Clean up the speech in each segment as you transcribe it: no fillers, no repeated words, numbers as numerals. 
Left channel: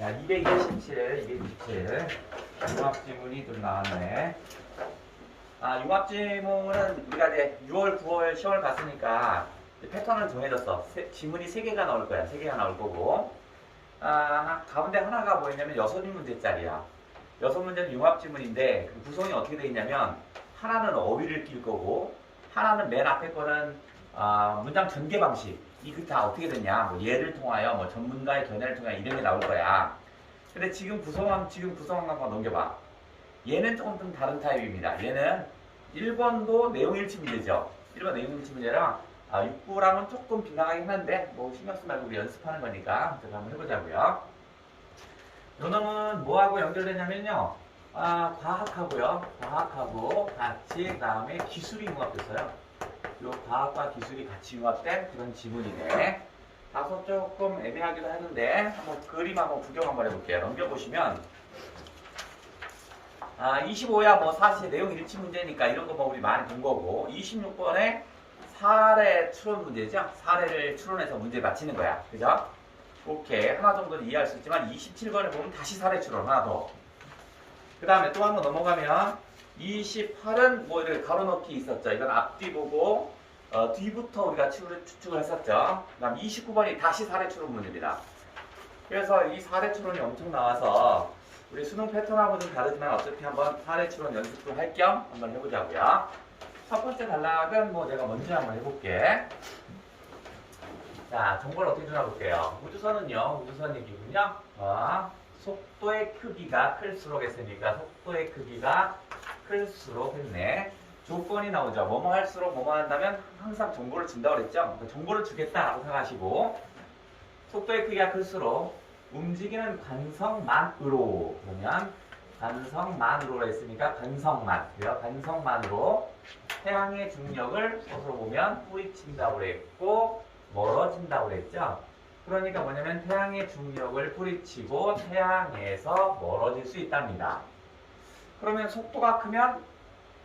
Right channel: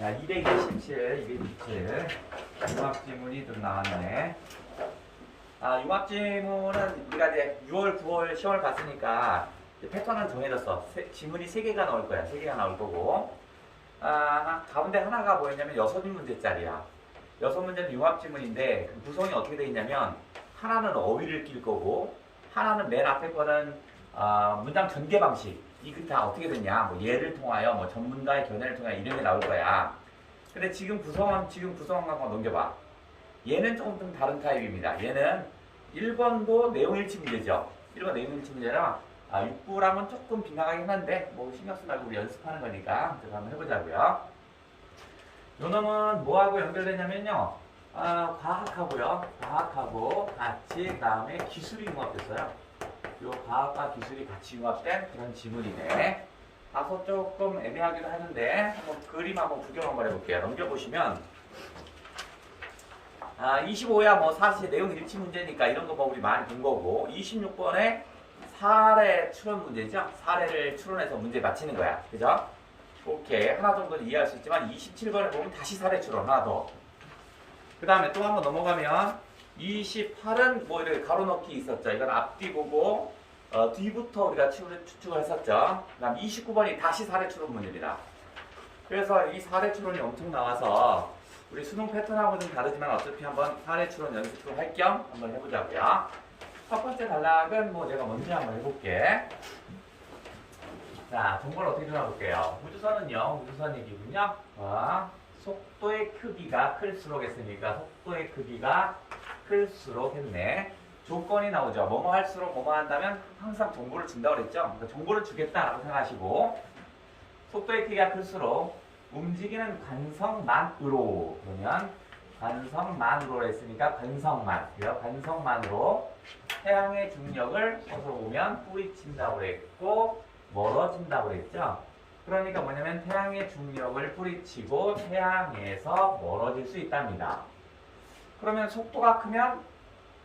야, 227, 227. 융합지문이 좀 나왔네. 융합지문은 우리가 이제 6월, 9월 시험을 봤으니까 패턴을 정해졌어. 지문이 3개가 나올 거야. 3개가 나올 거고. 가운데 하나가 뭐였냐면 6문제짜리야. 6문제는 융합지문인데 그 구성이 어떻게 되어 있냐면 하나는 어휘를 낄 거고 하나는 맨 앞에 거는 문장 전개 방식. 이게 다 어떻게 되냐? 뭐 예를 통하여 뭐 전문가의 견해를 통하여 이런 게 나올 거야. 근데 지금 구성한 거 넘겨봐. 얘는 조금 좀 다른 타입입니다. 얘는 1번도 내용일치 문제죠. 1번 내용일치 문제랑 6부랑은 조금 빗나가긴 한데 뭐 신경 쓰지 말고 우리 연습하는 거니까 제가 한번 해보자고요. 요 놈은 뭐하고 연결되냐면요. 과학하고 같이 그 다음에 기술이 융합됐어요. 요 과학과 기술이 같이 융합된 그런 지문이네. 다소 조금 애매하기도 하는데 한번 그림 한번 구경 한번 해볼게요. 넘겨보시면 25야 뭐 사실 내용 일치 문제니까 이런 거 뭐 우리 많이 본 거고 26번에 사례 추론 문제죠. 사례를 추론해서 문제 맞히는 거야. 그죠? 오케이. 하나 정도는 이해할 수 있지만 27번에 보면 다시 사례 추론 하나 더. 그 다음에 또 한번 넘어가면 28은 뭐 이렇게 가로넣기 있었죠. 이건 앞뒤 보고 뒤부터 우리가 추측을 했었죠. 그 다음 29번이 다시 사례 추론 문제입니다. 그래서 이 사례 추론이 엄청 나와서 우리 수능 패턴하고 좀 다르지만 어차피 한번 사례 추론 연습도 할 겸 한번 해보자고요. 첫 번째 단락은 뭐 제가 먼저 한번 해볼게. 자, 정보를 어떻게 들어볼게요. 우주선은요, 우주선 얘기군요. 속도의 크기가 클수록 했으니까 속도의 크기가 클수록 했네. 조건이 나오죠. 뭐뭐 할수록 뭐뭐 한다면 항상 정보를 준다고 그랬죠. 그러니까 정보를 주겠다라고 생각하시고 속도의 크기가 클수록 움직이는 관성만으로 그러면 관성만으로 했으니까 관성만 그래요. 관성만으로 태양의 중력을 서로 보면 뿌리친다고 그랬고 멀어진다고 그랬죠. 그러니까 뭐냐면 태양의 중력을 뿌리치고 태양에서 멀어질 수 있답니다. 그러면 속도가 크면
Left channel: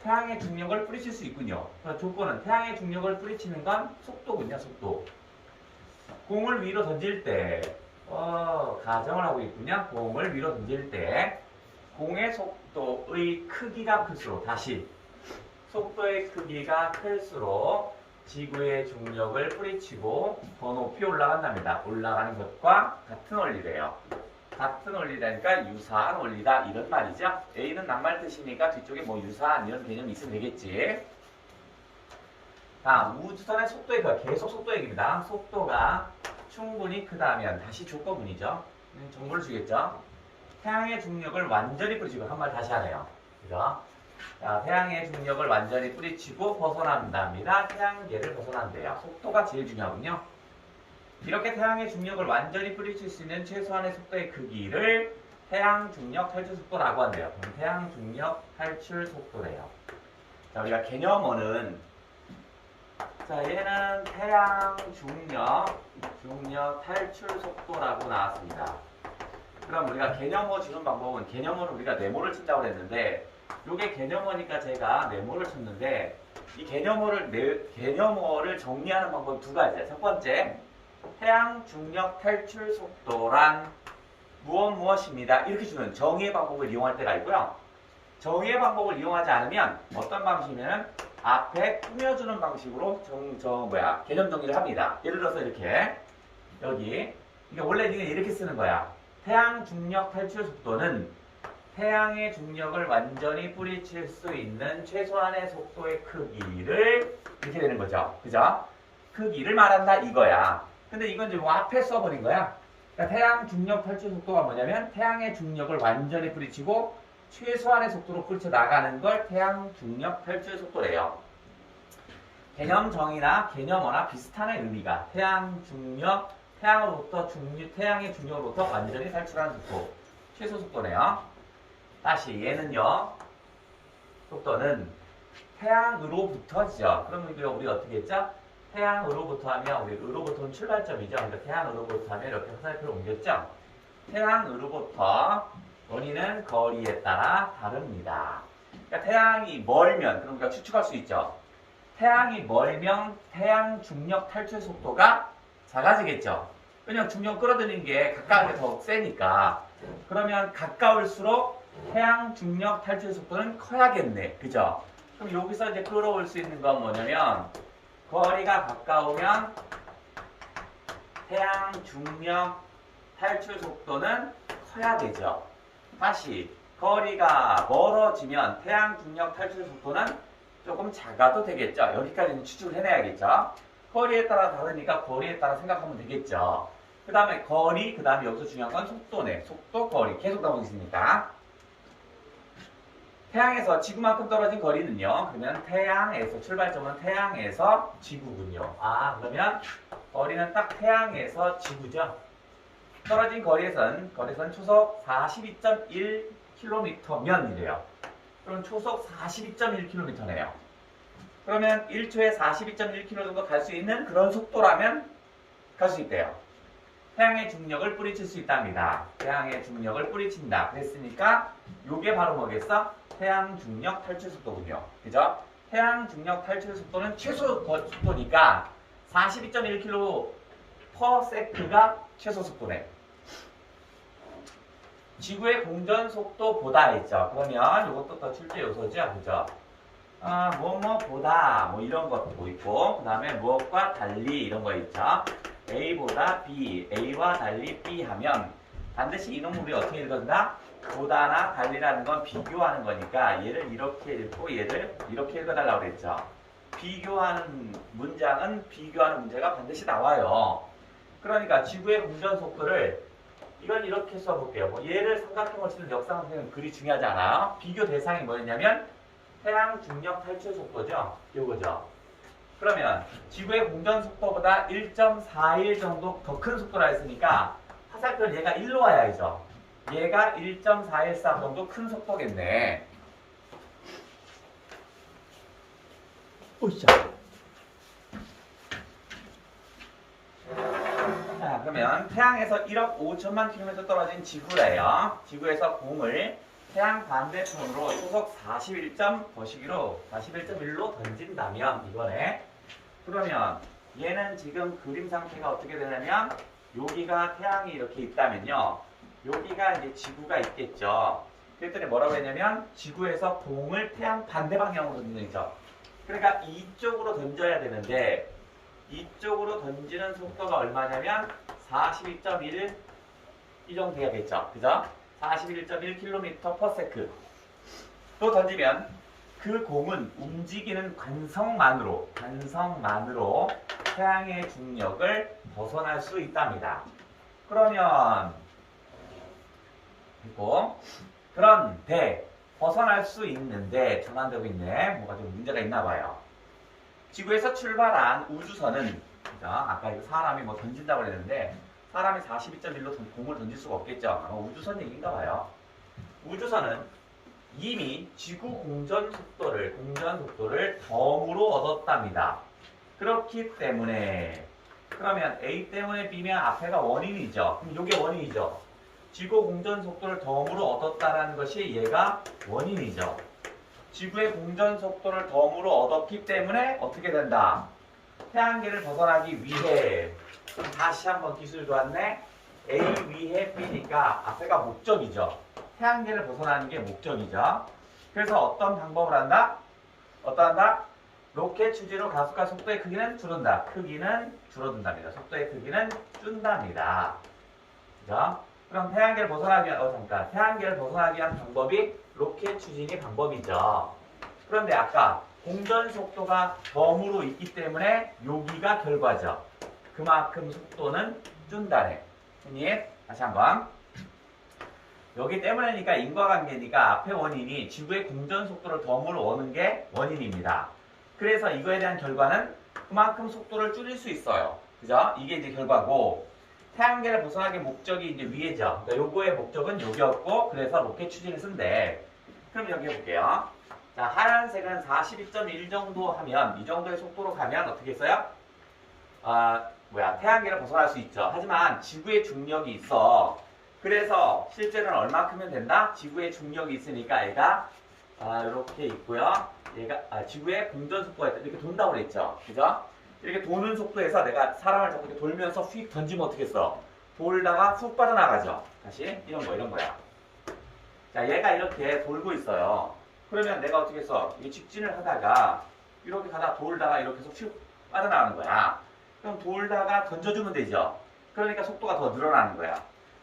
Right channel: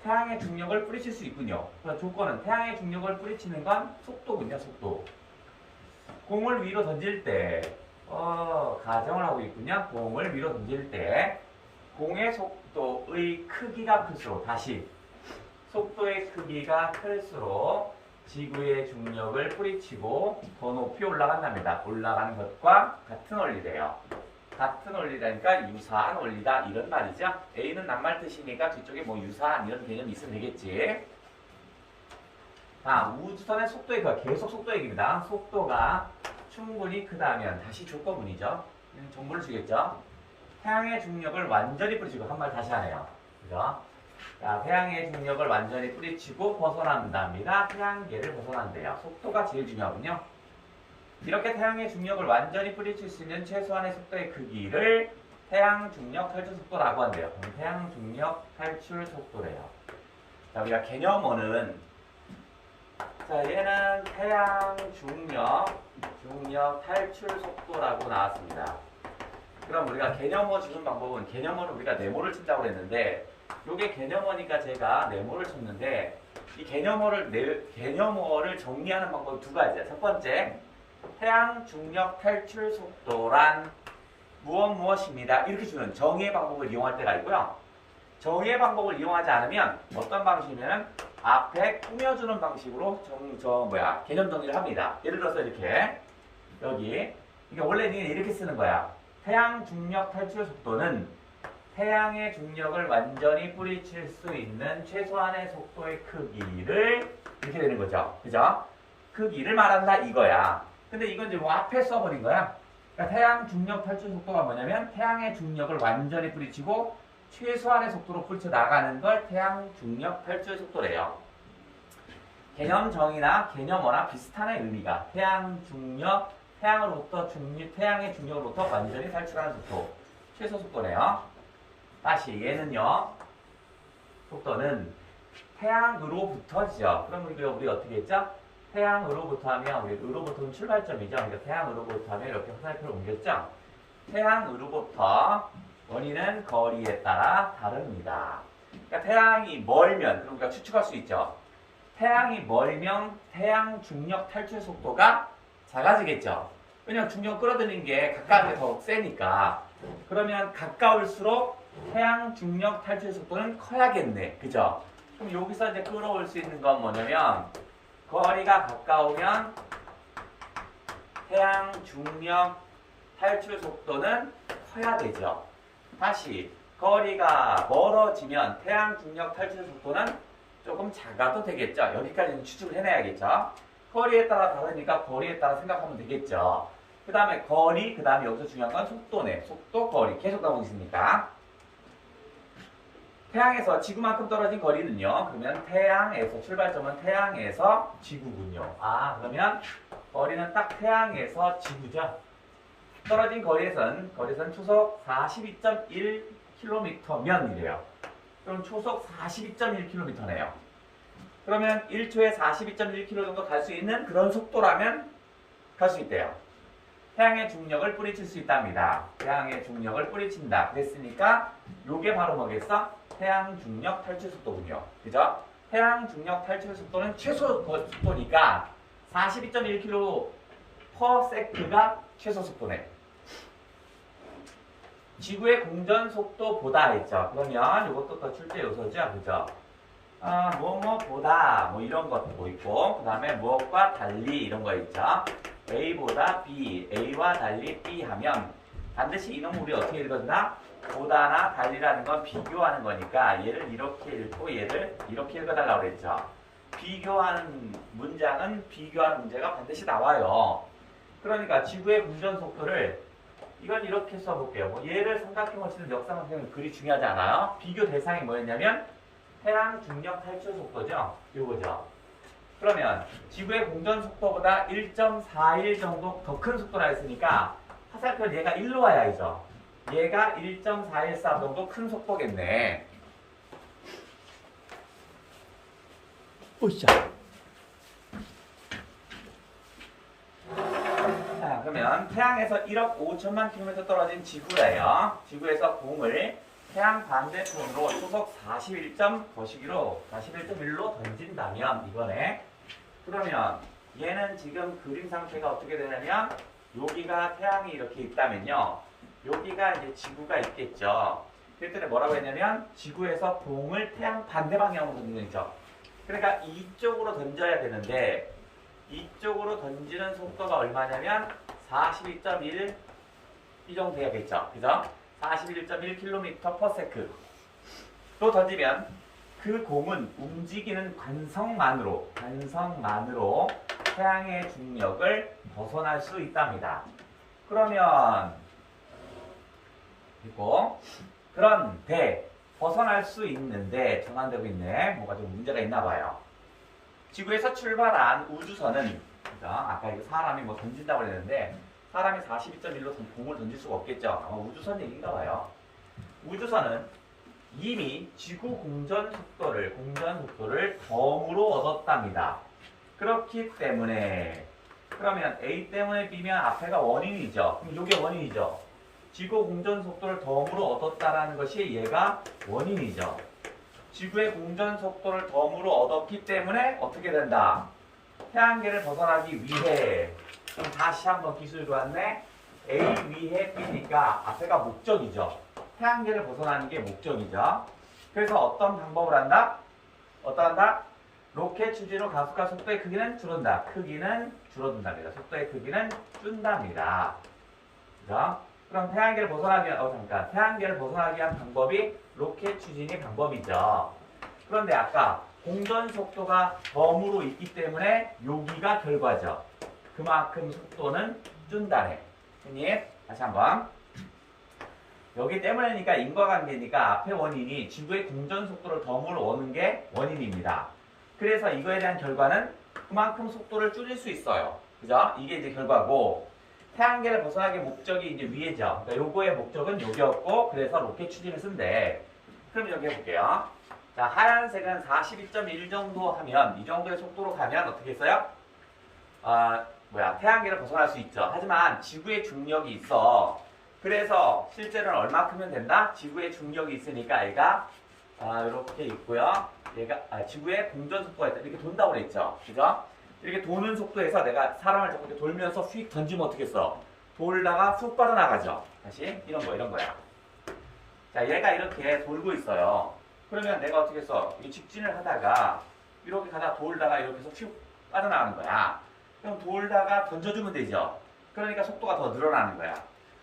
태양의 중력을 뿌리칠 수 있군요. 그래서 조건은 태양의 중력을 뿌리치는 건 속도군요. 속도. 공을 위로 던질 때 가정을 하고 있군요. 공을 위로 던질 때 공의 속도의 크기가 클수록 다시 속도의 크기가 클수록 지구의 중력을 뿌리치고 더 높이 올라간답니다. 올라가는 것과 같은 원리래요. 같은 원리라니까 유사한 원리다 이런 말이죠. A는 낱말 뜻이니까 뒤쪽에 뭐 유사한 이런 개념이 있으면 되겠지. 우주선의 속도의 계속 속도 얘기입니다. 속도가 충분히 크다면 다시 조건문이죠. 정보를 주겠죠. 태양의 중력을 완전히 뿌리치고 한 말 다시 하네요. 그죠? 자, 태양의 중력을 완전히 뿌리치고 벗어난답니다. 태양계를 벗어난대요. 속도가 제일 중요하군요. 이렇게 태양의 중력을 완전히 뿌리칠 수 있는 최소한의 속도의 크기를 태양 중력 탈출 속도라고 한대요. 태양 중력 탈출 속도래요. 자, 우리가 개념어는 얘는 태양 중력 탈출 속도라고 나왔습니다. 그럼 우리가 개념어 주는 방법은 개념어는 우리가 네모를 친다고 그랬는데 요게 개념어니까 제가 네모를 쳤는데 이 개념어를 정리하는 방법이 두 가지야. 첫 번째, 태양 중력 탈출 속도란 무엇입니다. 이렇게 주는 정의의 방법을 이용할 때가 있고요. 정의의 방법을 이용하지 않으면 어떤 방식이냐면 앞에 꾸며주는 방식으로 개념 정리를 합니다. 예를 들어서 이렇게 여기 이게 원래 이렇게 쓰는 거야. 태양 중력 탈출 속도는 태양의 중력을 완전히 뿌리칠 수 있는 최소한의 속도의 크기를 이렇게 되는 거죠. 그죠? 크기를 말한다 이거야. 근데 이건 이제 뭐 앞에 써버린 거야. 그러니까 태양 중력 탈출 속도가 뭐냐면 태양의 중력을 완전히 뿌리치고 최소한의 속도로 뿌리쳐 나가는 걸 태양 중력 탈출 속도래요. 개념 정의나 개념어나 비슷한 의미가 태양의 중력으로부터 완전히 탈출하는 속도, 최소 속도네요. 다시 얘는요. 속도는 태양으로부터죠. 그러면 이거 우리 어떻게 했죠? 태양으로부터 하면 우리 으로부터는 출발점이죠. 그러니까 태양으로부터 하면 이렇게 화살표를 옮겼죠. 태양으로부터 원인은 거리에 따라 다릅니다. 그러니까 태양이 멀면 그럼 우리가 추측할 수 있죠. 태양이 멀면 태양 중력 탈출 속도가 작아지겠죠. 그냥 중력 끌어들이는 게 가까운 게 더 세니까. 그러면 가까울수록 태양 중력 탈출 속도는 커야겠네. 그죠? 그럼 여기서 이제 끌어올 수 있는 건 뭐냐면 거리가 가까우면 태양 중력 탈출 속도는 커야 되죠. 다시 거리가 멀어지면 태양 중력 탈출 속도는 조금 작아도 되겠죠. 여기까지는 추측을 해내야겠죠. 거리에 따라 다르니까 거리에 따라 생각하면 되겠죠. 그 다음에 거리, 그 다음에 여기서 중요한 건 속도네. 속도, 거리. 계속 나오고 있습니다. 태양에서 지구만큼 떨어진 거리는요. 그러면 태양에서, 출발점은 태양에서 지구군요. 아, 그러면 거리는 딱 태양에서 지구죠. 떨어진 거리에선 초속 42.1km면 이래요. 그럼 초속 42.1km네요. 그러면 1초에 42.1km 정도 갈 수 있는 그런 속도라면 갈 수 있대요. 태양의 중력을 뿌리칠 수 있답니다. 태양의 중력을 뿌리친다. 그랬으니까 요게 바로 뭐겠어? 태양 중력 탈출 속도군요. 그죠? 태양 중력 탈출 속도는 최소 속도니까 42.1km/s가 최소 속도네. 지구의 공전 속도보다 했죠. 그러면 이것도 더 출제 요소죠. 그죠? 뭐뭐보다 뭐 이런 것도 있고 그 다음에 무엇과 달리 이런 거 있죠. A보다 B, A와 달리 B 하면 반드시 이놈 우리 어떻게 읽었나? 보다나 달리라는 건 비교하는 거니까 얘를 이렇게 읽고 얘를 이렇게 읽어달라고 그랬죠. 비교하는 문장은 비교하는 문제가 반드시 나와요. 그러니까 지구의 공전 속도를 이건 이렇게 써볼게요. 뭐 얘를 삼각형을 쓰는 역삼각형은 그리 중요하지 않아요. 비교 대상이 뭐였냐면 태양 중력 탈출 속도죠. 요거죠. 그러면 지구의 공전 속도보다 1.41 정도 더 큰 속도라 했으니까 화살표는 얘가 1로 와야죠. 얘가 1.414 정도 큰 속도겠네. 오샤. 자, 그러면 태양에서 1억 5천만 킬로미터 떨어진 지구래요. 지구에서 공을 태양 반대편으로 초속 41.1로 던진다면 이거네. 그러면 얘는 지금 그림 상태가 어떻게 되냐면 여기가 태양이 이렇게 있다면요. 여기가 이제 지구가 있겠죠. 그랬더니 뭐라고 했냐면 지구에서 공을 태양 반대 방향으로 던지는 거죠. 그러니까 이쪽으로 던져야 되는데 이쪽으로 던지는 속도가 얼마냐면 42.1 이 정도 돼야겠죠. 그죠? 41.1km/s 또 던지면 그 공은 움직이는 관성만으로 태양의 중력을 벗어날 수 있답니다. 그러면 그리고 그런데 벗어날 수 있는데 전환되고 있네. 뭐가 좀 문제가 있나 봐요. 지구에서 출발한 우주선은 아까 이거 사람이 뭐 던진다고 그랬는데 사람이 42.1로 공을 던질 수가 없겠죠. 아마 우주선 얘기인가 봐요. 우주선은 이미 지구 공전 속도를 덤으로 얻었답니다. 그렇기 때문에 그러면 A 때문에 B면 앞에가 원인이죠. 그럼 이게 원인이죠. 지구 공전 속도를 덤으로 얻었다라는 것이 얘가 원인이죠. 지구의 공전 속도를 덤으로 얻었기 때문에 어떻게 된다? 태양계를 벗어나기 위해 그럼 다시 한번 기술 좋았네. A 위해 B니까 앞에가 목적이죠. 태양계를 벗어나는 게 목적이죠. 그래서 어떤 방법을 한다? 어떠한다? 로켓 추진으로 가속과 속도의 크기는 줄어든다. 크기는 줄어든답니다. 속도의 크기는 준답니다. 그죠? 그럼 태양계를 벗어나기 위한, 태양계를 벗어나기 위한 방법이 로켓 추진이 방법이죠. 그런데 아까 공전 속도가 덤으로 있기 때문에 여기가 결과죠. 그만큼 속도는 준다네. 형님, 다시 한번. 여기 때문에니까 인과관계니까 앞에 원인이 지구의 공전 속도를 덤으로 오는 게 원인입니다. 그래서 이거에 대한 결과는 그만큼 속도를 줄일 수 있어요. 그죠? 이게 이제 결과고 태양계를 벗어나기 목적이 이제 위에죠. 그러니까 요거의 목적은 여기였고 그래서 로켓 추진을 쓴대. 그럼 여기 해볼게요. 자, 하얀색은 42.1 정도 하면 이 정도의 속도로 가면 어떻게 써요? 태양계를 벗어날 수 있죠. 하지만 지구의 중력이 있어. 그래서 실제로는 얼마큼이면 된다? 지구의 중력이 있으니까 얘가 이렇게 있고요. 얘가 지구의 공전 속도가 있다. 이렇게 돈다고 그랬죠. 그죠? 이렇게 도는 속도에서 내가 사람을 자꾸 이렇게 돌면서 휙 던지면 어떻게 했어? 돌다가 쑥 빠져나가죠. 다시 이런 거야. 자, 얘가 이렇게 돌고 있어요. 그러면 내가 어떻게 했어? 이 직진을 하다가 이렇게 가다가 돌다가 이렇게 해서 휙 빠져나가는 거야. 그럼 돌다가 던져주면 되죠. 그러니까 속도가 더 늘어나는 거야.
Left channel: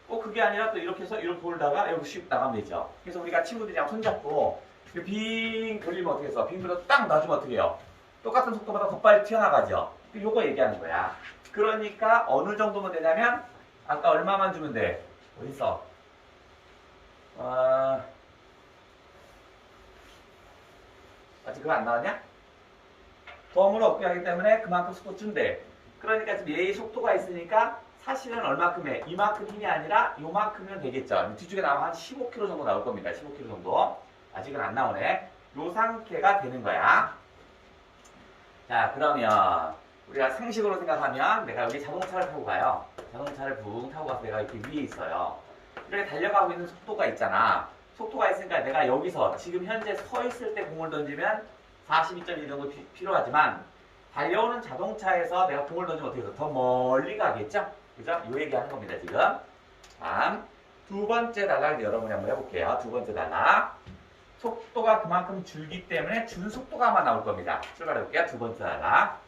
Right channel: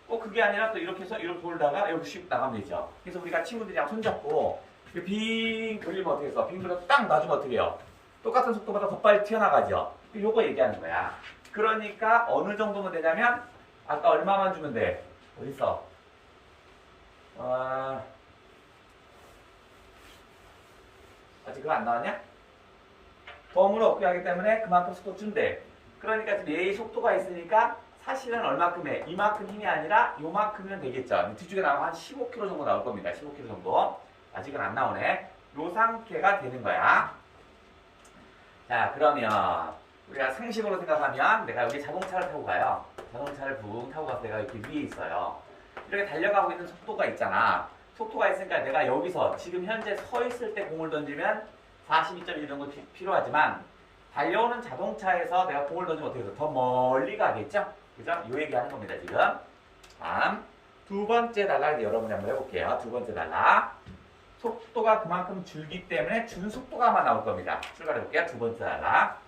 꼭 그게 아니라 또 이렇게 해서 이렇게 돌다가 이렇게 슉 나가면 되죠. 그래서 우리가 친구들이랑 손잡고 빙 돌리면 어떻게 해서 빙 돌려서 딱 놔주면 어떻게 해요? 똑같은 속도보다 더 빨리 튀어나가죠. 요거 얘기하는 거야. 그러니까 어느 정도면 되냐면 아까 얼마만 주면 돼? 어딨어? 아직 그거 안 나왔냐? 덤을 얻게 하기 때문에 그만큼 속도 준대. 그러니까 지금 얘의 속도가 있으니까 사실은 얼마큼 해? 이만큼 힘이 아니라 요만큼이면 되겠죠. 뒤쪽에 나오면 한 15kg 정도 나올 겁니다. 15kg 정도. 아직은 안 나오네. 요 상태가 되는 거야. 자, 그러면 우리가 상식으로 생각하면 내가 여기 자동차를 타고 가요. 자동차를 붕 타고 가서 내가 이렇게 위에 있어요. 이렇게 달려가고 있는 속도가 있잖아. 속도가 있으니까 내가 여기서 지금 현재 서 있을 때 공을 던지면 42.1 정도 필요하지만 달려오는 자동차에서 내가 공을 던지면 어떻게 해서 더 멀리 가겠죠? 그죠? 요 얘기하는 겁니다, 지금. 다음, 두 번째 단락 여러분이 한번 해볼게요. 두 번째 단락. 속도가 그만큼 줄기 때문에 준 속도가만 나올 겁니다. 출발해 볼게요. 두 번째 단락.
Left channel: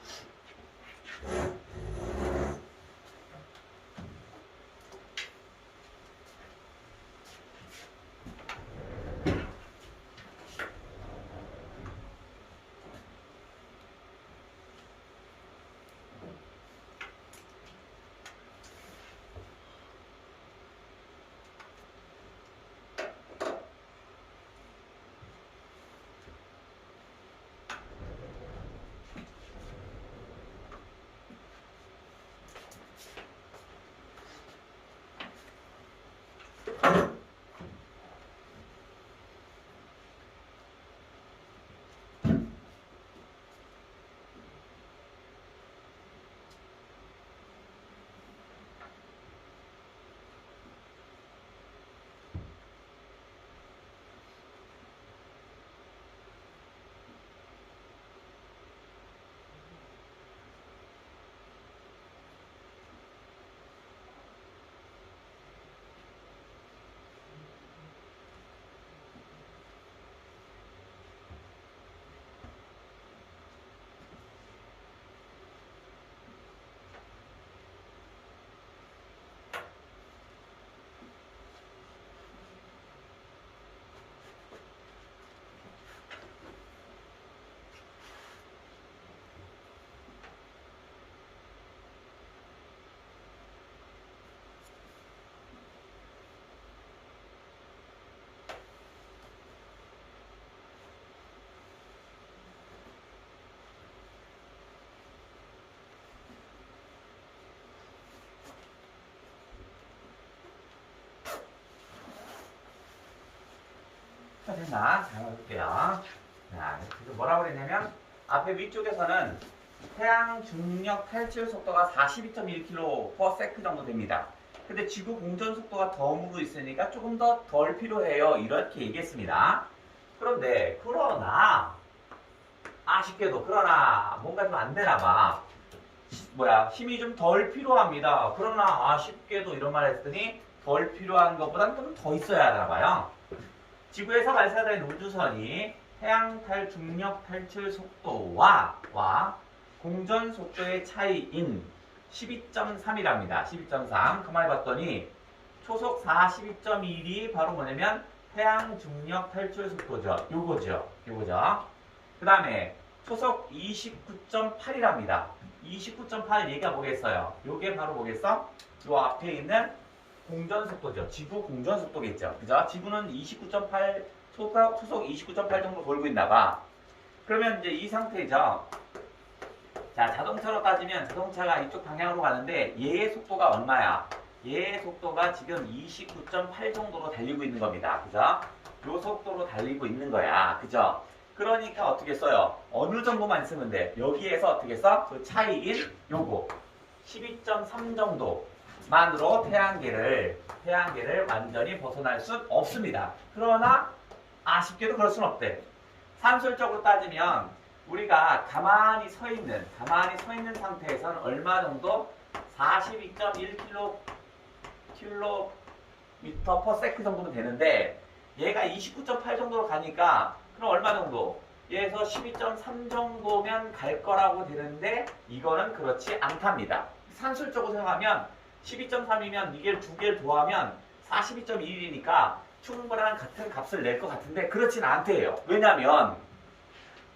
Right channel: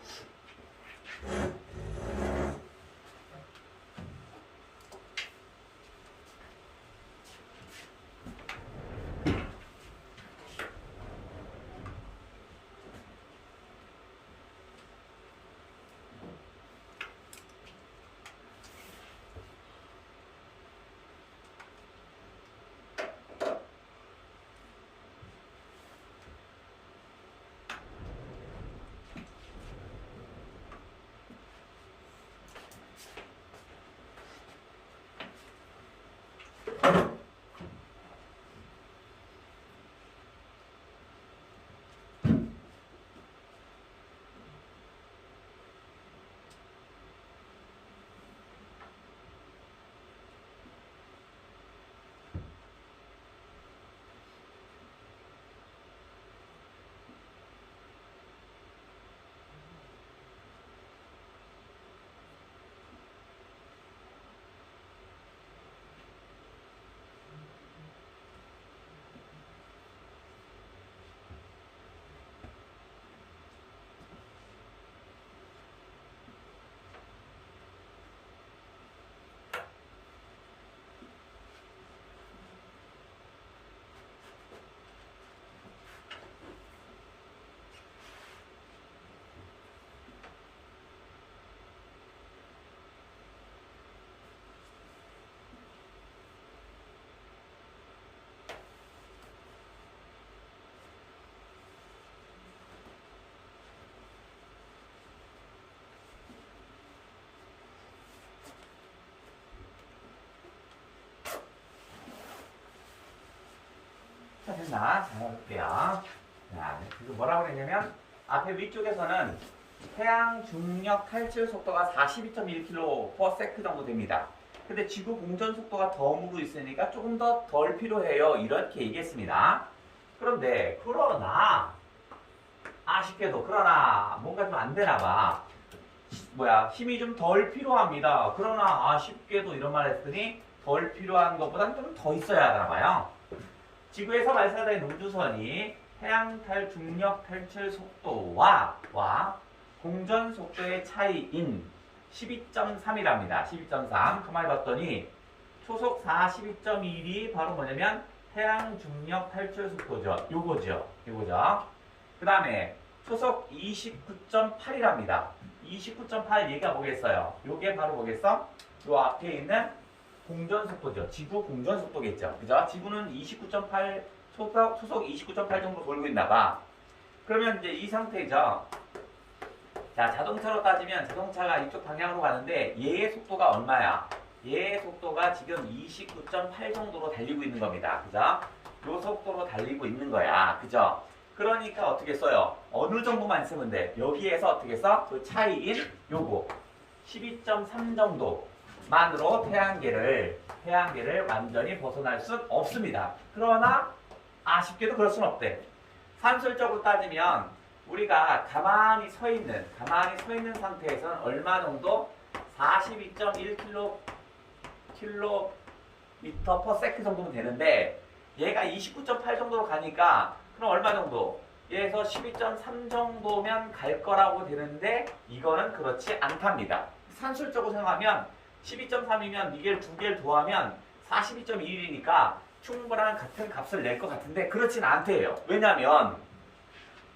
됐나? 잘 해볼게요. 자, 지금 뭐라고 그랬냐면 앞에 위쪽에서는 태양 중력 탈출 속도가 42.1km/s 정도 됩니다. 근데 지구 공전 속도가 덤으로 있으니까 조금 더 덜 필요해요. 이렇게 얘기했습니다. 그러나 아쉽게도 뭔가 좀 안 되나 봐. 힘이 좀 덜 필요합니다. 그러나 아쉽게도 이런 말 했더니 덜 필요한 것보다는 좀 더 있어야 하나 봐요. 지구에서 발사된 우주선이 태양 중력 탈출 속도와 공전 속도의 차이인 12.3이랍니다. 12.3. 가만히 봤더니 초속 42.1이 바로 뭐냐면 태양 중력 탈출 속도죠. 요거죠. 그 다음에 초속 29.8이랍니다. 29.8 얘가 뭐겠어요? 요게 바로 뭐겠어? 요 앞에 있는 공전 속도죠. 지구 공전 속도겠죠. 그죠? 지구는 29.8, 초속 29.8 정도 돌고 있나봐. 그러면 이제 이 상태죠. 자, 자동차로 따지면 자동차가 이쪽 방향으로 가는데 얘의 속도가 얼마야? 얘의 속도가 지금 29.8 정도로 달리고 있는 겁니다. 그죠? 요 속도로 달리고 있는 거야. 그죠? 그러니까 어떻게 써요? 어느 정도만 쓰면 돼. 여기에서 어떻게 써? 그 차이인 요거 12.3 정도만으로 태양계를 완전히 벗어날 순 없습니다. 그러나 아쉽게도 그럴 순 없대. 산술적으로 따지면 우리가 가만히 서 있는 상태에서는 얼마 정도? 42.1km per second 정도면 되는데 얘가 29.8 정도로 가니까 그럼 얼마 정도? 얘에서 12.3 정도면 갈 거라고 되는데 이거는 그렇지 않답니다. 산술적으로 생각하면 12.3이면 이게 두 개를 더하면 42.21이니까 충분한 같은 값을 낼 것 같은데 그렇진 않대요. 왜냐면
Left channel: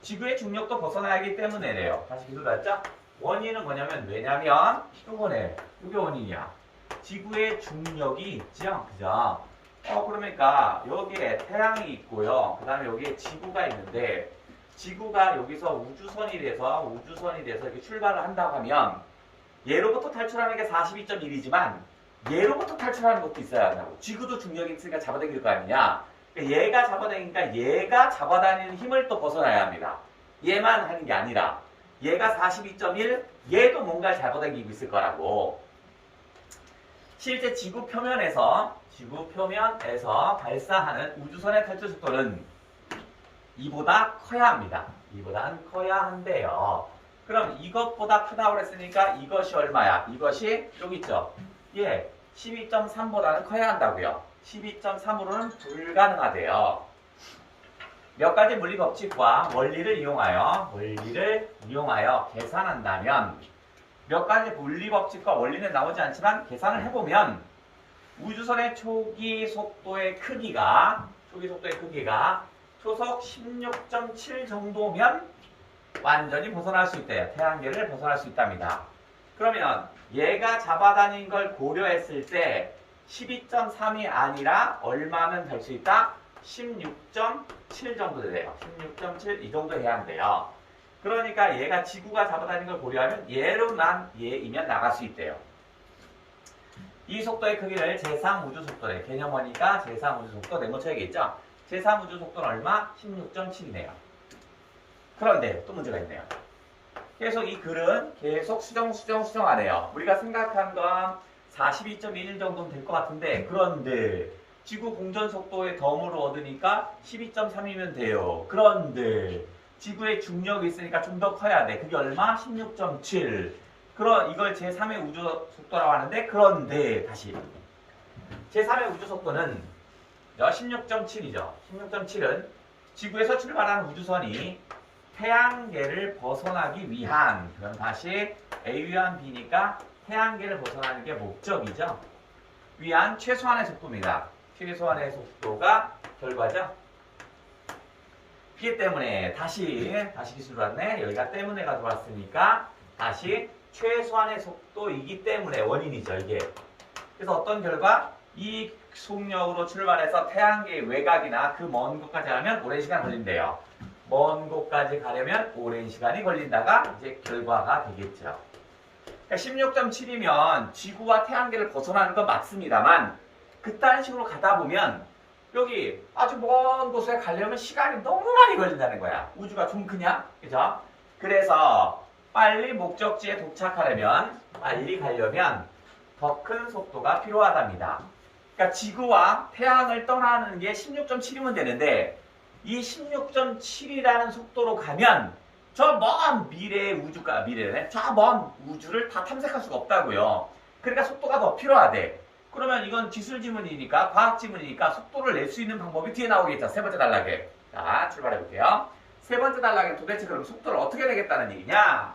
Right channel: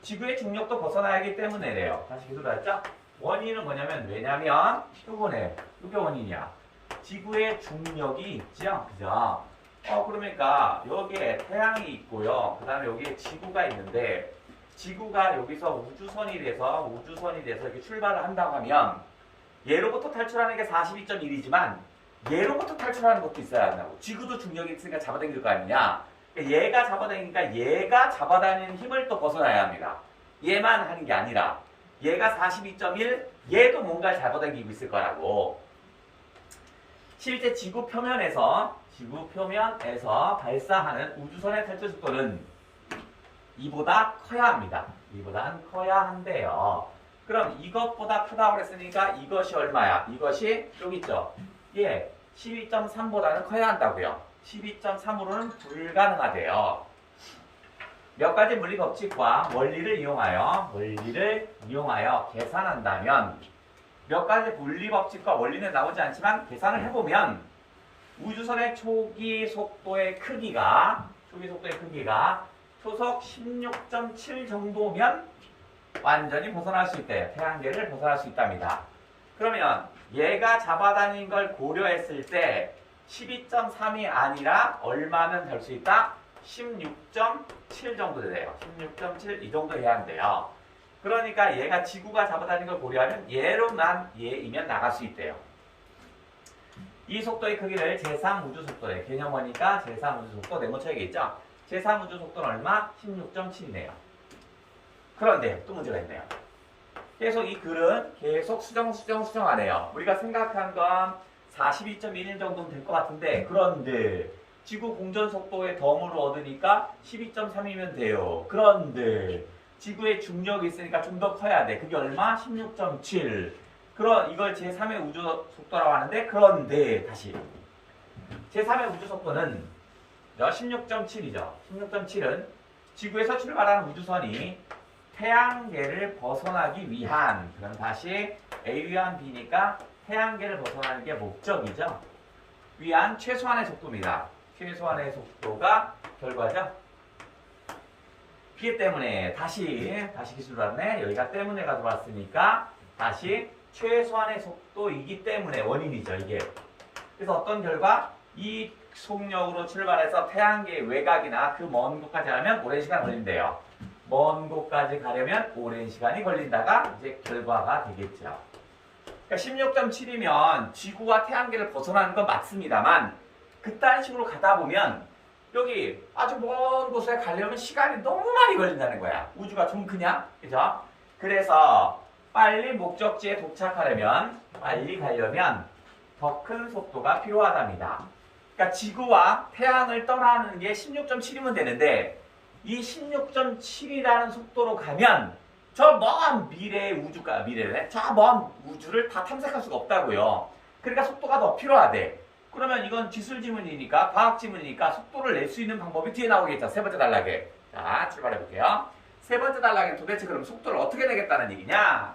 지구의 중력도 벗어나야 하기 때문에래요. 다시 기술했죠? 원인은 뭐냐면 왜냐면 요거네. 이게 원인이야. 지구의 중력이 있죠? 그죠? 그러니까 여기에 태양이 있고요. 그 다음에 여기에 지구가 있는데 지구가 여기서 우주선이 돼서 이렇게 출발을 한다고 하면 얘로부터 탈출하는 게 42.1이지만 얘로부터 탈출하는 것도 있어야 한다고. 지구도 중력이 있으니까 잡아당길 거 아니냐. 그러니까 얘가 잡아당기니까 얘가 잡아다니는 힘을 또 벗어나야 합니다. 얘만 하는 게 아니라 얘가 42.1, 얘도 뭔가를 잡아당기고 있을 거라고. 실제 지구 표면에서 발사하는 우주선의 탈출 속도는 이보다 커야 합니다. 이보단 커야 한대요. 그럼 이것보다 크다고 그랬으니까 이것이 얼마야? 이것이 여기 있죠? 예, 12.3보다는 커야 한다고요. 12.3으로는 불가능하대요. 몇 가지 물리 법칙과 원리를 이용하여 계산한다면 몇 가지 물리 법칙과 원리는 나오지 않지만 계산을 해보면 우주선의 초기 속도의 크기가 초속 16.7 정도면 완전히 벗어날 수 있대요. 태양계를 벗어날 수 있답니다. 그러면 얘가 잡아다닌 걸 고려했을 때 12.3이 아니라 얼마면 될 수 있다? 16.7 정도 돼요. 16.7 이 정도 해야 한대요. 그러니까 얘가 지구가 잡아다닌 걸 고려하면 얘이면 나갈 수 있대요. 이 속도의 크기를 제3우주속도래. 개념어니까 제3우주속도 네모처에게 있죠? 제3우주속도는 얼마? 16.7이네요. 그런데 또 문제가 있네요. 계속 이 글은 계속 수정하네요. 우리가 생각한 건 42.1 정도면 될 것 같은데 그런데 지구 공전 속도의 덤으로 얻으니까 12.3이면 돼요. 그런데 지구의 중력이 있으니까 좀 더 커야 돼. 그게 얼마? 16.7. 이걸 제3의 우주 속도라고 하는데 그런데 다시 제3의 우주 속도는 16.7이죠. 16.7은 지구에서 출발하는 우주선이 태양계를 벗어나기 위한 그럼 다시 A 위한 B니까 태양계를 벗어나는 게 목적이죠. 위한 최소한의 속도입니다. 최소한의 속도가 결과죠. 그렇기 때문에 다시 기술 왔네. 여기가 때문에 가져왔으니까 다시 최소한의 속도이기 때문에 원인이죠. 이게. 그래서 어떤 결과? 이 속력으로 출발해서 태양계의 외곽이나 그 먼 곳까지 가면 오랜 시간 걸린대요. 먼 곳까지 가려면 오랜 시간이 걸린다가 이제 결과가 되겠죠. 그러니까 16.7이면 지구와 태양계를 벗어나는 건 맞습니다만 그딴 식으로 가다 보면 여기 아주 먼 곳에 가려면 시간이 너무 많이 걸린다는 거야. 우주가 좀 크냐? 그죠? 그래서 빨리 목적지에 도착하려면 빨리 가려면 더 큰 속도가 필요하답니다. 그러니까 지구와 태양을 떠나는 게 16.7이면 되는데 이 16.7이라는 속도로 가면 저 먼 미래네. 저 먼 우주를 다 탐색할 수가 없다고요. 그러니까 속도가 더 필요하대. 그러면 이건 기술 지문이니까 과학 지문이니까 속도를 낼 수 있는 방법이 뒤에 나오겠죠. 세 번째 단락에. 자, 출발해 볼게요. 세 번째 단락에 도대체 그럼 속도를 어떻게 내겠다는 얘기냐?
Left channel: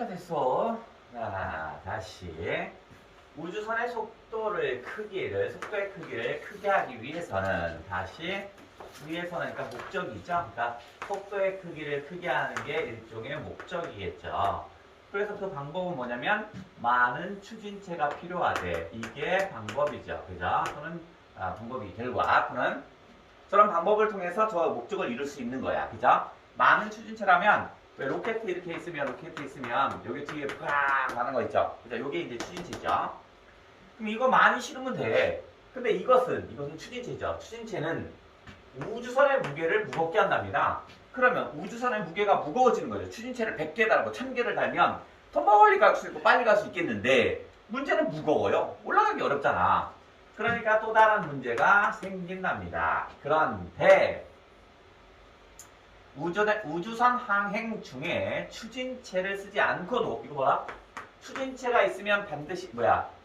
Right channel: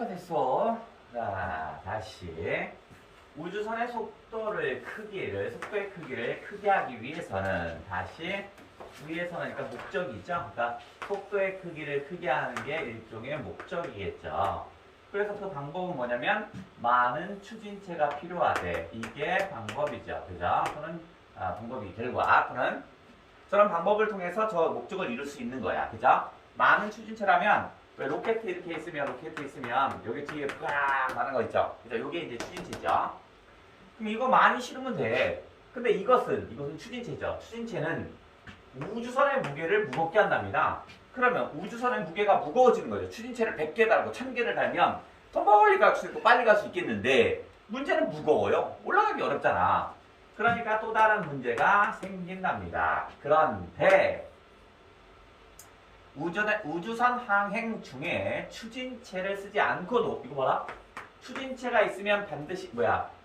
자, 됐어. 자, 다시. 우주선의 속도의 크기를 크게 하기 위해서는 그러니까 목적이죠. 그러니까 속도의 크기를 크게 하는 게 일종의 목적이겠죠. 그래서 그 방법은 뭐냐면 많은 추진체가 필요하대. 이게 방법이죠. 그죠? 또는 방법이 결과 또는 저런 방법을 통해서 저 목적을 이룰 수 있는 거야. 그죠? 많은 추진체라면 왜 로켓 이렇게 있으면 여기 뒤에 꽉 많은 거 있죠. 그죠? 요게 이제 추진체죠. 그럼 이거 많이 실으면 돼. 근데 이것은 추진체죠. 추진체는 우주선의 무게를 무겁게 한답니다. 그러면 우주선의 무게가 무거워지는 거죠. 추진체를 100개 달고 1000개를 달면 더 멀리 갈 수 있고 빨리 갈 수 있겠는데 문제는 무거워요. 올라가기 어렵잖아. 그러니까 또 다른 문제가 생긴답니다. 그런데 우주선 항행 중에 추진체를 쓰지 않고도 이거 봐라. 추진체가 있으면 반드시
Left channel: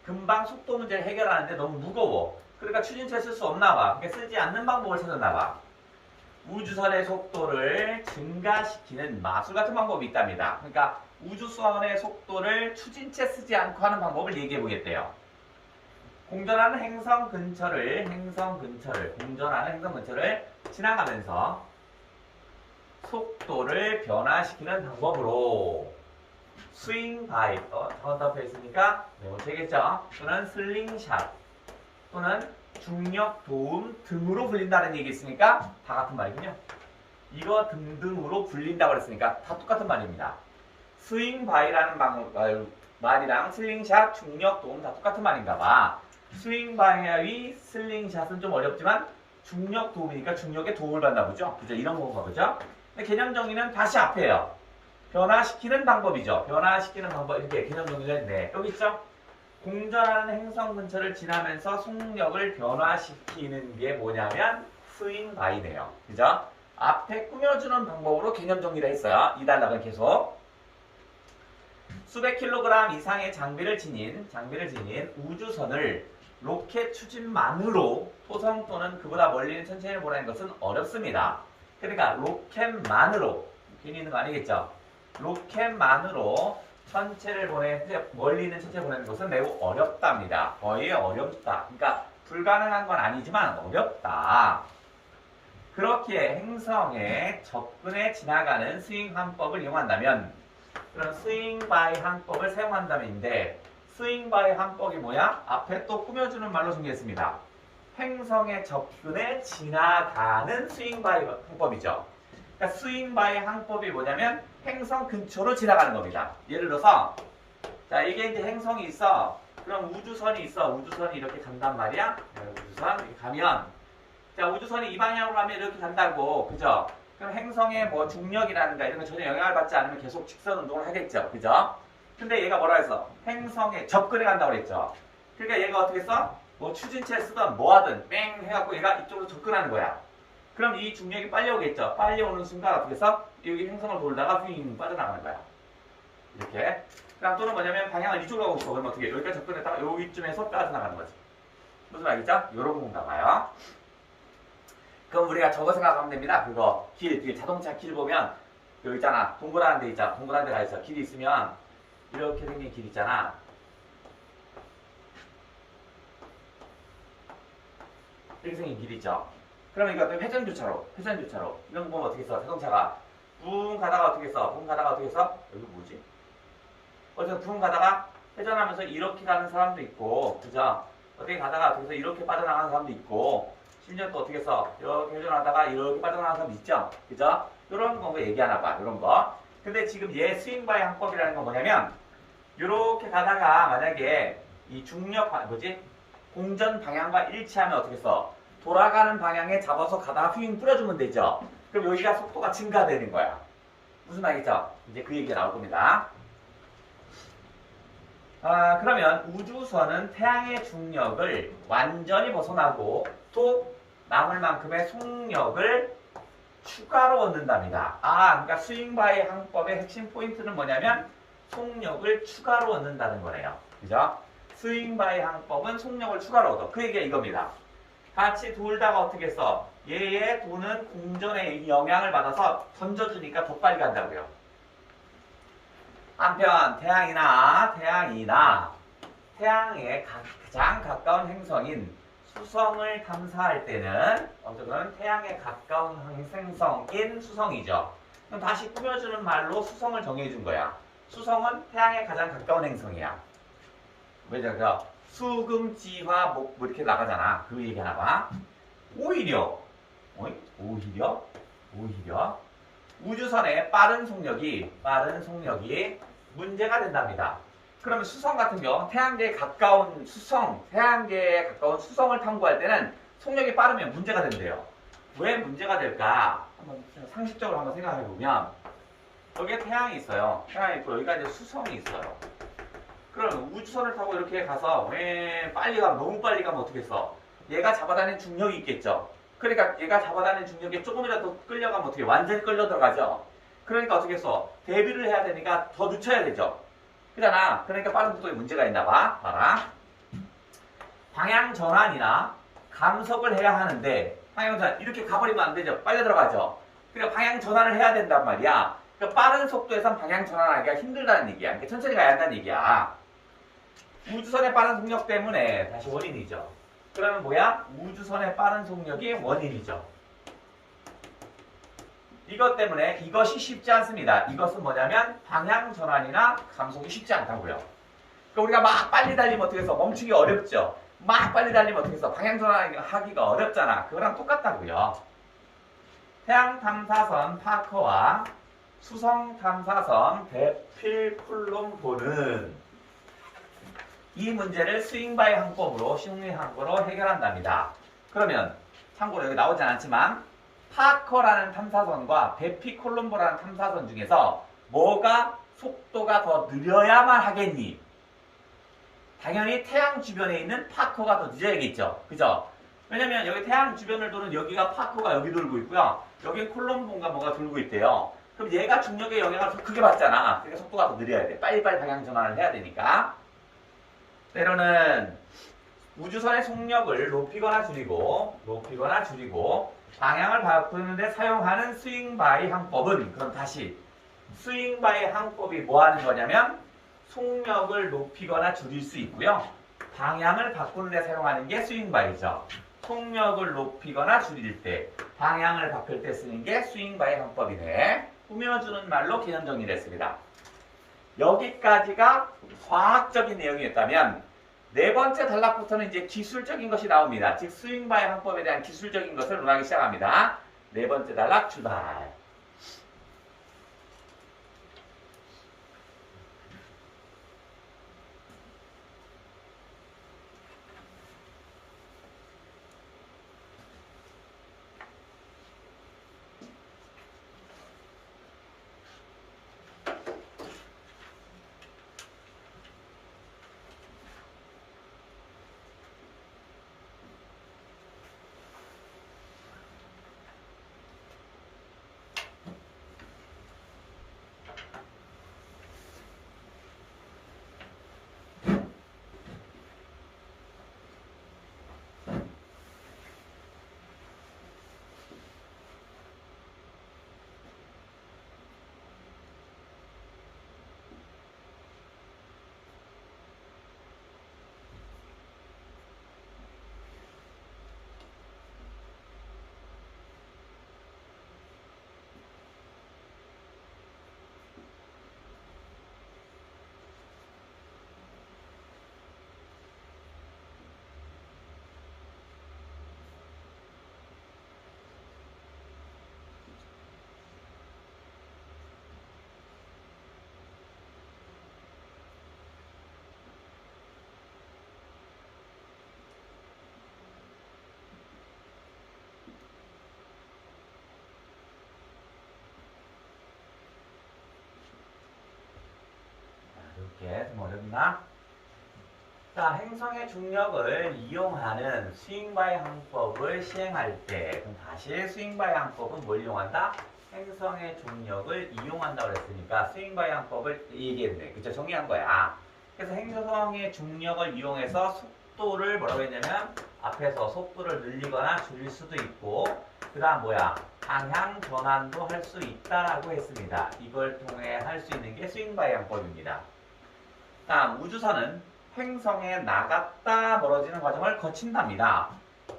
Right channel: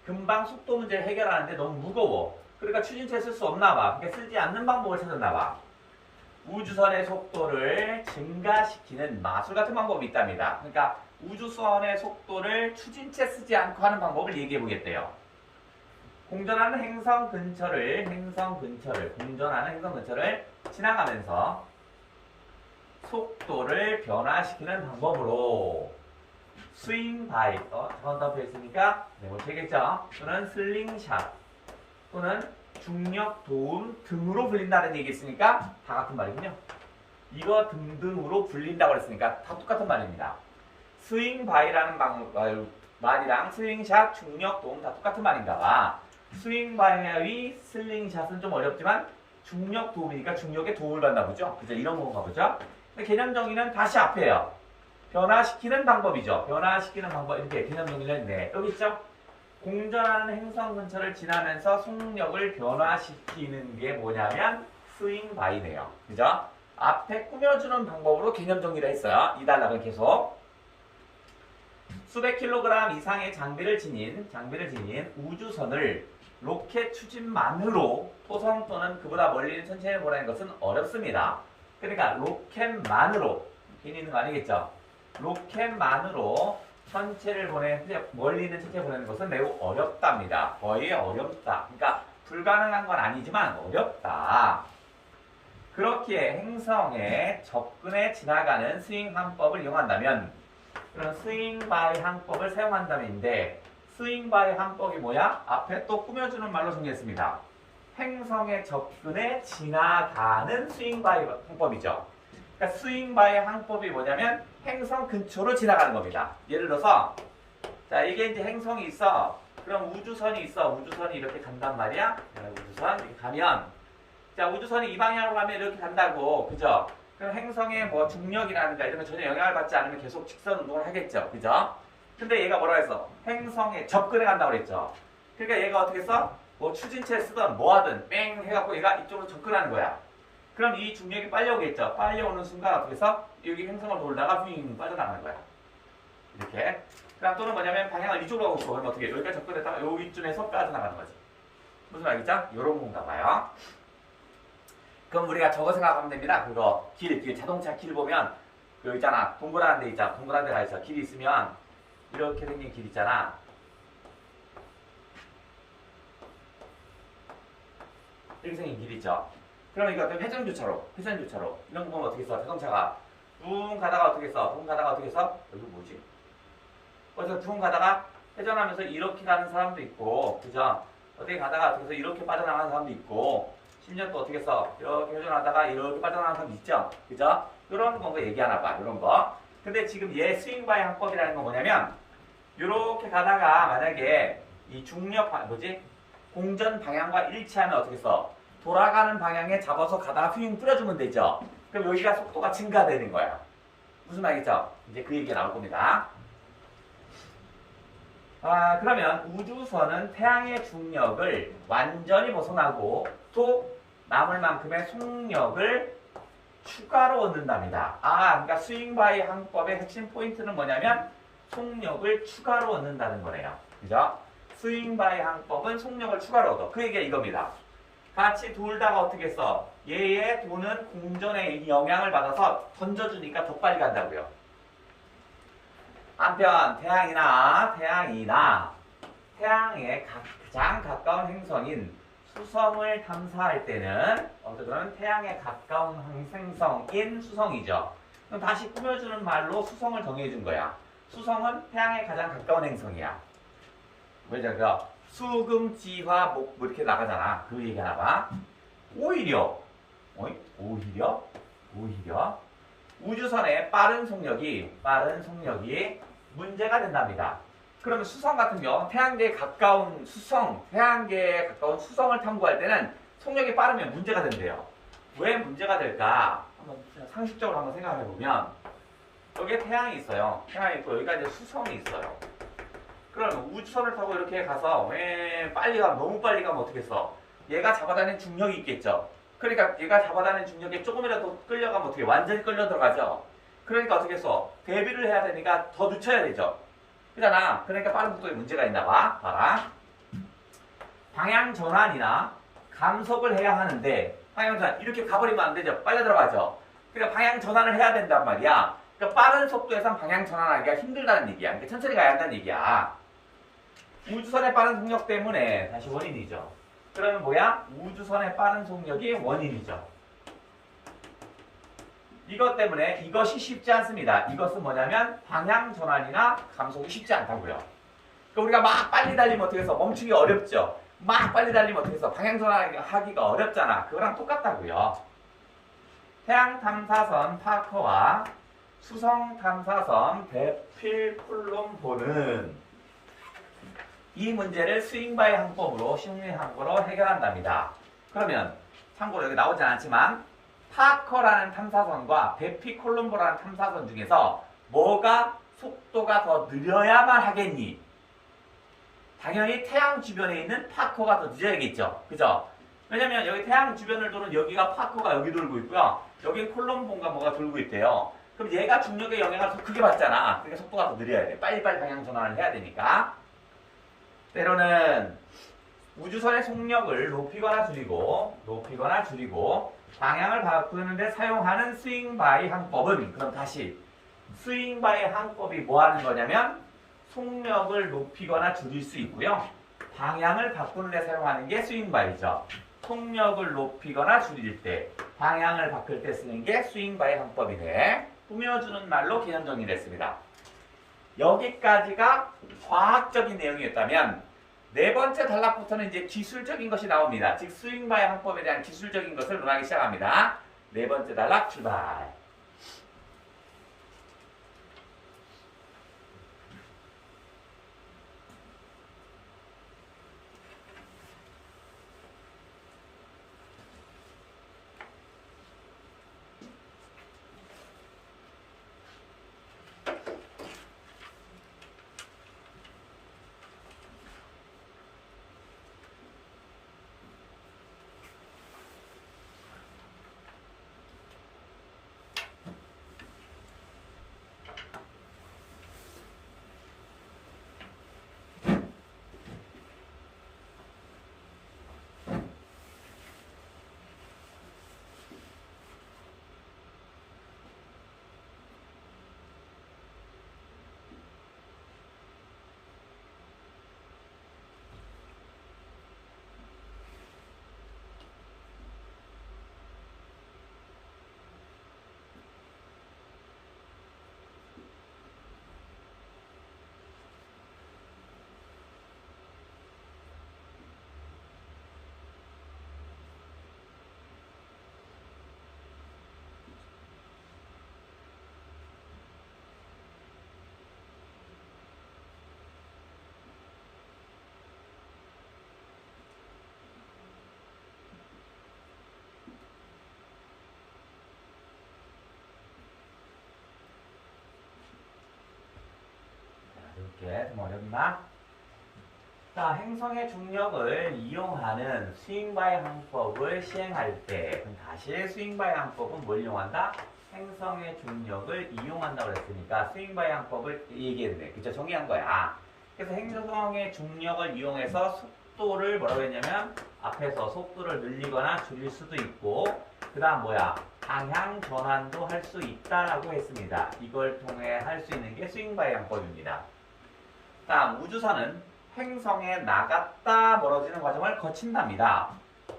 금방 속도 문제를 해결하는데 너무 무거워. 그러니까 추진체 쓸 수 없나 봐. 그러니까 쓰지 않는 방법을 찾았나 봐. 우주선의 속도를 증가시키는 마술 같은 방법이 있답니다. 그러니까 우주선의 속도를 추진체 쓰지 않고 하는 방법을 얘기해 보겠대요. 공전하는 행성 근처를 지나가면서 속도를 변화시키는 방법으로 스윙 바이, 저번 답에 했으니까 못 되겠죠? 또는 슬링샷 또는 중력 도움 등으로 불린다는 얘기 있으니까 다 같은 말이군요. 이거 등등으로 불린다고 그랬으니까 다 똑같은 말입니다. 스윙 바이라는 말이랑 슬링샷, 중력 도움 다 똑같은 말인가 봐. 스윙 바이의 슬링샷은 좀 어렵지만 중력 도움이니까 중력에 도움을 받나 보죠. 그죠? 이런 건가 보죠. 근데 개념 정의는 다시 앞에요. 변화시키는 방법이죠. 변화시키는 방법 이렇게 개념 정의를 했네. 여기 있죠? 공전하는 행성 근처를 지나면서 속력을 변화시키는 게 뭐냐면 스윙 바이네요. 그죠? 앞에 꾸며주는 방법으로 개념 정리를 했어요. 이 단락은 계속 수백 킬로그램 이상의 장비를 지닌 우주선을 로켓 추진만으로 토성 또는 그보다 멀리 있는 천체에 보내는 것은 어렵습니다. 그러니까 로켓만으로 괜히 있는 거 아니겠죠? 로켓만으로 멀리 있는 천체에 보내는 것은 매우 어렵답니다. 거의 어렵다. 그러니까 불가능한 건 아니지만 어렵다. 그렇기에 행성에 접근해 지나가는 스윙 항법을 이용한다면 그런 스윙 바이 항법을 사용한다면인데 스윙 바이 항법이 뭐야? 앞에 또 꾸며주는 말로 정리했습니다. 행성에 접근해 지나가는 스윙 바이 항법이죠. 그러니까 스윙 바이 항법이 뭐냐면 행성 근처로 지나가는 겁니다. 예를 들어서 자 이게 이제 행성이 있어. 그럼 우주선이 있어. 우주선이 이렇게 간단 말이야. 우주선 이렇게 가면 자 우주선이 이 방향으로 가면 이렇게 간다고. 그죠? 그럼 행성의 뭐 중력이라든가 이런 거 전혀 영향을 받지 않으면 계속 직선 운동을 하겠죠. 그죠? 근데 얘가 뭐라 했어? 행성에 접근해 간다고 그랬죠. 그러니까 얘가 어떻게 써? 뭐 추진체 쓰든 뭐 하든 뺑 해갖고 얘가 이쪽으로 접근하는 거야. 그럼 이 중력이 빨리 오겠죠. 빨리 오는 순간 어떻게 해서 여기 행성을 돌다가 휘잉 빠져나가는 거야. 이렇게. 그럼 또는 뭐냐면 방향을 이쪽으로 하고 있어. 그럼 어떻게 여기까지 접근했다가 여기쯤에서 빠져나가는 거지. 무슨 말이죠? 요런 건가 봐요. 그럼 우리가 저거 생각하면 됩니다. 그거 뒤에 자동차 길 보면 그 있잖아. 동그란 데 있잖아. 동그란 데가 있어. 길이 있으면 이렇게 생긴 길 있잖아. 이렇게 생긴 길 있죠. 그러면 이거 회전교차로 이런 거 보면 어떻게 써? 자동차가 붕 가다가 어떻게 써? 이거 뭐지? 어떻게 붕 가다가 회전하면서 이렇게 가는 사람도 있고, 그죠? 어떻게 가다가 어떻게 해서 이렇게 빠져나가는 사람도 있고, 심지어 또 어떻게 써? 이렇게 회전하다가 이렇게 빠져나가는 사람도 있죠? 그죠? 이런 거 얘기하나 봐, 이런 거. 근데 지금 얘 스윙바이 항법이라는 건 뭐냐면, 이렇게 가다가 만약에 이 중력, 공전 방향과 일치하면 어떻게 써? 돌아가는 방향에 잡아서 가다가 휘잉 뿌려주면 되죠. 그럼 여기가 속도가 증가되는 거야. 무슨 말이죠? 이제 그 얘기가 나올 겁니다. 그러면 우주선은 태양의 중력을 완전히 벗어나고 또 남을 만큼의 속력을 추가로 얻는답니다. 그러니까 스윙바이 항법의 핵심 포인트는 뭐냐면 속력을 추가로 얻는다는 거래요. 그죠? 스윙바이 항법은 속력을 추가로 얻어. 그 얘기가 이겁니다. 같이 돌다가 어떻게 써? 얘의 도는 공전의 영향을 받아서 던져주니까 더 빨리 간다고요. 한편 태양에 가장 가까운 행성인 수성을 탐사할 때는 어쨌든 태양에 가까운 행성인 수성이죠. 그럼 다시 꾸며주는 말로 수성을 정해준 거야. 수성은 태양에 가장 가까운 행성이야. 왜냐면 수금지화 목 뭐 이렇게 나가잖아. 그 얘기 하나 봐. 오히려 우주선의 빠른 속력이 문제가 된답니다. 그러면 수성 같은 경우 태양계에 가까운 수성을 탐구할 때는 속력이 빠르면 문제가 된대요. 왜 문제가 될까? 한번 상식적으로 한번 생각해 보면 여기에 태양이 있어요. 태양이 있고 여기가 이제 수성이 있어요. 그럼 우주선을 타고 이렇게 가서 너무 빨리 가면 어떻겠어? 얘가 잡아다니는 중력이 있겠죠. 그러니까 얘가 잡아다니는 중력에 조금이라도 끌려가면 어떻게 완전히 끌려 들어가죠. 그러니까 어떻게 했어? 대비를 해야 되니까 더 늦춰야 되죠. 그잖아. 그러니까 빠른 속도에 문제가 있나 봐. 봐라. 방향 전환이나 감속을 해야 하는데 방향 전환 이렇게 가버리면 안 되죠. 빨려 들어가죠. 그러니까 방향 전환을 해야 된단 말이야. 그러니까 빠른 속도에선 방향 전환하기가 힘들다는 얘기야. 그러니까 천천히 가야 한다는 얘기야. 우주선의 빠른 속력 때문에 다시 원인이죠. 그러면 뭐야? 우주선의 빠른 속력이 원인이죠. 이것 때문에 이것이 쉽지 않습니다. 이것은 뭐냐면 방향 전환이나 감속이 쉽지 않다고요. 그러니까 우리가 막 빨리 달리면 어떻게 해서 멈추기 어렵죠. 막 빨리 달리면 어떻게 해서 방향 전환하기가 어렵잖아. 그거랑 똑같다고요. 태양 탐사선 파커와 수성 탐사선 베필콜롬보는 이 문제를 스윙바이 항법으로 심리항법으로 해결한답니다. 그러면 참고로 여기 나오지 않았지만 파커라는 탐사선과 베피콜롬보라는 탐사선 중에서 뭐가 속도가 더 느려야만 하겠니? 당연히 태양 주변에 있는 파커가 더 늦어야겠죠. 그죠? 왜냐면 여기 태양 주변을 도는 여기가 파커가 여기 돌고 있고요. 여기 콜롬보가 뭐가 돌고 있대요. 그럼 얘가 중력의 영향을 더 크게 받잖아. 그러니까 속도가 더 느려야 돼. 빨리빨리 방향 전환을 해야 되니까. 때로는 우주선의 속력을 높이거나 줄이고 방향을 바꾸는 데 사용하는 스윙바이 항법은 그럼 다시 스윙바이 항법이 뭐 하는 거냐면 속력을 높이거나 줄일 수 있고요. 방향을 바꾸는 데 사용하는 게 스윙바이죠. 속력을 높이거나 줄일 때 방향을 바꿀 때 쓰는 게 스윙바이 항법이네. 꾸며주는 말로 개념 정리를 했습니다. 여기까지가 과학적인 내용이었다면 네 번째 단락부터는 이제 기술적인 것이 나옵니다. 즉 스윙바이 항법에 대한 기술적인 것을 논하기 시작합니다. 네 번째 단락 출발. 이렇게 좀 어렵나? 자, 행성의 중력을 이용하는 스윙바이 항법을 시행할 때 그럼 다시 스윙바이 항법은 뭘 이용한다? 행성의 중력을 이용한다고 그랬으니까 스윙바이 항법을 얘기했네. 그쵸? 정리한 거야. 그래서 행성의 중력을 이용해서 속도를 뭐라고 했냐면 앞에서 속도를 늘리거나 줄일 수도 있고 그 다음 뭐야? 방향 전환도 할 수 있다라고 했습니다. 이걸 통해 할 수 있는 게 스윙바이 양법입니다. 다음 우주선은 행성에 나갔다 멀어지는 과정을 거친답니다.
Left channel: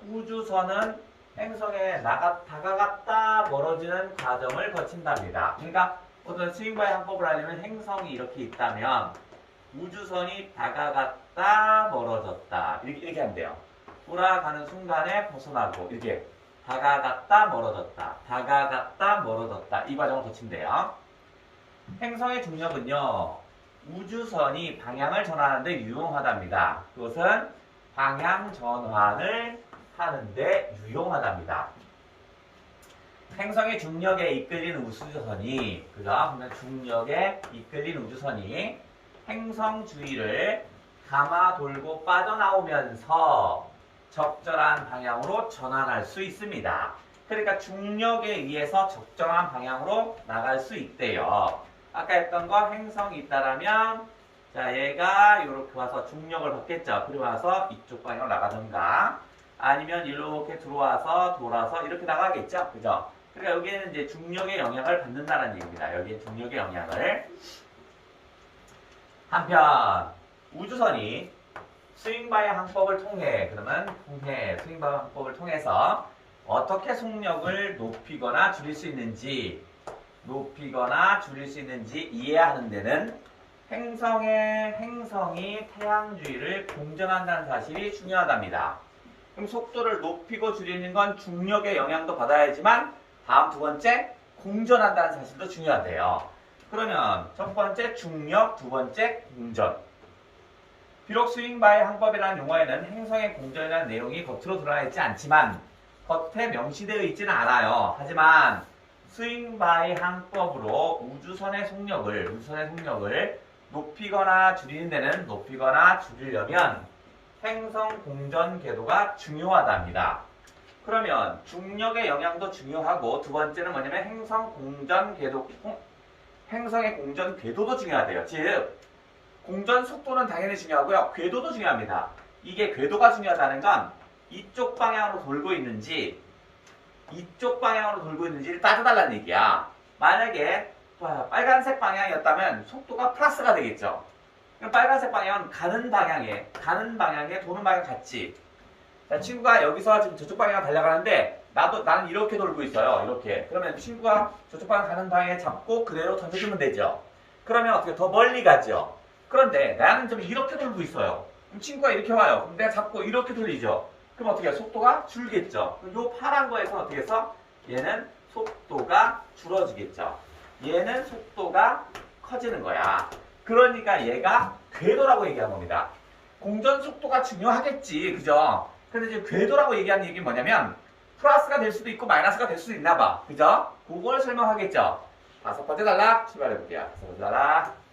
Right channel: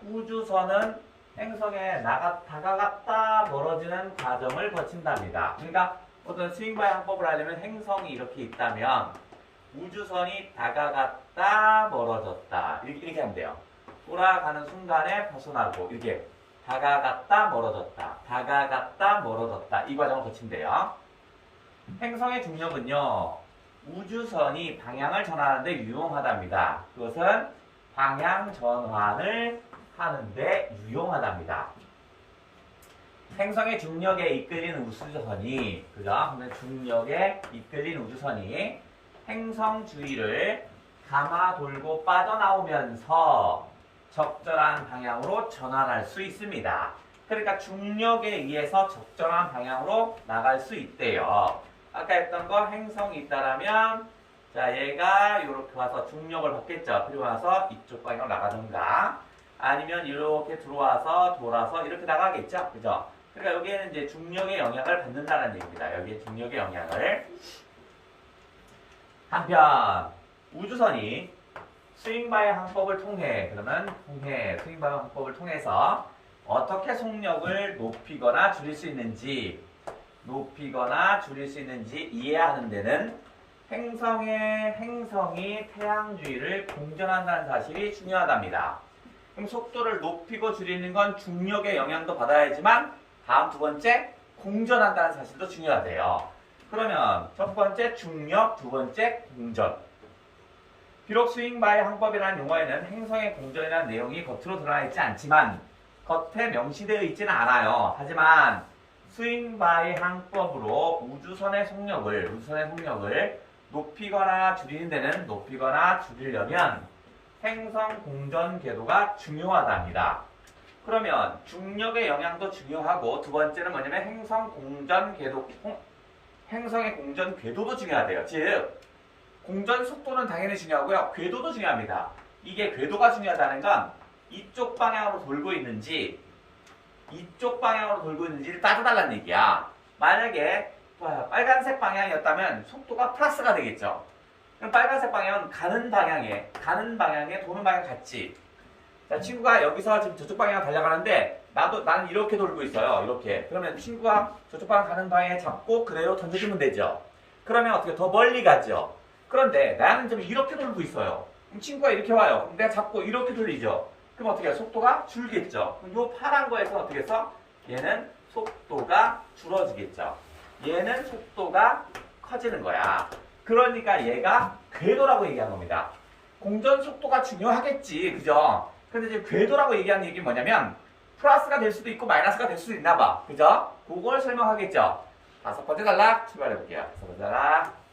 우주선은 행성에 다가갔다 멀어지는 과정을 거친답니다. 그러니까 어떤 스윙바이 항법을 하려면 행성이 이렇게 있다면 우주선이 다가갔다 멀어졌다 이렇게 하면 돼요. 돌아가는 순간에 벗어나고 이렇게 다가갔다 멀어졌다 다가갔다 멀어졌다 이 과정을 거친대요. 행성의 중력은요 우주선이 방향을 전환하는데 유용하답니다. 그것은 방향 전환을 하는데 유용하답니다. 행성의 중력에 이끌린 우주선이 그죠? 중력에 이끌린 우주선이 행성 주위를 감아 돌고 빠져나오면서 적절한 방향으로 전환할 수 있습니다. 그러니까 중력에 의해서 적절한 방향으로 나갈 수 있대요. 아까 했던 거 행성이 있다라면 자 얘가 이렇게 와서 중력을 받겠죠. 그리고 와서 이쪽 방향으로 나가던가 아니면 이렇게 들어와서 돌아서 이렇게 나가겠죠. 그죠? 그러니까 여기에는 이제 중력의 영향을 받는다는 얘기입니다. 여기에 중력의 영향을. 한편 우주선이 스윙바이 항법을 통해 스윙바이 항법을 통해서 어떻게 속력을 높이거나 줄일 수 있는지 이해하는 데는 행성이 태양 주위를 공전한다는 사실이 중요하답니다. 그럼 속도를 높이고 줄이는 건 중력의 영향도 받아야지만 다음 두 번째 공전한다는 사실도 중요하대요. 그러면 첫 번째 중력, 두 번째 공전. 비록 스윙바이 항법이라는 용어에는 행성의 공전이라는 내용이 겉으로 드러나 있지 않지만 겉에 명시되어 있지는 않아요. 하지만 스윙바이 항법으로 우주선의 속력을 높이거나 줄이는 데는 높이거나 줄이려면 행성 공전 궤도가 중요하답니다. 그러면 중력의 영향도 중요하고 두 번째는 뭐냐면 행성의 공전 궤도도 중요하대요. 즉 공전 속도는 당연히 중요하고요. 궤도도 중요합니다. 이게 궤도가 중요하다는 건 이쪽 방향으로 돌고 있는지 이쪽 방향으로 돌고 있는지를 따져달라는 얘기야. 만약에 빨간색 방향이었다면 속도가 플러스가 되겠죠. 그럼 빨간색 방향은 가는 방향에 도는 방향 같지. 자, 친구가 여기서 지금 저쪽 방향 달려가는데 나는 이렇게 돌고 있어요. 이렇게. 그러면 친구가 저쪽 방향 가는 방향에 잡고 그대로 던져주면 되죠. 그러면 어떻게 더 멀리 가죠. 그런데 나는 좀 이렇게 돌고 있어요. 그럼 친구가 이렇게 와요. 그럼 내가 잡고 이렇게 돌리죠. 그럼 어떻게 해요? 속도가 줄겠죠. 그럼 요 파란 거에서 어떻게 해서 얘는 속도가 줄어지겠죠. 얘는 속도가 커지는 거야. 그러니까 얘가 궤도라고 얘기한 겁니다. 공전 속도가 중요하겠지. 그죠? 근데 지금 궤도라고 얘기하는 얘기는 뭐냐면 플러스가 될 수도 있고 마이너스가 될 수도 있나 봐. 그죠? 그걸 설명하겠죠. 다섯 번째 단락 출발해 볼게요. 다섯 번째 단락.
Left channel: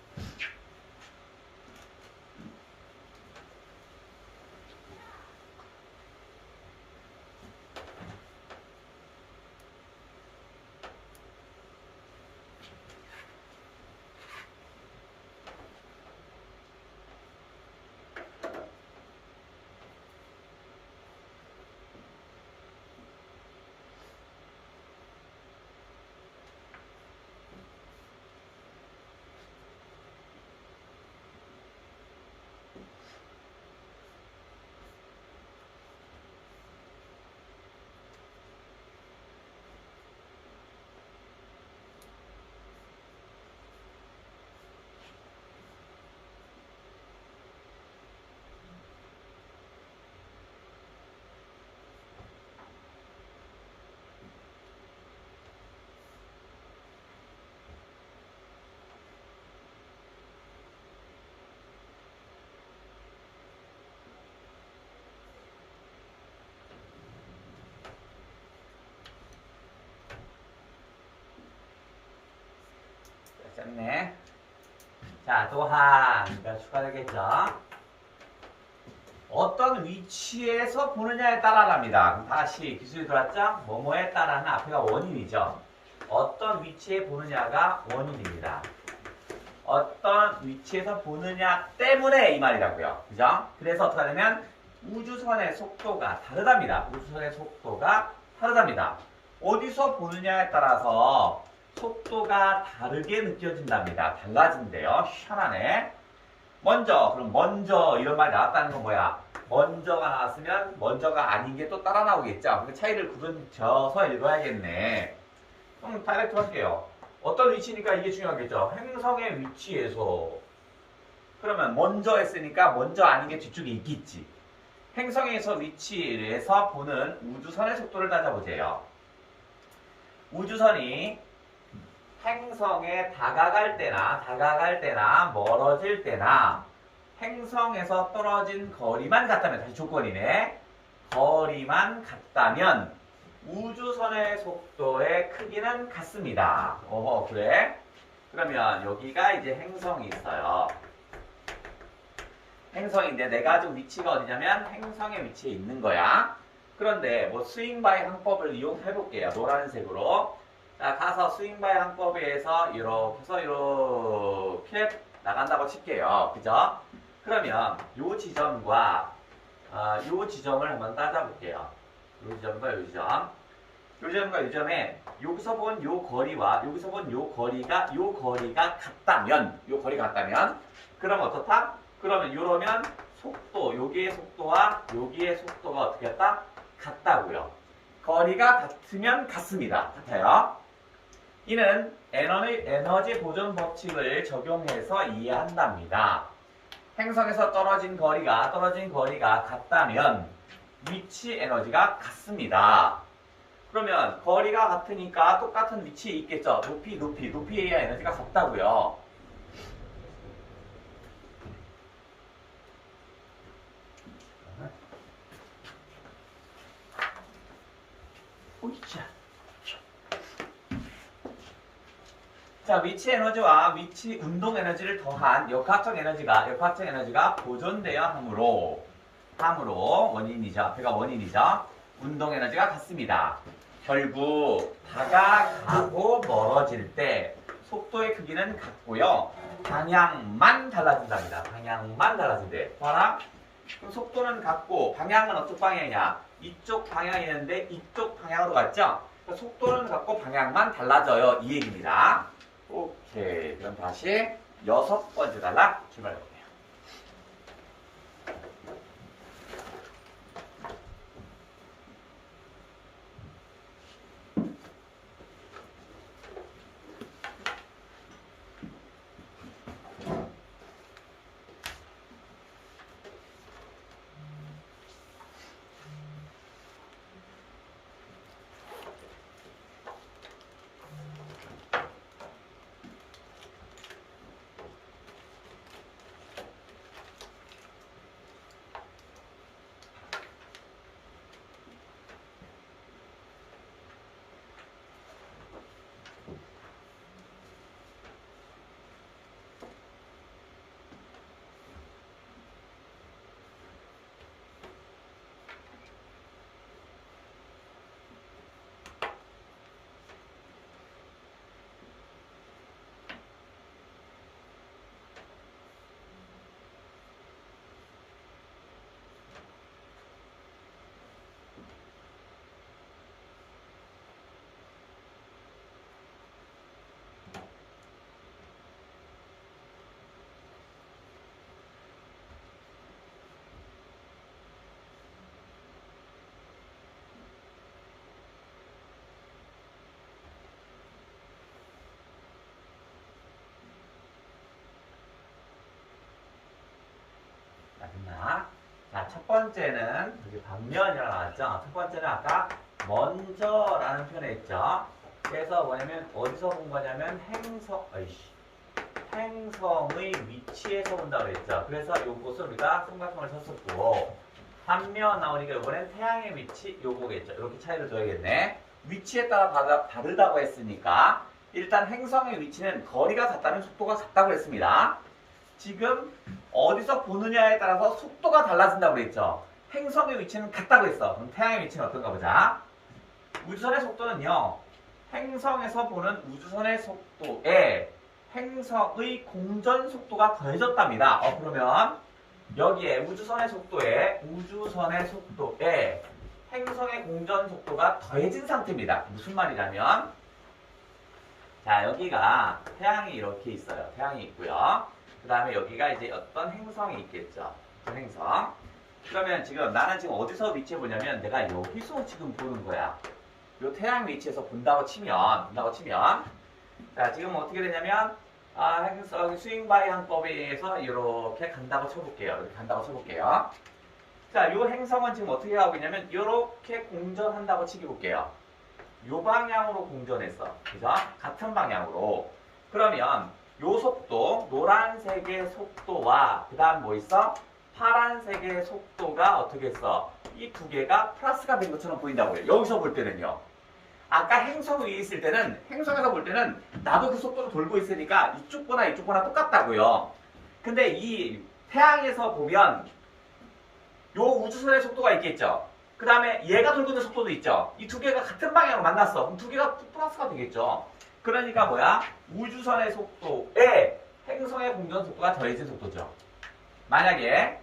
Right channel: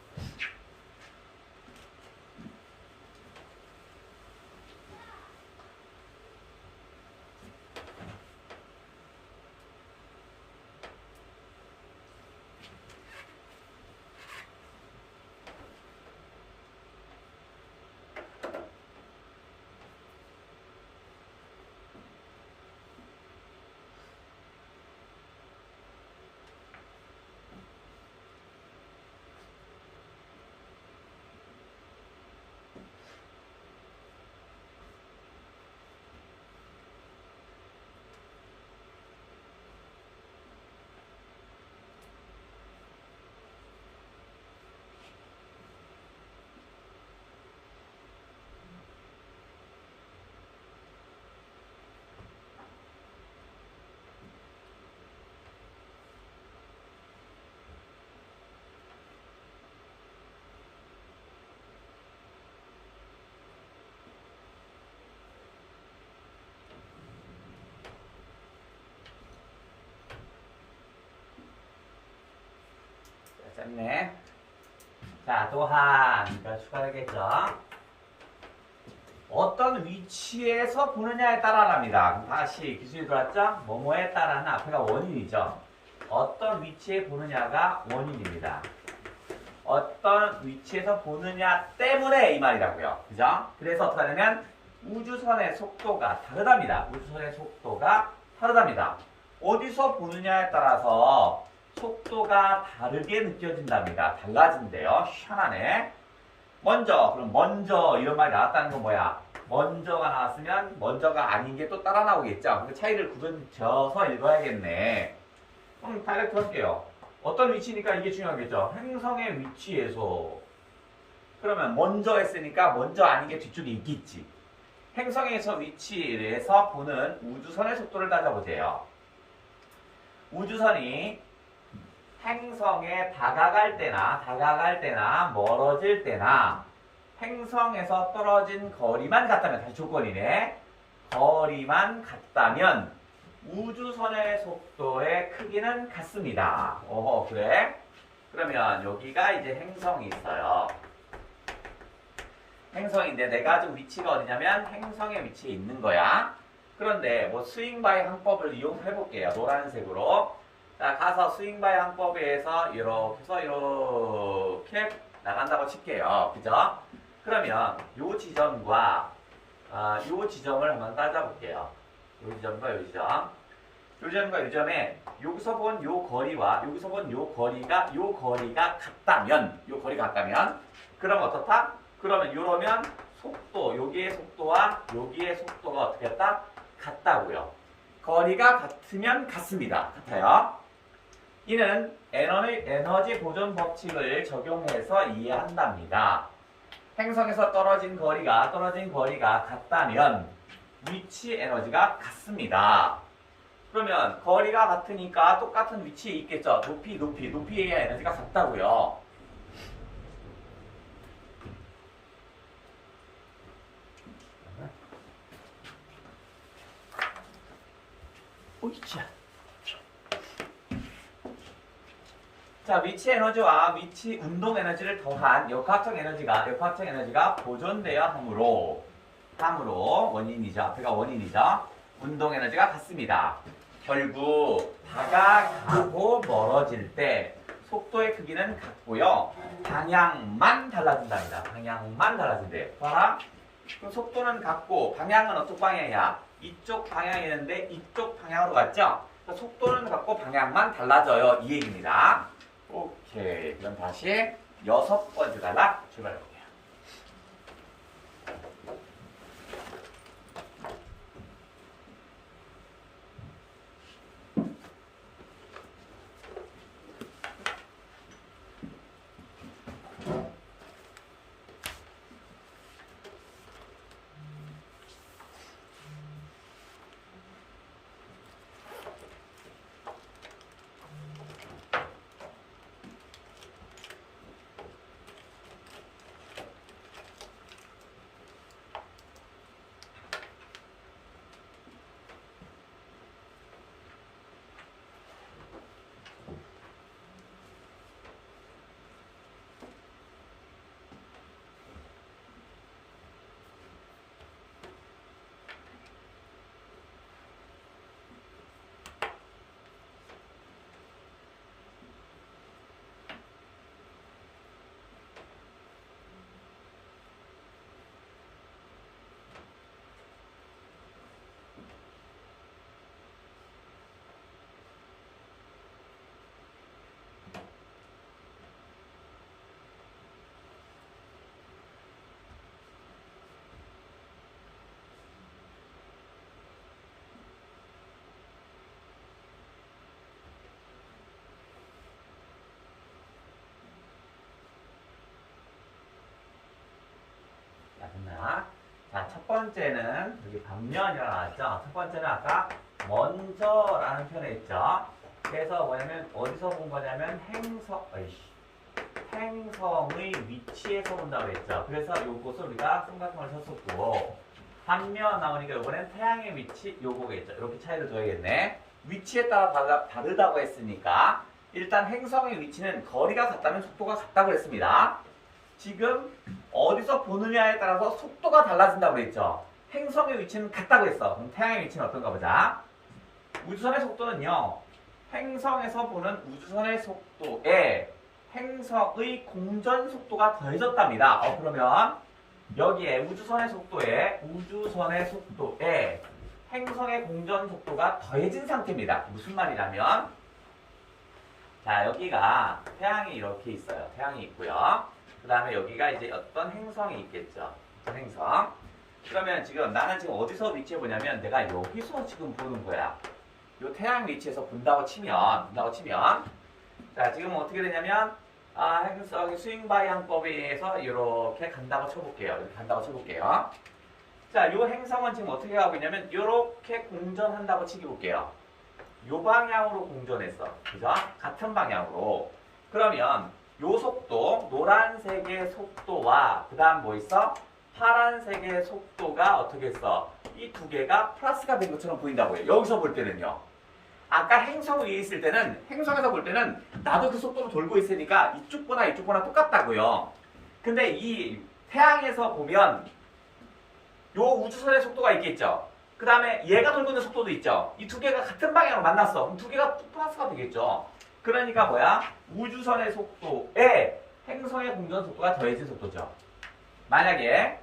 짰네. 자, 또한 추가되겠죠. 어떤 위치에서 보느냐에 따라랍니다. 다시 기술이 들어왔죠? 뭐뭐에 따라는 앞에가 원인이죠. 어떤 위치에 보느냐가 원인입니다. 어떤 위치에서 보느냐 때문에 이 말이라고요. 그죠? 그래서 어떻게 하냐면 우주선의 속도가 다르답니다. 우주선의 속도가 다르답니다. 어디서 보느냐에 따라서 속도가 다르게 느껴진답니다. 달라진대요. 희한하네. 그럼 먼저 이런 말이 나왔다는 건 뭐야? 먼저가 나왔으면 먼저가 아닌 게 또 따라 나오겠죠. 그 차이를 구분져서 읽어야겠네. 그럼 다이렉트 할게요. 어떤 위치니까 이게 중요하겠죠. 행성의 위치에서. 그러면 먼저 했으니까 먼저 아닌 게 뒤쪽에 있겠지. 행성에서 위치에서 보는 우주선의 속도를 따져보세요. 우주선이 행성에 다가갈 때나 멀어질 때나 행성에서 떨어진 거리만 같다면, 다시 조건이네. 거리만 같다면 우주선의 속도의 크기는 같습니다. 그래? 그러면 여기가 이제 행성이 있어요. 행성인데 내가 지금 위치가 어디냐면 행성의 위치에 있는 거야. 그런데 뭐 스윙바이 항법을 이용해 볼게요. 노란색으로. 자, 가서 스윙바이 항법에서 이렇게 해서 이렇게 나간다고 칠게요. 그죠? 그러면 요 지점과 요 지점을 한번 따져볼게요. 요 지점과 요 지점. 요 지점과 요 지점에 여기서 본 요 거리와 여기서 본 요 거리가 같다면, 그럼 어떻다? 그러면 이러면 속도, 여기의 속도와 여기의 속도가 어떻게 했다? 같다고요. 거리가 같으면 같습니다. 같아요. 이는 에너지 보존 법칙을 적용해서 이해한답니다. 행성에서 떨어진 거리가 같다면 위치 에너지가 같습니다. 그러면 거리가 같으니까 똑같은 위치에 있겠죠. 높이에 에너지가 같다고요. 자, 위치 에너지와 위치 운동 에너지를 더한 역학적 에너지가 보존되어 함으로 원인이죠. 앞에가 원인이죠. 운동 에너지가 같습니다. 결국 다가가고 멀어질 때 속도의 크기는 같고요. 방향만 달라진답니다. 방향만 달라진대. 봐라. 그럼 속도는 같고 방향은 어떤 방향이야? 이쪽 방향이었는데 이쪽 방향으로 갔죠? 그러니까 속도는 같고 방향만 달라져요. 이 얘기입니다. 오케이. 그럼 다시 6번째 단락 출발해볼게요. 됐나? 자, 첫 번째는 여기 방면이라고 나왔죠? 첫 번째는 아까 먼저라는 표현을 했죠? 그래서 뭐냐면 어디서 본 거냐면 행성의 위치에서 본다고 했죠? 그래서 요것을 우리가 삼각형을 쳤었고, 반면 나오니까 이번엔 태양의 위치 요거겠죠? 이렇게 차이를 둬야겠네. 위치에 따라 다르다고 했으니까 일단 행성의 위치는 거리가 같다면 속도가 같다고 했습니다. 지금 어디서 보느냐에 따라서 속도가 달라진다고 그랬죠. 행성의 위치는 같다고 했어. 그럼 태양의 위치는 어떤가 보자. 우주선의 속도는요. 행성에서 보는 우주선의 속도에 행성의 공전 속도가 더해졌답니다. 그러면 여기에 우주선의 속도에 행성의 공전 속도가 더해진 상태입니다. 무슨 말이냐면, 자, 여기가 태양이 이렇게 있어요. 태양이 있고요. 그 다음에 여기가 이제 어떤 행성이 있겠죠. 어떤 행성. 그러면 지금 나는 지금 어디서 위치해 보냐면 내가 여기서 지금 보는 거야. 요 태양 위치에서 본다고 치면 자, 지금 어떻게 되냐면 행성 스윙 방향법에 의해서 이렇게 간다고 쳐볼게요. 이렇게 간다고 쳐볼게요. 자, 요 행성은 지금 어떻게 하고 있냐면 이렇게 공전한다고 치볼게요. 요 방향으로 공전했어. 그죠? 같은 방향으로. 그러면 요 속도, 노란색의 속도와 그 다음 뭐 있어? 파란색의 속도가 어떻게 했어? 이 두 개가 플러스가 된 것처럼 보인다고요. 여기서 볼 때는요. 아까 행성 위에 있을 때는, 행성에서 볼 때는 나도 그 속도로 돌고 있으니까 이쪽 거나 똑같다고요. 근데 이 태양에서 보면 요 우주선의 속도가 있겠죠. 그 다음에 얘가 돌고 있는 속도도 있죠. 이 두 개가 같은 방향으로 만났어. 그럼 두 개가 플러스가 되겠죠. 그러니까 뭐야? 우주선의 속도에 행성의 공전 속도가 더해진 속도죠. 만약에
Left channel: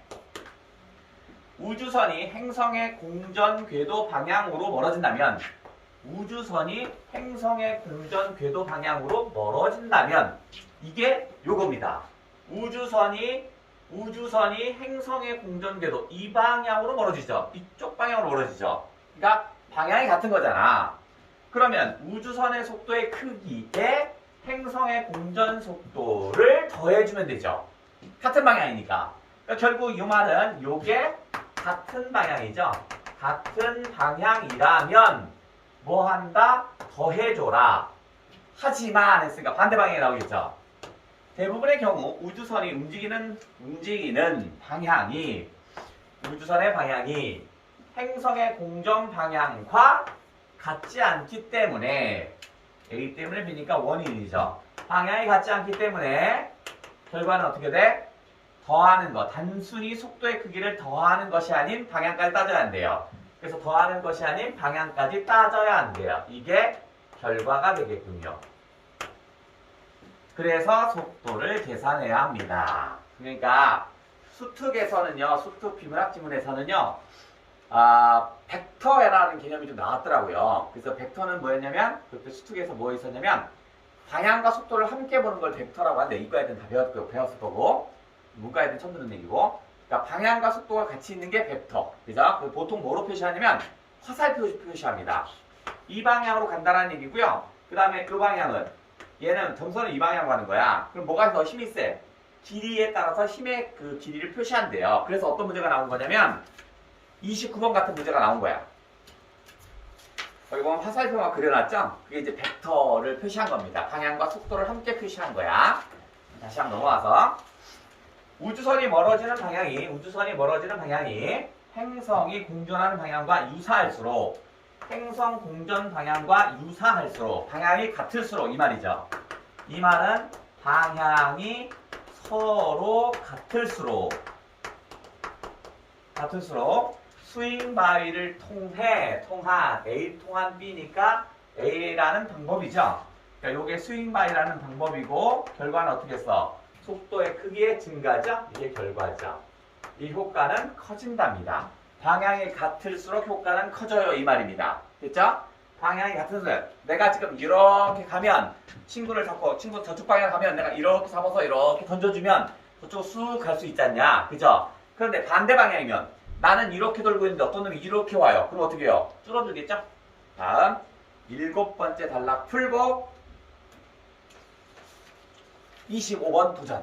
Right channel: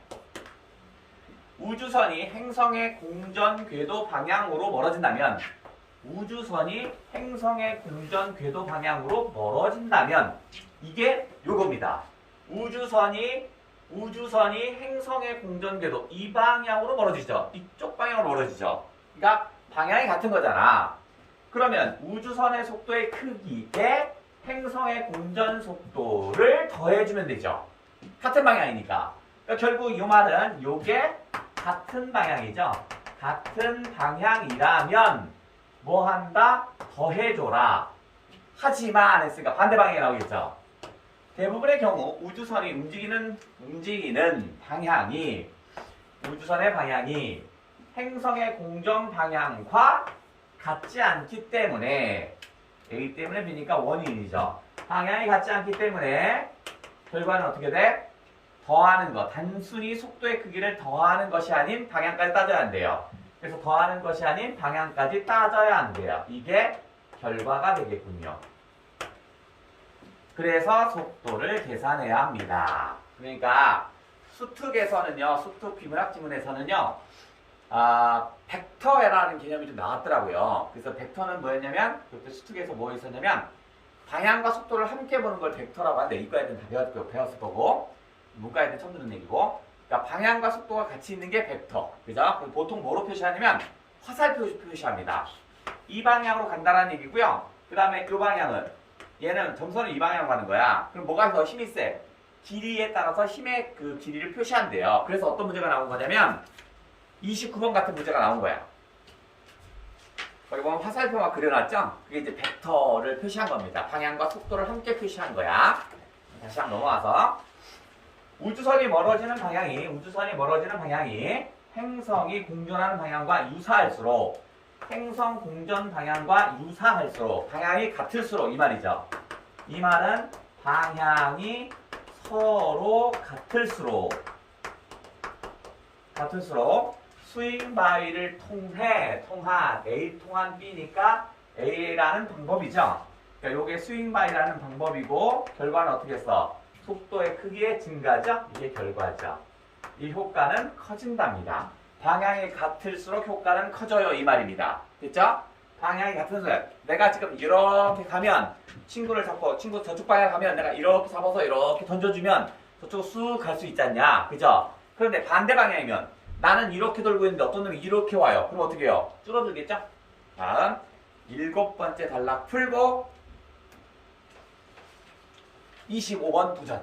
우주선이 행성의 공전 궤도 방향으로 멀어진다면 이게 요겁니다. 우주선이 행성의 공전 궤도 이 방향으로 멀어지죠. 이쪽 방향으로 멀어지죠. 그러니까 방향이 같은 거잖아. 그러면 우주선의 속도의 크기에 행성의 공전 속도를 더해주면 되죠. 같은 방향이니까. 그러니까 결국 이 말은 요게 같은 방향이죠. 같은 방향이라면 뭐 한다? 더해줘라. 하지만 했으니까 반대 방향이 나오겠죠. 대부분의 경우 우주선이 움직이는 방향이 우주선의 방향이 행성의 공전 방향과 같지 않기 때문에 A 때문에 B니까 원인이죠. 방향이 같지 않기 때문에 결과는 어떻게 돼? 더하는 것. 단순히 속도의 크기를 더하는 것이 아닌 방향까지 따져야 한대요. 그래서 더하는 것이 아닌 방향까지 따져야 한대요. 이게 결과가 되겠군요. 그래서 속도를 계산해야 합니다. 그러니까 수특에서는요, 수특 비문학 지문에서는요, 벡터라는 개념이 좀 나왔더라고요. 그래서 벡터는 뭐였냐면, 그때 수특에서 뭐 있었냐면, 방향과 속도를 함께 보는 걸 벡터라고 하는데, 이과 애들은 다 배웠을 거고, 문과 애들은 처음 듣는 얘기고, 그러니까 방향과 속도가 같이 있는 게 벡터. 그죠? 보통 뭐로 표시하냐면, 화살표 표시합니다. 이 방향으로 간다는 얘기고요. 그 다음에 그 방향은, 얘는 점선은 이 방향으로 가는 거야. 그럼 뭐가 더 힘이 세? 길이에 따라서 힘의 그 길이를 표시한대요. 그래서 어떤 문제가 나온 거냐면 29번 같은 문제가 나온 거야. 거기 보면 화살표가 그려놨죠? 그게 이제 벡터를 표시한 겁니다. 방향과 속도를 함께 표시한 거야. 다시 한번 넘어와서 우주선이 멀어지는 방향이 행성이 공전하는 방향과 유사할수록 행성 공전 방향과 유사할수록 방향이 같을수록 이 말이죠. 이 말은 방향이 서로 같을수록 스윙 바위를 통한 A 통한 B니까 A라는 방법이죠. 그러니까 이게 스윙 바위라는 방법이고 결과는 어떻게 했어? 속도의 크기의 증가죠. 이게 결과죠. 이 효과는 커진답니다. 방향이 같을수록 효과는 커져요. 이 말입니다. 됐죠? 방향이 같을수록 내가 지금 이렇게 가면 친구 저쪽 방향 가면 내가 이렇게 잡아서 이렇게 던져주면 저쪽으로 쑥 갈 수 있지 않냐? 그죠? 그런데 반대 방향이면 나는 이렇게 돌고 있는데 어떤 놈이 이렇게 와요. 그럼 어떻게 해요? 줄어들겠죠? 다음 7번째 단락 풀고 25번 부전.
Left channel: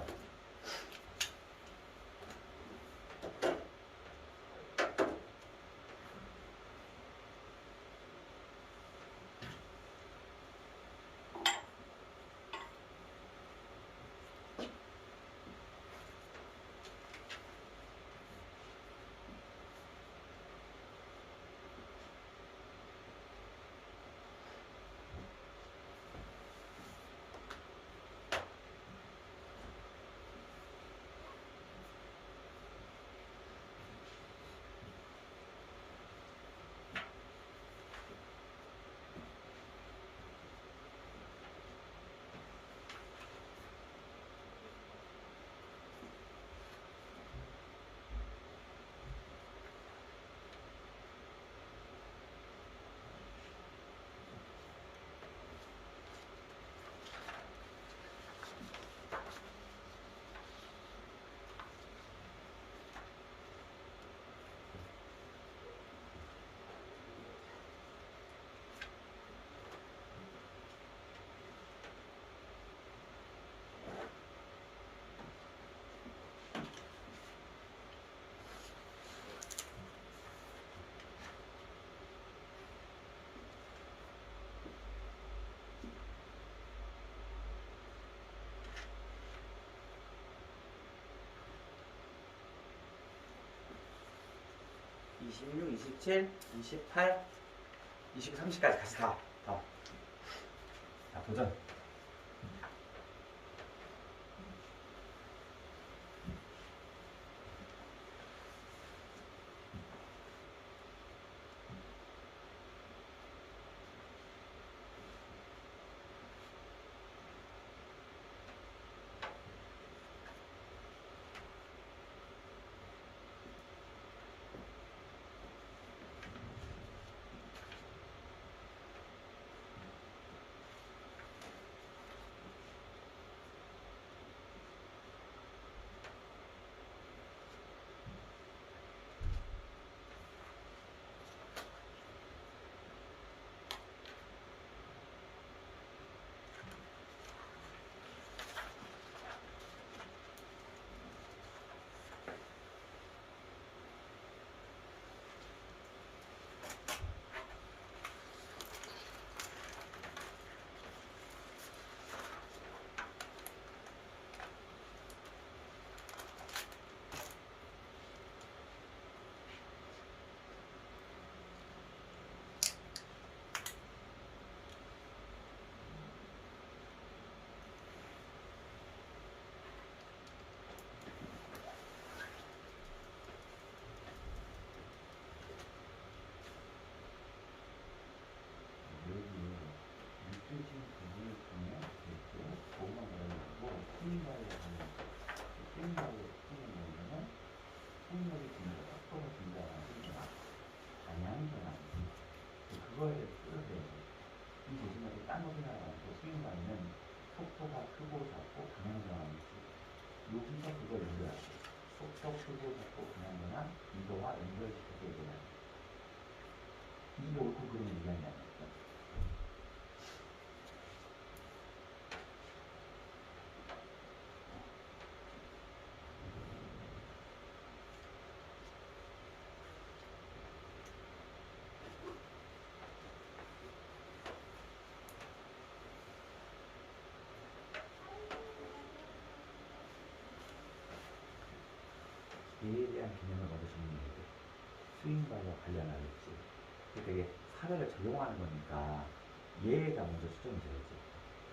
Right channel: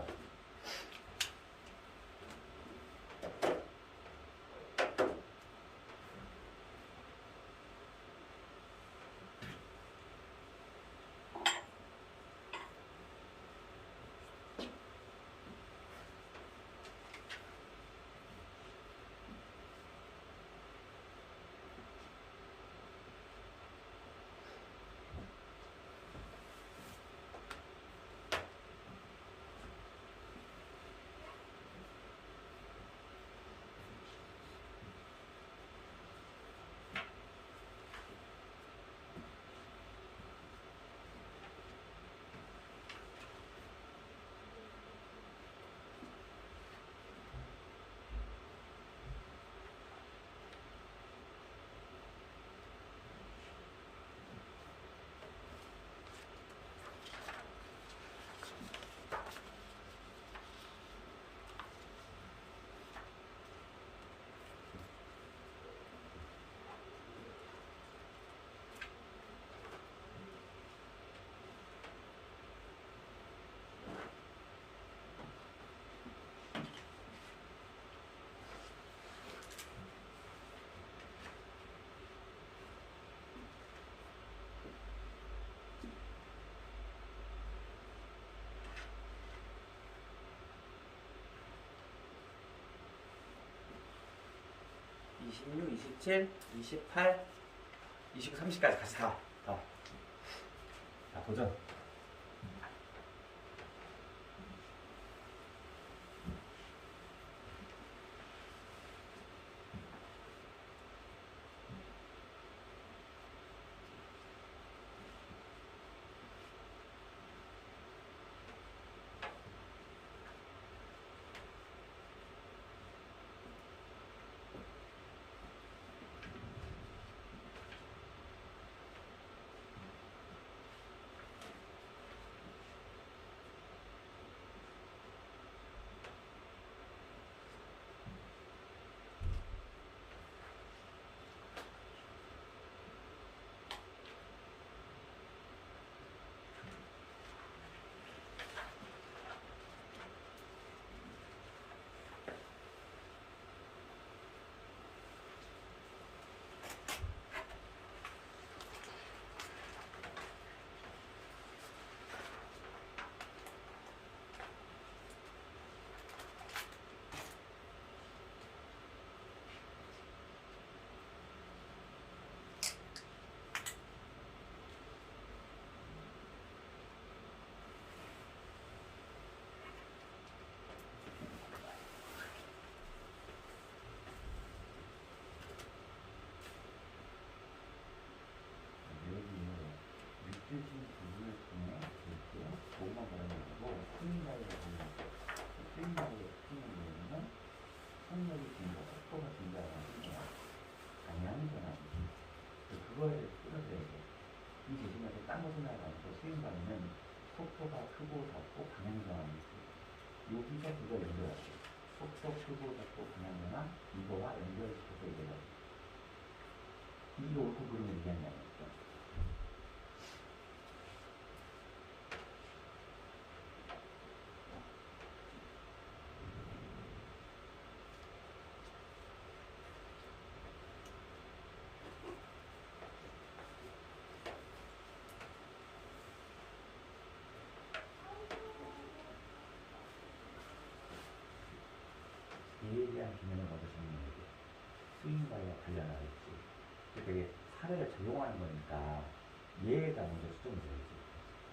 26, 27, 28, 29, 30까지 같이 다. 자, 도전. 그걸 끌어들여야죠. 이 대신에 딴 것을 나가서 스윙바는 속도가 크고 작고 방향 전환이지. 여기서 그걸 연결하죠. 속도 크고 작고 방향 전환 이거와 연결시켜서 얘기해야죠. 이게 옳고 그름을 얘기하는 게 아니었죠. 얘에 대한 개념을 먼저 정리해야 돼. 스윙바와 관련하겠지. 그러니까 이게 사례를 적용하는 거니까 얘가 먼저 수정이 돼야지.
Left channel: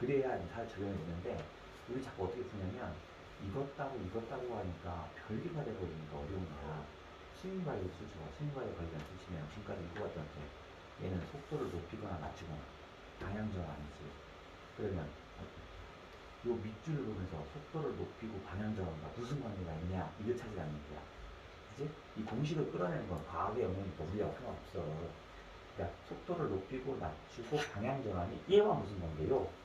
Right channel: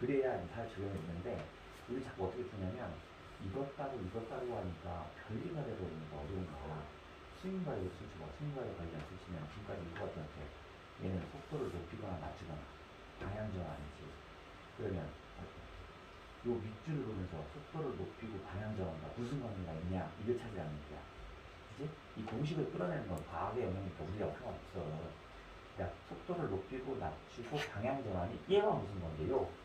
그래야 사례 적용해주는데 우리 자꾸 어떻게 쓰냐면 이것 따로 하니까 별개가 되버리니까 어려운 거야. 스윙바의 수주와 스윙바의 관련 수치면 지금까지 이거 같지 않게 얘는 속도를 높이거나 낮추거나 방향전환 아니지. 그러면 요 밑줄을 보면서 속도를 높이고 방향전환과 무슨 관계가 있냐 이걸 찾으라는 거야. 그치? 이 공식을 끌어내는 건 과학의 영역이니까 우리가 상관없어. 그러니까 속도를 높이고 낮추고 방향전환이 얘가 무슨 관계요?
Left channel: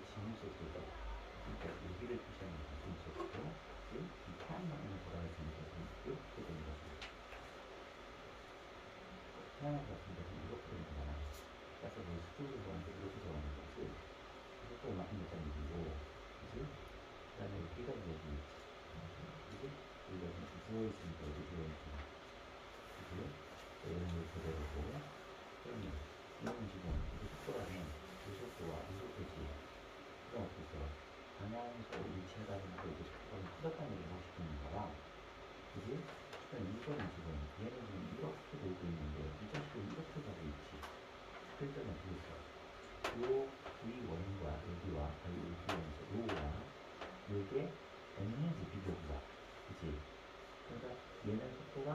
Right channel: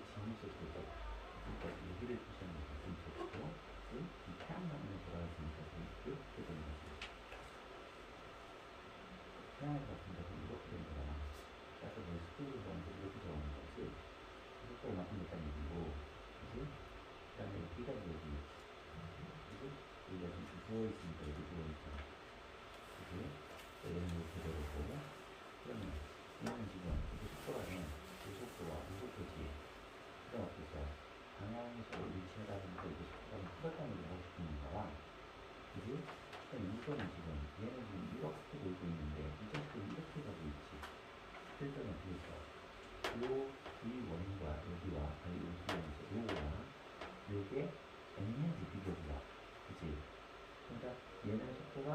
지금 속도가 그러니까 여기를 표시하는 지금 속도 이 태양광으로 돌아가는 것은 이렇게 되는 거죠. 태양을 같은 것은 이렇게 되는 거잖아. 그래서 뭐 스티브 보는데 이렇게 적어놓은 거지. 이것도 얼마큼 몇장 얘기고, 그지? 그 다음에 여기가 여기, 그지? 여기가 누워있으니까 여기 누워있잖아. 그지? 이런 걸 그대로고, 그러면 이거는 지금 이게 속도라면 이 속도와 이 속도지. 그럼 어떻게 써? 방향에서 일치하다 보니까 이게 속도가 커졌다는 걸 보고 싶은 거라. 그지? 그럼 이거는 지금 얘는 지금 이렇게 돌고 있는데 이 속도 이렇게 가고 있지. 그럴 때는 어떻게 써? 이 원과 여기와 여기에서 요거와 요게 애매하지 비교가. 그지? 그러니까 얘는 속도가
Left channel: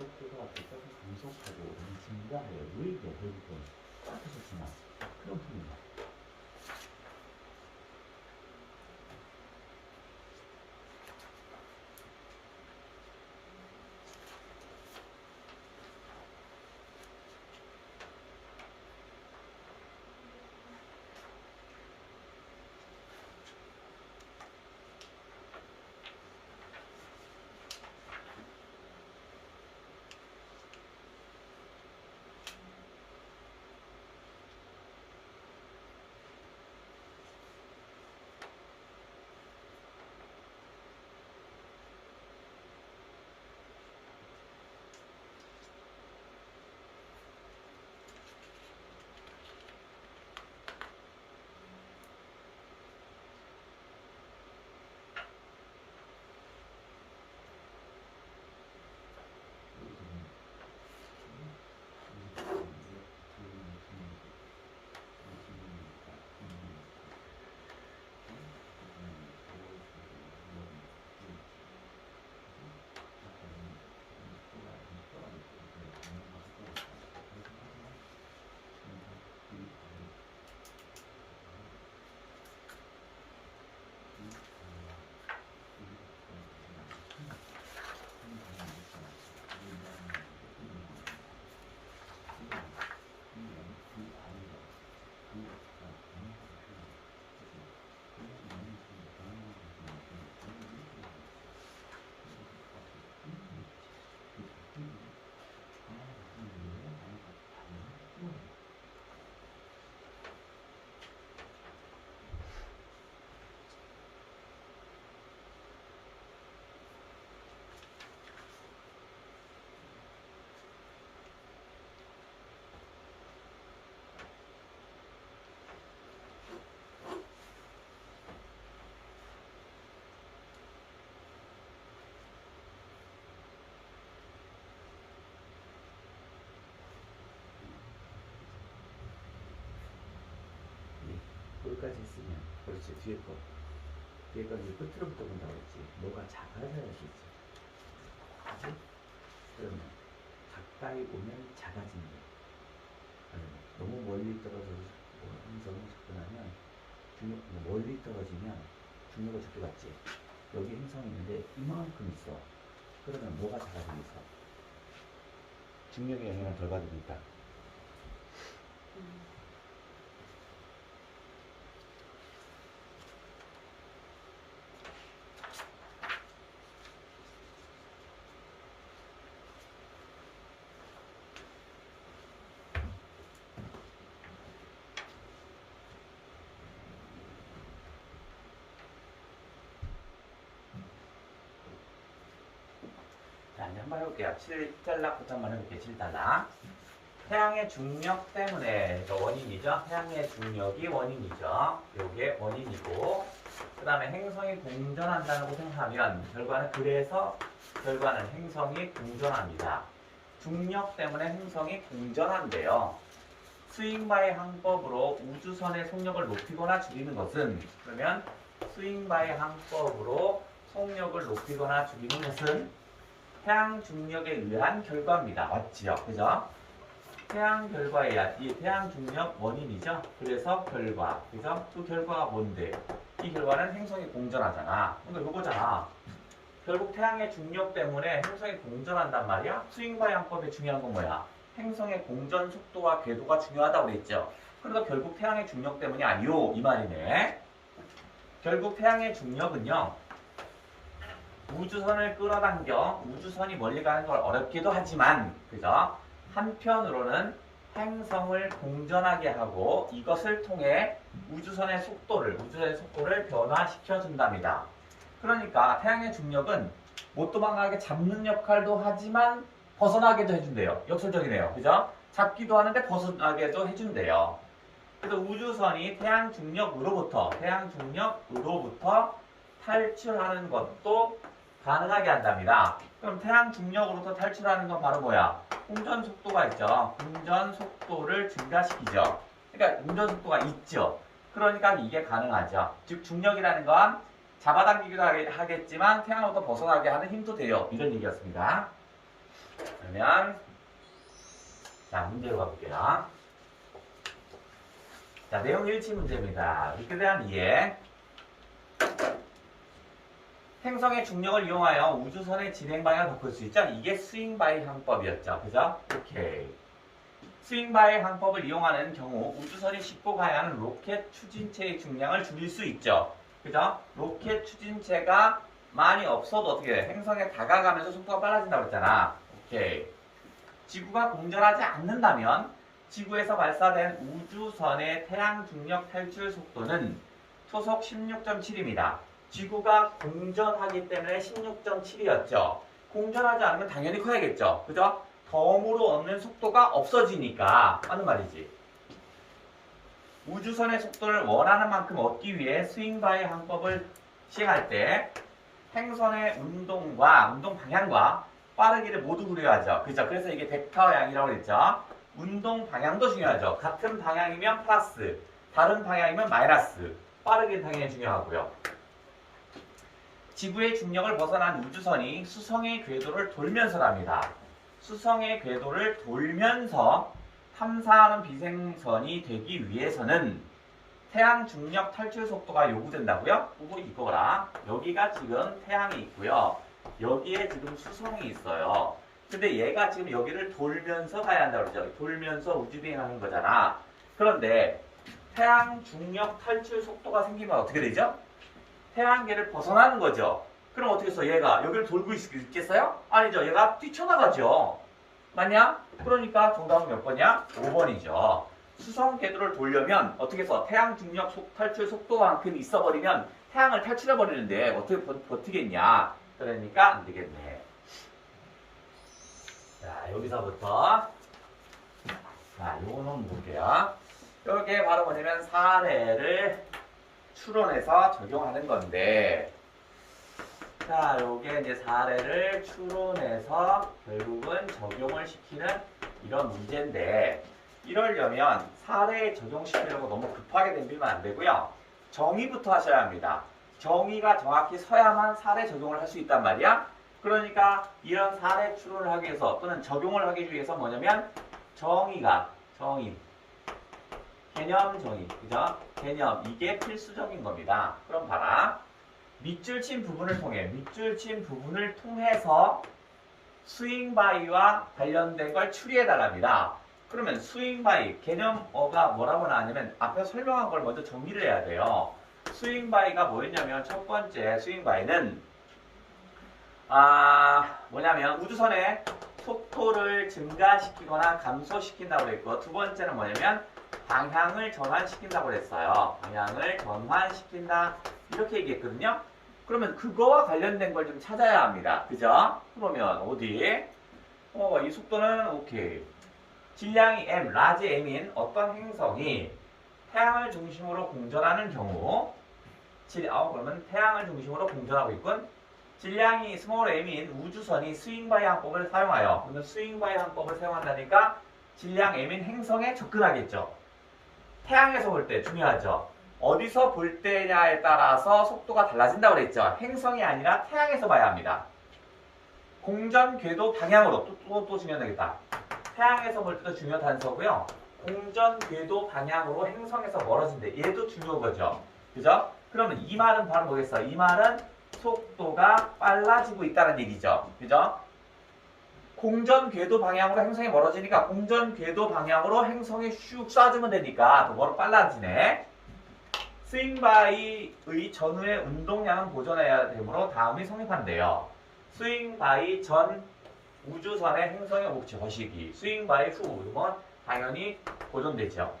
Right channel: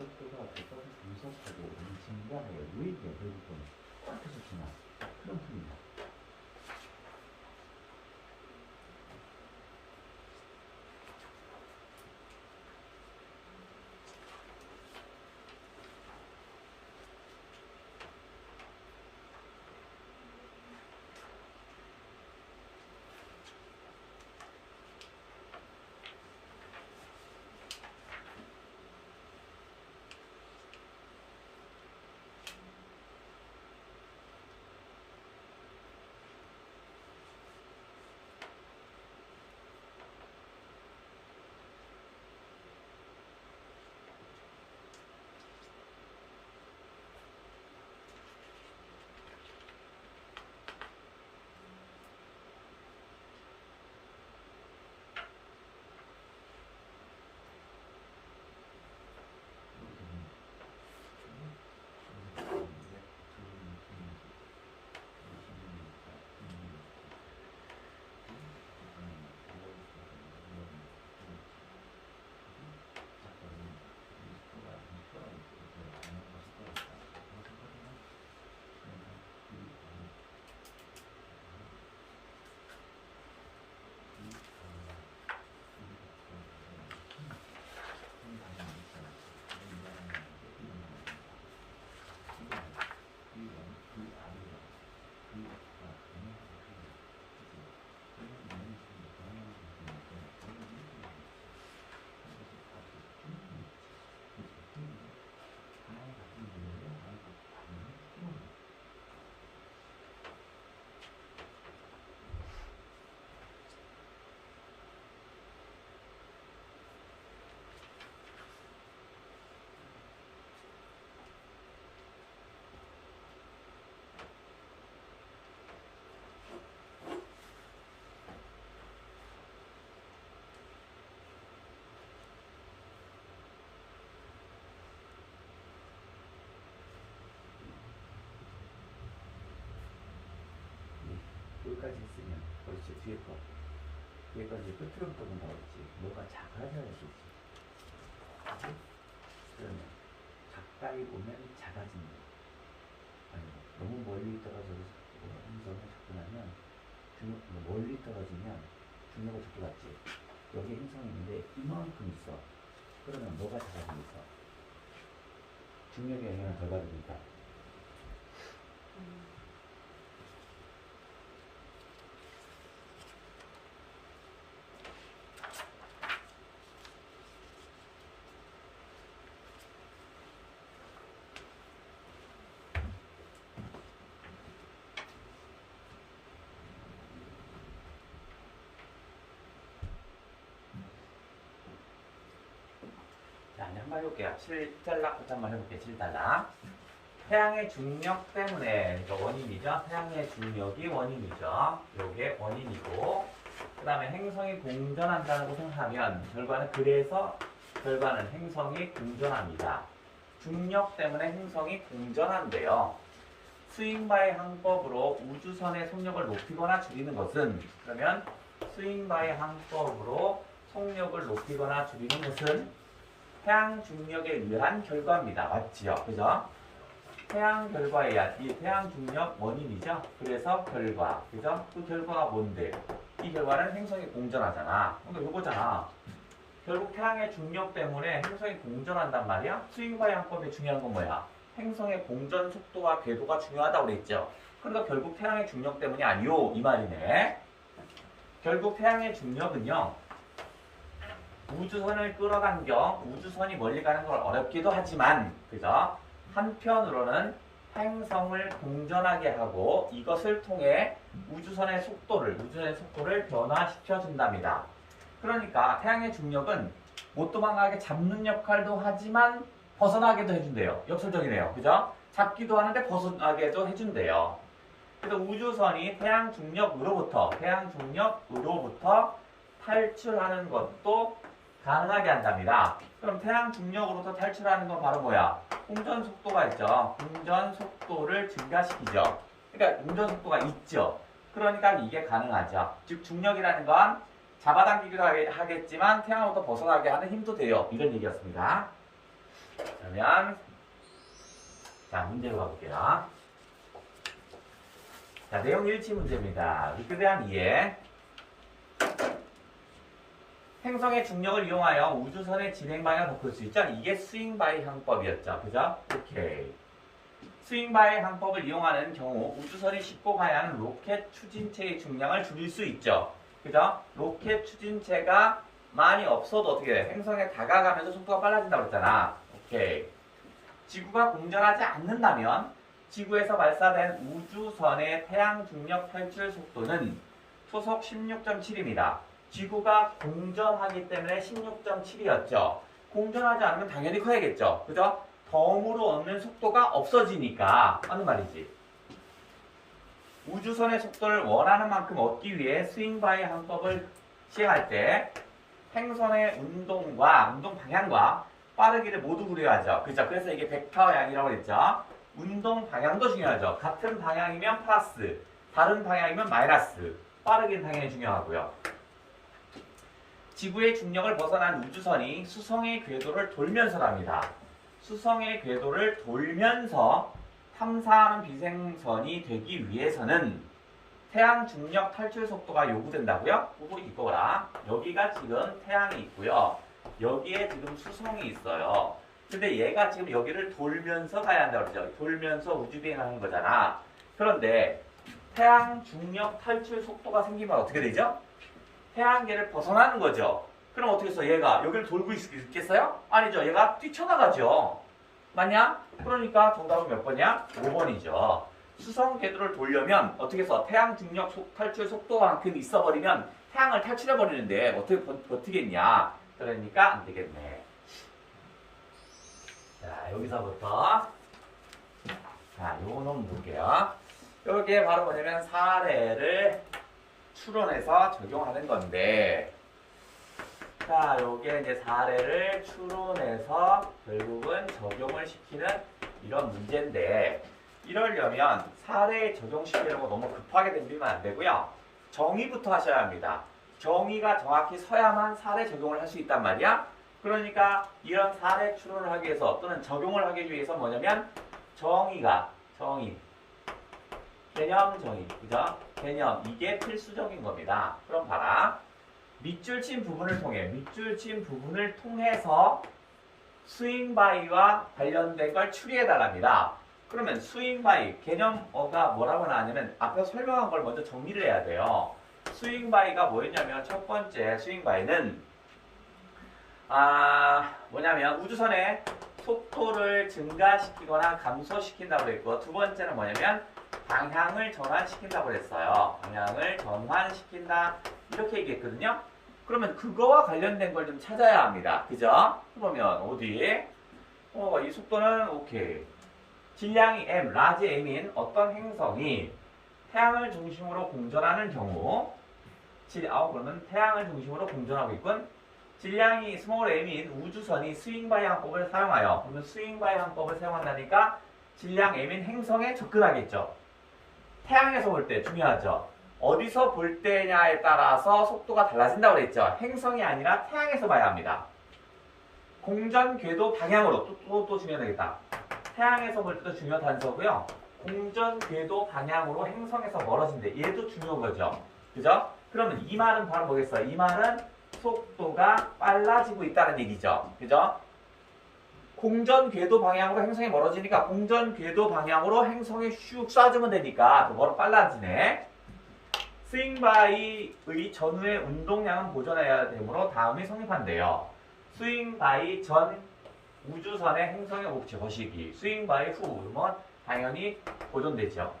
어떨까? 분석하고 얘는 증가하여 요 얘기가 대부분 똑같아서 지나. 그런 풀이야. 여기까지 했으면 그렇지. 뒤에까지 끝으로부터 본다고 했지. 뭐가 작아져야지. 그치? 그러면 가까이 오면 작아진다. 너무 멀리 떨어져서 행성을 접근하면 멀리 떨어지면 중력을 적게 받지. 여기 행성이 있는데 이만큼 있어. 그러면 뭐가 작아지겠어? 중력의 영향을 덜 받으니까. 자, 이제 한번 해볼게요. 7단락부터 한번 해볼게요. 7단락. 태양의 중력 때문에 원인이죠. 태양의 중력이 원인이죠. 요게 원인이고, 그 다음에 행성이 공전한다고 생각하면 결과는 행성이 공전합니다. 중력 때문에 행성이 공전한대요. 스윙바의 항법으로 우주선의 속력을 높이거나 줄이는 것은, 그러면 스윙바의 항법으로 속력을 높이거나 줄이는 것은 태양 중력에 의한 결과입니다. 맞지요? 그죠? 태양 결과에 의한, 이 태양 중력 원인이죠? 그래서 결과. 그죠? 그 결과가 뭔데? 이 결과는 행성이 공전하잖아. 그러니까 요거잖아. 결국 태양의 중력 때문에 행성이 공전한단 말이야? 스윙바의 항법에 중요한 건 뭐야? 행성의 공전 속도와 궤도가 중요하다고 그랬죠? 그러니까 결국 태양의 중력 때문이 아니요 이 말이네. 결국 태양의 중력은요 우주선을 끌어당겨 우주선이 멀리 가는 걸 어렵기도 하지만 그죠? 한편으로는 행성을 공전하게 하고 이것을 통해 우주선의 속도를 변화시켜 준답니다. 그러니까 태양의 중력은 못 도망가게 잡는 역할도 하지만 벗어나게도 해준대요. 역설적이네요. 그죠? 잡기도 하는데 벗어나게도 해준대요. 그래서 우주선이 태양 중력으로부터 탈출하는 것도 가능하게 한답니다. 그럼 태양 중력으로부터 탈출하는 건 바로 뭐야? 공전 속도가 있죠. 공전 속도를 증가시키죠. 그러니까 공전 속도가 있죠. 그러니까 이게 가능하죠. 즉 중력이라는 건 잡아당기기도 하겠지만 태양으로부터 벗어나게 하는 힘도 돼요. 이런 얘기였습니다. 그러면 자 문제로 가볼게요. 자 내용 일치 문제입니다. 이렇게 대한 이해. 행성의 중력을 이용하여 우주선의 진행 방향을 바꿀 수 있죠. 이게 스윙바이 항법이었죠. 그죠? 오케이. 스윙바이 항법을 이용하는 경우 우주선이 싣고 가야 하는 로켓 추진체의 중량을 줄일 수 있죠. 그죠? 로켓 추진체가 많이 없어도 어떻게 돼? 행성에 다가가면서 속도가 빨라진다고 그랬잖아. 오케이. 지구가 공전하지 않는다면 지구에서 발사된 우주선의 태양 중력 탈출 속도는 초속 16.7입니다. 지구가 공전하기 때문에 16.7이었죠. 공전하지 않으면 당연히 커야겠죠. 그죠? 덤으로 얻는 속도가 없어지니까 하는 말이지. 우주선의 속도를 원하는 만큼 얻기 위해 스윙바이 항법을 시행할 때 행선의 운동 방향과 빠르기를 모두 고려하죠. 그죠? 그래서 이게 벡터양이라고 그랬죠. 운동 방향도 중요하죠. 같은 방향이면 플러스, 다른 방향이면 마이너스. 빠르기는 당연히 중요하고요. 지구의 중력을 벗어난 우주선이 수성의 궤도를 돌면서랍니다. 수성의 궤도를 돌면서 탐사하는 비행선이 되기 위해서는 태양 중력 탈출 속도가 요구된다고요? 그거 이거라. 여기가 지금 태양이 있고요. 여기에 지금 수성이 있어요. 근데 얘가 지금 여기를 돌면서 가야 한다고 그러죠. 돌면서 우주비행하는 거잖아. 그런데 태양 중력 탈출 속도가 생기면 어떻게 되죠? 태양계를 벗어나는 거죠. 그럼 어떻게 해서 얘가 여기를 돌고 있겠어요? 아니죠. 얘가 뛰쳐나가죠. 맞냐? 그러니까 정답은 몇 번이야? 5번이죠. 수성 궤도를 돌려면 어떻게 해서 태양 중력 탈출 속도만큼 있어버리면 태양을 탈출해버리는데 어떻게 버티겠냐? 그러니까 안 되겠네. 자, 여기서부터 자, 요거 놈 볼게요. 이게 바로 뭐냐면 사례를 추론해서 적용하는 건데, 자, 요게 이제 사례를 추론해서 결국은 적용을 시키는 이런 문제인데, 이러려면 사례에 적용시키려고 너무 급하게 덤비면 안 되고요. 정의부터 하셔야 합니다. 정의가 정확히 서야만 사례 적용을 할 수 있단 말이야. 그러니까 이런 사례 추론을 하기 위해서 또는 적용을 하기 위해서 뭐냐면 정의, 개념 정의, 그죠? 개념, 이게 필수적인 겁니다. 그럼 봐라. 밑줄 친 부분을 통해서 스윙바이와 관련된 걸 추리해 달랍니다. 그러면 스윙바이, 개념어가 뭐라고 나왔냐면 앞에 설명한 걸 먼저 정리를 해야 돼요. 스윙바이가 뭐였냐면 첫 번째 스윙바이는 뭐냐면 우주선의 속도를 증가시키거나 감소시킨다고 그랬고, 두 번째는 뭐냐면 방향을 전환시킨다고 그랬어요. 방향을 전환시킨다 이렇게 얘기했거든요. 그러면 그거와 관련된 걸 좀 찾아야 합니다. 그죠? 그러면 어디? 이 속도는 오케이. 질량이 m, 라지 m인 어떤 행성이 태양을 중심으로 공전하는 경우 그러면 태양을 중심으로 공전하고 있군. 질량이 스몰 m인 우주선이 스윙바이 항법을 사용하여, 그러면 스윙바이 항법을 사용한다니까 질량 m인 행성에 접근하겠죠. 태양에서 볼 때 중요하죠. 어디서 볼 때냐에 따라서 속도가 달라진다고 그랬죠. 행성이 아니라 태양에서 봐야 합니다. 공전 궤도 방향으로 또 중요하겠다. 태양에서 볼 때도 중요한 단서고요. 공전 궤도 방향으로 행성에서 멀어진대. 얘도 중요한 거죠. 그죠? 그러면 이 말은 바로 뭐겠어? 이 말은 속도가 빨라지고 있다는 얘기죠. 그죠? 공전 궤도 방향으로 행성이 멀어지니까 공전 궤도 방향으로 행성이 슉 쏴주면 되니까 더 빨라지네. 스윙바이의 전후의 운동량은 보존해야 되므로 다음이 성립한대요. 스윙바이 전 우주선의 행성의 옵지 거시기. 스윙바이 후 이러면 당연히 보존되죠.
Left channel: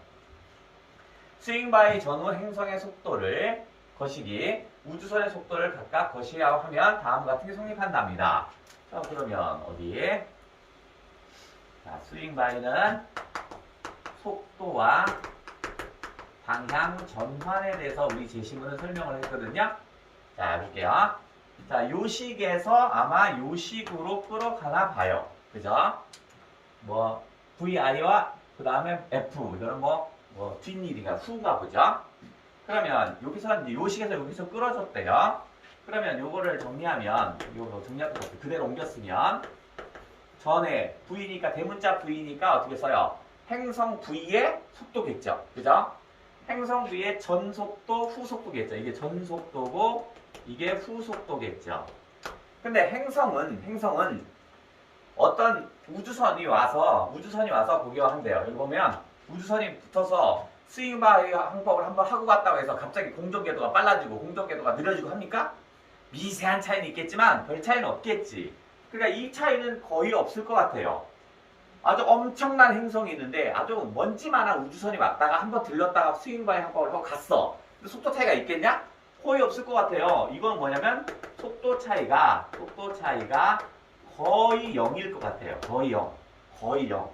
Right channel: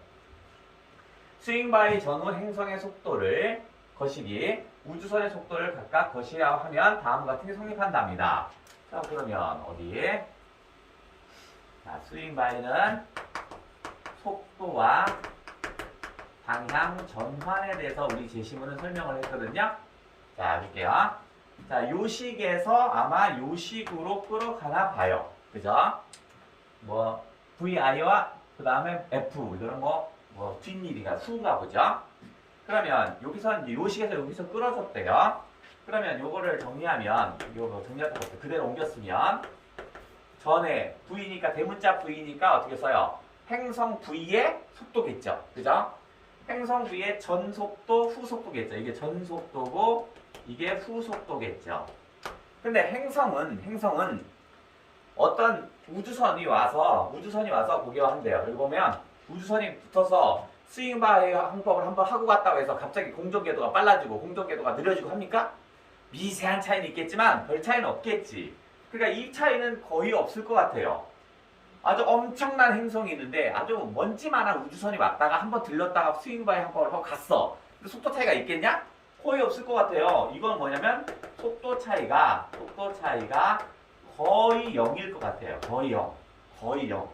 스윙바이 전후 행성의 속도를 거시기, 우주선의 속도를 각각 거시하고 하면 다음과 같은 게 성립한답니다. 자, 그러면 어디에? 자, 스윙바이는 속도와 방향 전환에 대해서 우리 제시문은 설명을 했거든요. 자, 볼게요. 자, 요식에서 아마 요식으로 끌어가나 봐요. 그죠? 뭐, VI와 그 다음에 F, 이거는 뭐 뒷일이가 후가 보죠? 그러면 여기서 이제 요식에서 여기서 끌어줬대요. 그러면 요거를 정리하면, 요거 정리할 것 같아요. 그대로 옮겼으면, 전에 V니까, 대문자 V니까 어떻게 써요? 행성 V의 속도겠죠? 그죠? 행성 V의 전속도, 후속도겠죠? 이게 전속도고, 이게 후속도겠죠? 근데 행성은 어떤 우주선이 와서 보기와 한대요. 여기 보면 우주선이 붙어서 스윙바이 항법을 한번 하고 갔다고 해서 갑자기 공전궤도가 빨라지고 공전궤도가 느려지고 합니까? 미세한 차이는 있겠지만 별 차이는 없겠지. 그러니까 이 차이는 거의 없을 것 같아요. 아주 엄청난 행성이 있는데 아주 먼지만한 우주선이 왔다가 한번 들렀다가 스윙바이 항법을 하고 갔어. 근데 속도 차이가 있겠냐? 거의 없을 것 같아요. 이건 뭐냐면 속도 차이가 거의 0일 것 같아요. 거의 0.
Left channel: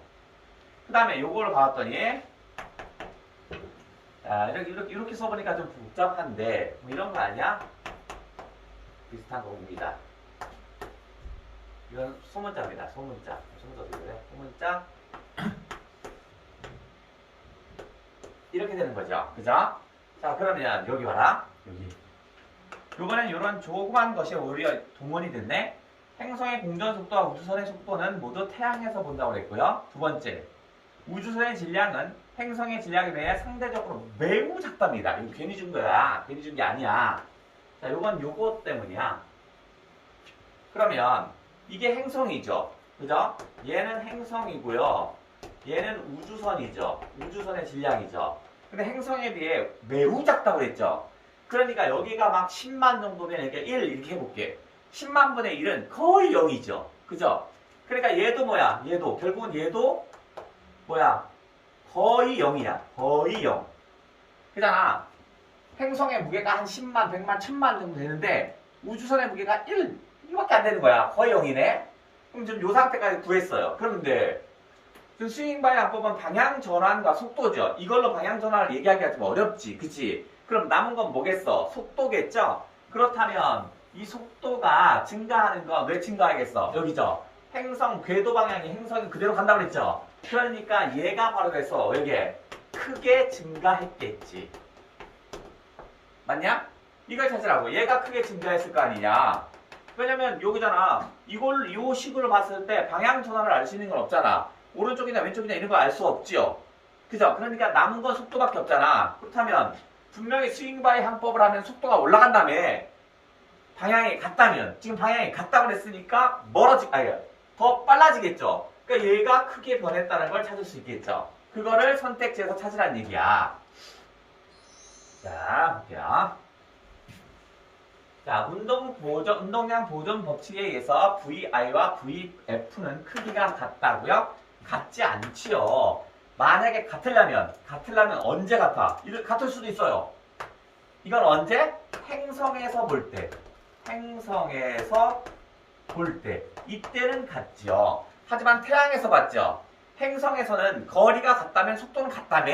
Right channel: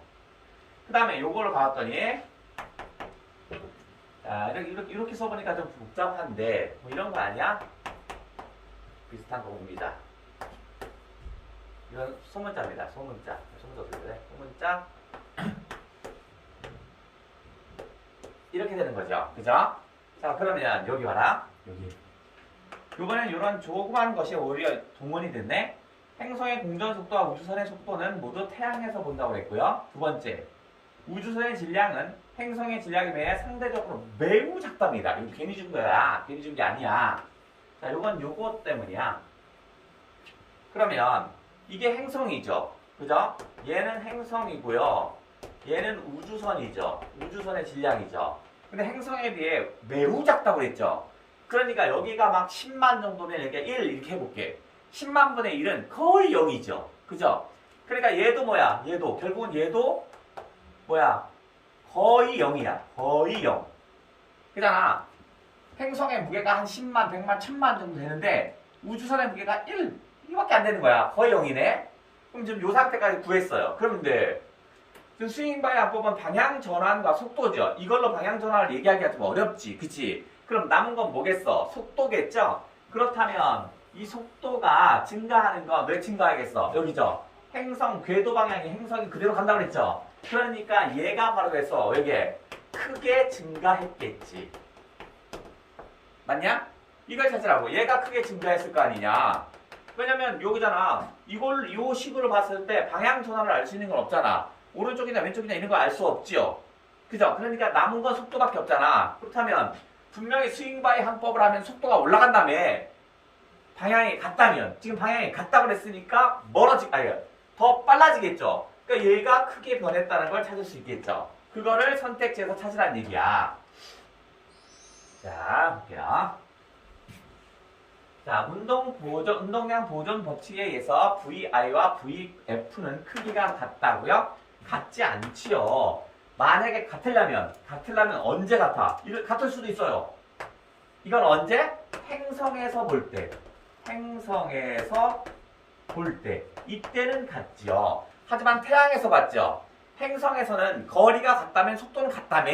그 다음에 요걸 봤더니 자, 이렇게 써보니까 좀 복잡한데 뭐 이런 거 아니야? 비슷한 겁니다. 이건 소문자입니다. 소문자 어떻게 그래? 소문자 이렇게 되는 거죠. 그죠? 자, 그러면 여기 봐라. 여기 요번엔 이런 조그만 것이 오히려 동원이 됐네. 행성의 공전 속도와 우주선의 속도는 모두 태양에서 본다고 그랬고요. 두 번째, 우주선의 질량은 행성의 질량에 비해 상대적으로 매우 작답니다. 이거 괜히 준 거야. 괜히 준 게 아니야. 자, 요건 요거 때문이야. 그러면 이게 행성이죠. 그죠? 얘는 행성이고요. 얘는 우주선이죠. 우주선의 질량이죠. 근데 행성에 비해 매우 작다고 그랬죠. 그러니까 여기가 막 10만 정도면 이렇게 1 이렇게 해볼게. 10만 분의 1은 거의 0이죠. 그죠? 그러니까 얘도 뭐야? 결국은 얘도 뭐야? 거의 0이야. 거의 0. 그잖아. 행성의 무게가 한 10만, 100만, 1000만 정도 되는데 우주선의 무게가 1, 이밖에 안 되는 거야. 거의 0이네. 그럼 지금 요 상태까지 구했어요. 그런데 지금 스윙바이 항법은 방향 전환과 속도죠. 이걸로 방향 전환을 얘기하기가 좀 어렵지. 그치? 그럼 남은 건 뭐겠어? 속도겠죠? 그렇다면 이 속도가 증가하는 건 왜 증가하겠어? 여기죠. 행성 궤도 방향이 행성이 그대로 간다고 그랬죠. 그러니까 얘가 바로 그래서 여기에 크게 증가했겠지. 맞냐? 이걸 찾으라고. 얘가 크게 증가했을 거 아니냐. 왜냐면 여기잖아. 요 식으로 봤을 때 방향 전환을 알 수 있는 건 없잖아. 오른쪽이냐 왼쪽이냐 이런 거 알 수 없지요. 그죠? 그러니까 남은 건 속도밖에 없잖아. 그렇다면 분명히 스윙바이 항법을 하면 속도가 올라간다며. 방향이 같다면, 지금 방향이 같다고 그랬으니까 더 빨라지겠죠. 그러니까 얘가 크게 변했다는 걸 찾을 수 있겠죠. 그거를 선택지에서 찾으라는 얘기야. 자, 볼게요. 자, 운동량 보존 법칙에 의해서 VI와 VF는 크기가 같다고요? 같지 않지요. 만약에 같으려면 언제 같아? 같을 수도 있어요. 이건 언제? 행성에서 볼 때. 이때는 같지요. 하지만 태양에서 봤죠. 행성에서는 거리가 같다면 속도는 같다며.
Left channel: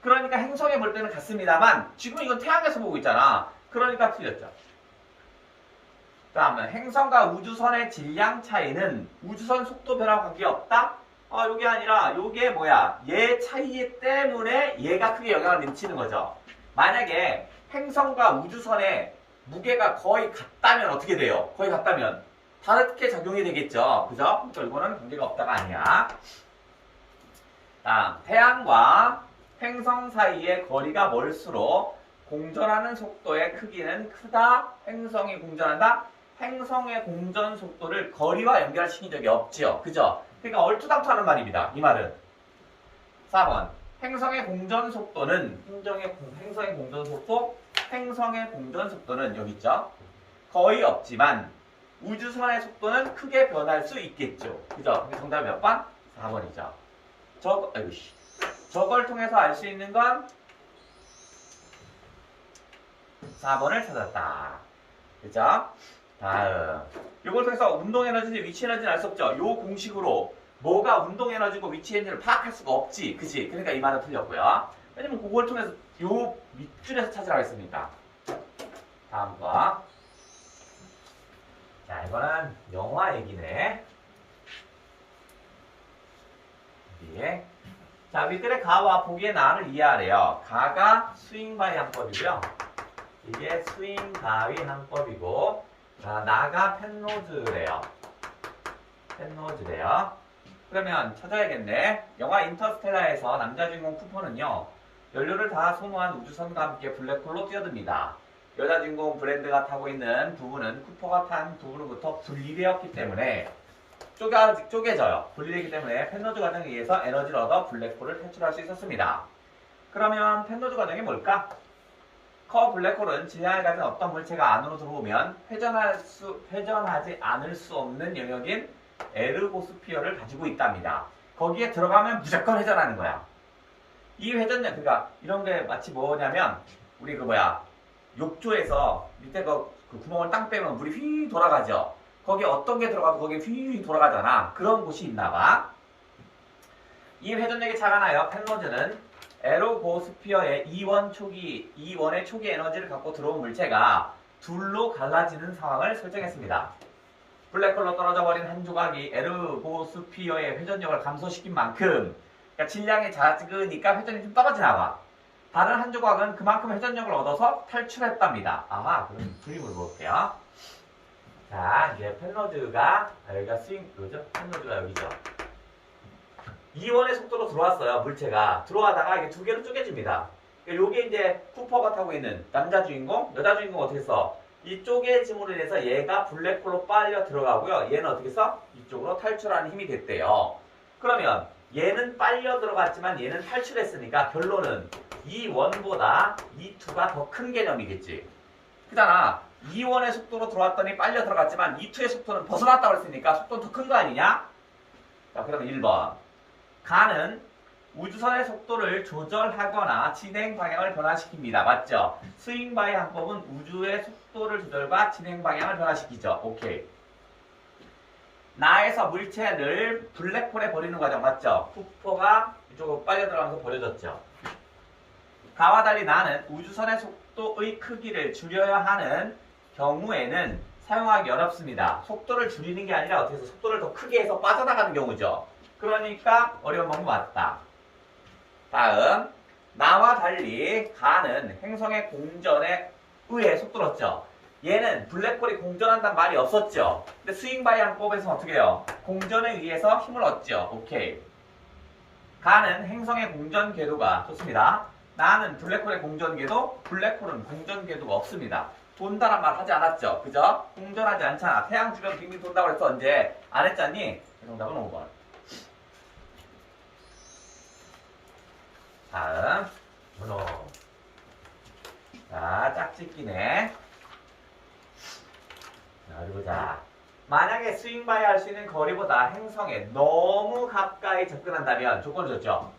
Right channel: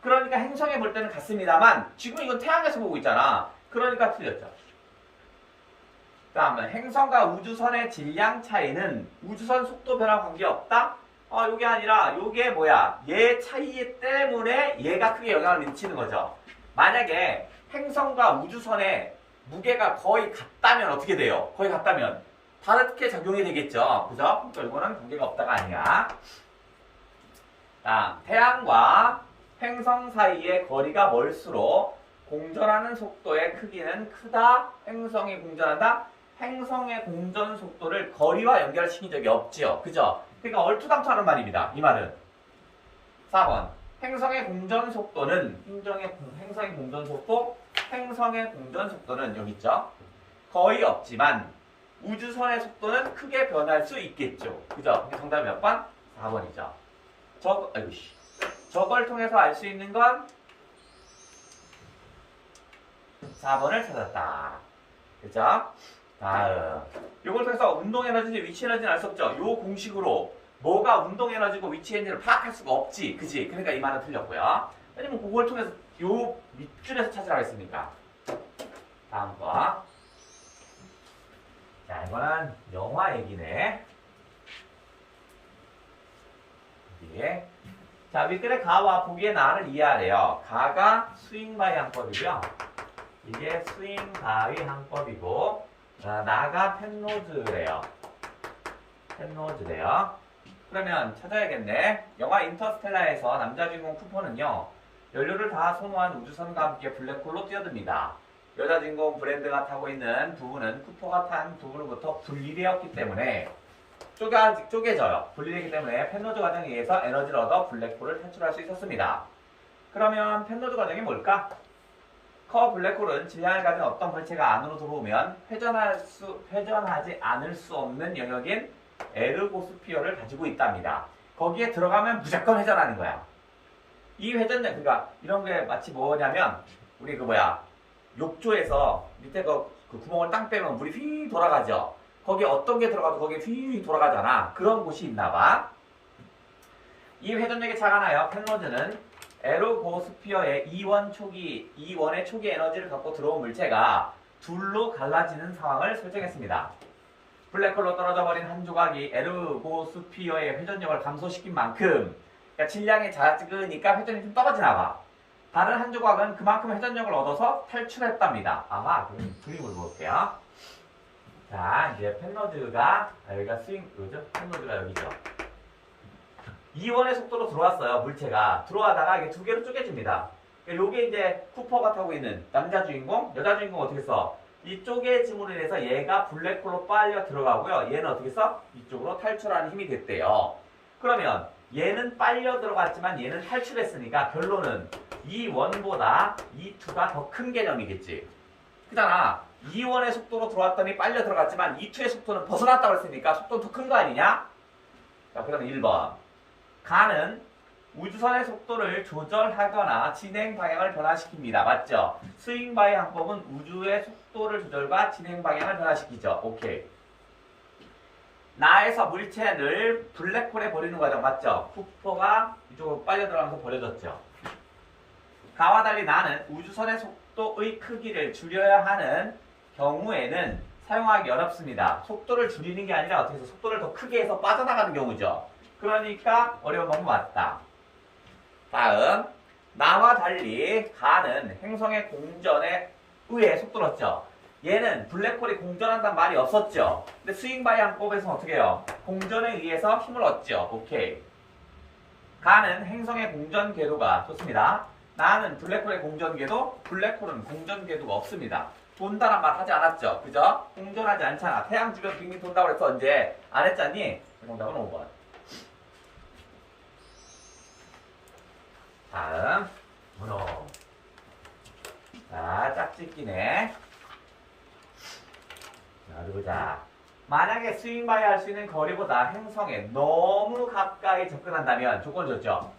그러니까 행성에 볼 때는 같습니다만 지금 이건 태양에서 보고 있잖아. 그러니까 틀렸죠. 다음은 행성과 우주선의 질량 차이는 우주선 속도 변화와 관계없다? 요게 아니라 요게 뭐야? 얘 차이 때문에 얘가 크게 영향을 미치는 거죠. 만약에 행성과 우주선의 무게가 거의 같다면 어떻게 돼요? 거의 같다면 다르게 작용이 되겠죠. 그죠? 그러니까 이거는 관계가 없다가 아니야. 다음, 태양과 행성 사이의 거리가 멀수록 공전하는 속도의 크기는 크다. 행성이 공전한다. 행성의 공전 속도를 거리와 연결시킨 적이 없죠. 그죠? 그러니까 얼토당토하는 말입니다. 이 말은. 4번. 행성의 공전 속도는 행성의 공전 속도는 여기 있죠. 거의 없지만 우주선의 속도는 크게 변할 수 있겠죠. 그죠? 정답이 몇 번? 4번이죠. 저걸 통해서 알 수 있는 건 4번을 찾았다. 그죠? 다음. 이걸 통해서 운동 에너지인지 위치 에너지는 알 수 없죠. 요 공식으로 뭐가 운동 에너지고 위치 에너지를 파악할 수가 없지. 그지? 그러니까 이 말은 틀렸고요. 왜냐면 그걸 통해서 요 밑줄에서 찾으라고 했으니까. 다음 거. 자, 이거는 영화 얘기네. 예. 자, 윗글의 가와 보기의 나를 이해하래요. 가가 스윙 바이 항법이고요. 이게 스윙 바이 항법이고, 나가 펜노즈래요. 그러면 찾아야겠네. 영화 인터스텔라에서 남자 주인공 쿠퍼는요, 연료를 다 소모한 우주선과 함께 블랙홀로 뛰어듭니다. 여자 주인공 브랜드가 타고 있는 부분은 쿠퍼가 탄 부분으로부터 분리되었기 때문에 쪼개져요. 분리되기 때문에 펜노즈 과정에 의해서 에너지를 얻어 블랙홀을 탈출할 수 있었습니다. 그러면 펜노즈 과정이 뭘까? 커 블랙홀은 질량을 가진 어떤 물체가 안으로 들어오면 회전하지 않을 수 없는 영역인 에르고스피어를 가지고 있답니다. 거기에 들어가면 무조건 회전하는 거야. 이 회전력, 그러니까 이런 게 마치 뭐냐면 우리 욕조에서 밑에 그 구멍을 땅 빼면 물이 휘 돌아가죠. 거기에 어떤 게 들어가도 거기에 휘 돌아가잖아. 그런 곳이 있나 봐. 이 회전력이 차가 나요. 펜노즈는 에르고스피어의 이원의 초기 에너지를 갖고 들어온 물체가 둘로 갈라지는 상황을 설정했습니다. 블랙홀로 떨어져 버린 한 조각이 에르고스피어의 회전력을 감소시킨 만큼, 그러니까 질량이 작으니까 회전이 좀 떨어지나 봐. 다른 한 조각은 그만큼 회전력을 얻어서 탈출했답니다. 그럼 그림을 볼게요. 자, 이제 펜노즈가, 여기가 펜노즈가 여기죠. 이원의 속도로 들어왔어요, 물체가. 들어와다가 이게 두 개로 쪼개집니다. 요게 이제 쿠퍼가 타고 있는 남자 주인공, 여자 주인공 어떻게 써? 이 쪼개짐으로 인해서 얘가 블랙홀로 빨려 들어가고요. 얘는 어떻게 써? 이쪽으로 탈출하는 힘이 됐대요. 그러면 얘는 빨려 들어갔지만 얘는 탈출했으니까 결론은 이 원보다 이 투가 더 큰 개념이겠지. 그잖아. 2원의 속도로 들어왔더니 빨려 들어갔지만 2투의 속도는 벗어났다고 했으니까 속도는 더 큰 거 아니냐? 자, 그러면 1번. 가는 우주선의 속도를 조절하거나 진행 방향을 변화시킵니다. 맞죠? 스윙 바이 항법은 우주의 속도를 조절과 진행 방향을 변화시키죠. 오케이. 나에서 물체를 블랙홀에 버리는 과정 맞죠? 쿠퍼가 이쪽으로 빨려 들어가면서 버려졌죠. 가와 달리 나는 우주선의 속도의 크기를 줄여야 하는 경우에는 사용하기 어렵습니다. 속도를 줄이는 게 아니라 어떻게 해서 속도를 더 크게 해서 빠져나가는 경우죠. 그러니까 어려운 방법 맞다. 다음, 나와 달리 가는 행성의 공전에 의해 속도를 얻죠. 얘는 블랙홀이 공전한다는 말이 없었죠. 근데 스윙 바이 항법에서는 어떻게 해요? 공전에 의해서 힘을 얻죠. 오케이. 가는 행성의 공전 궤도가 좋습니다. 나는 블랙홀의 공전 궤도, 블랙홀은 공전 궤도가 없습니다. 돈다란 말 하지 않았죠? 그죠? 공전하지 않잖아. 태양 주변 빙빙 돈다고 그랬어. 언제? 안 했잖니? 정답은 5번. 다음, 문호. 자, 짝짓기네. 자, 어디 보자. 만약에 스윙 바이 할 수 있는 거리보다 행성에 너무 가까이 접근한다면 조건을 줬죠.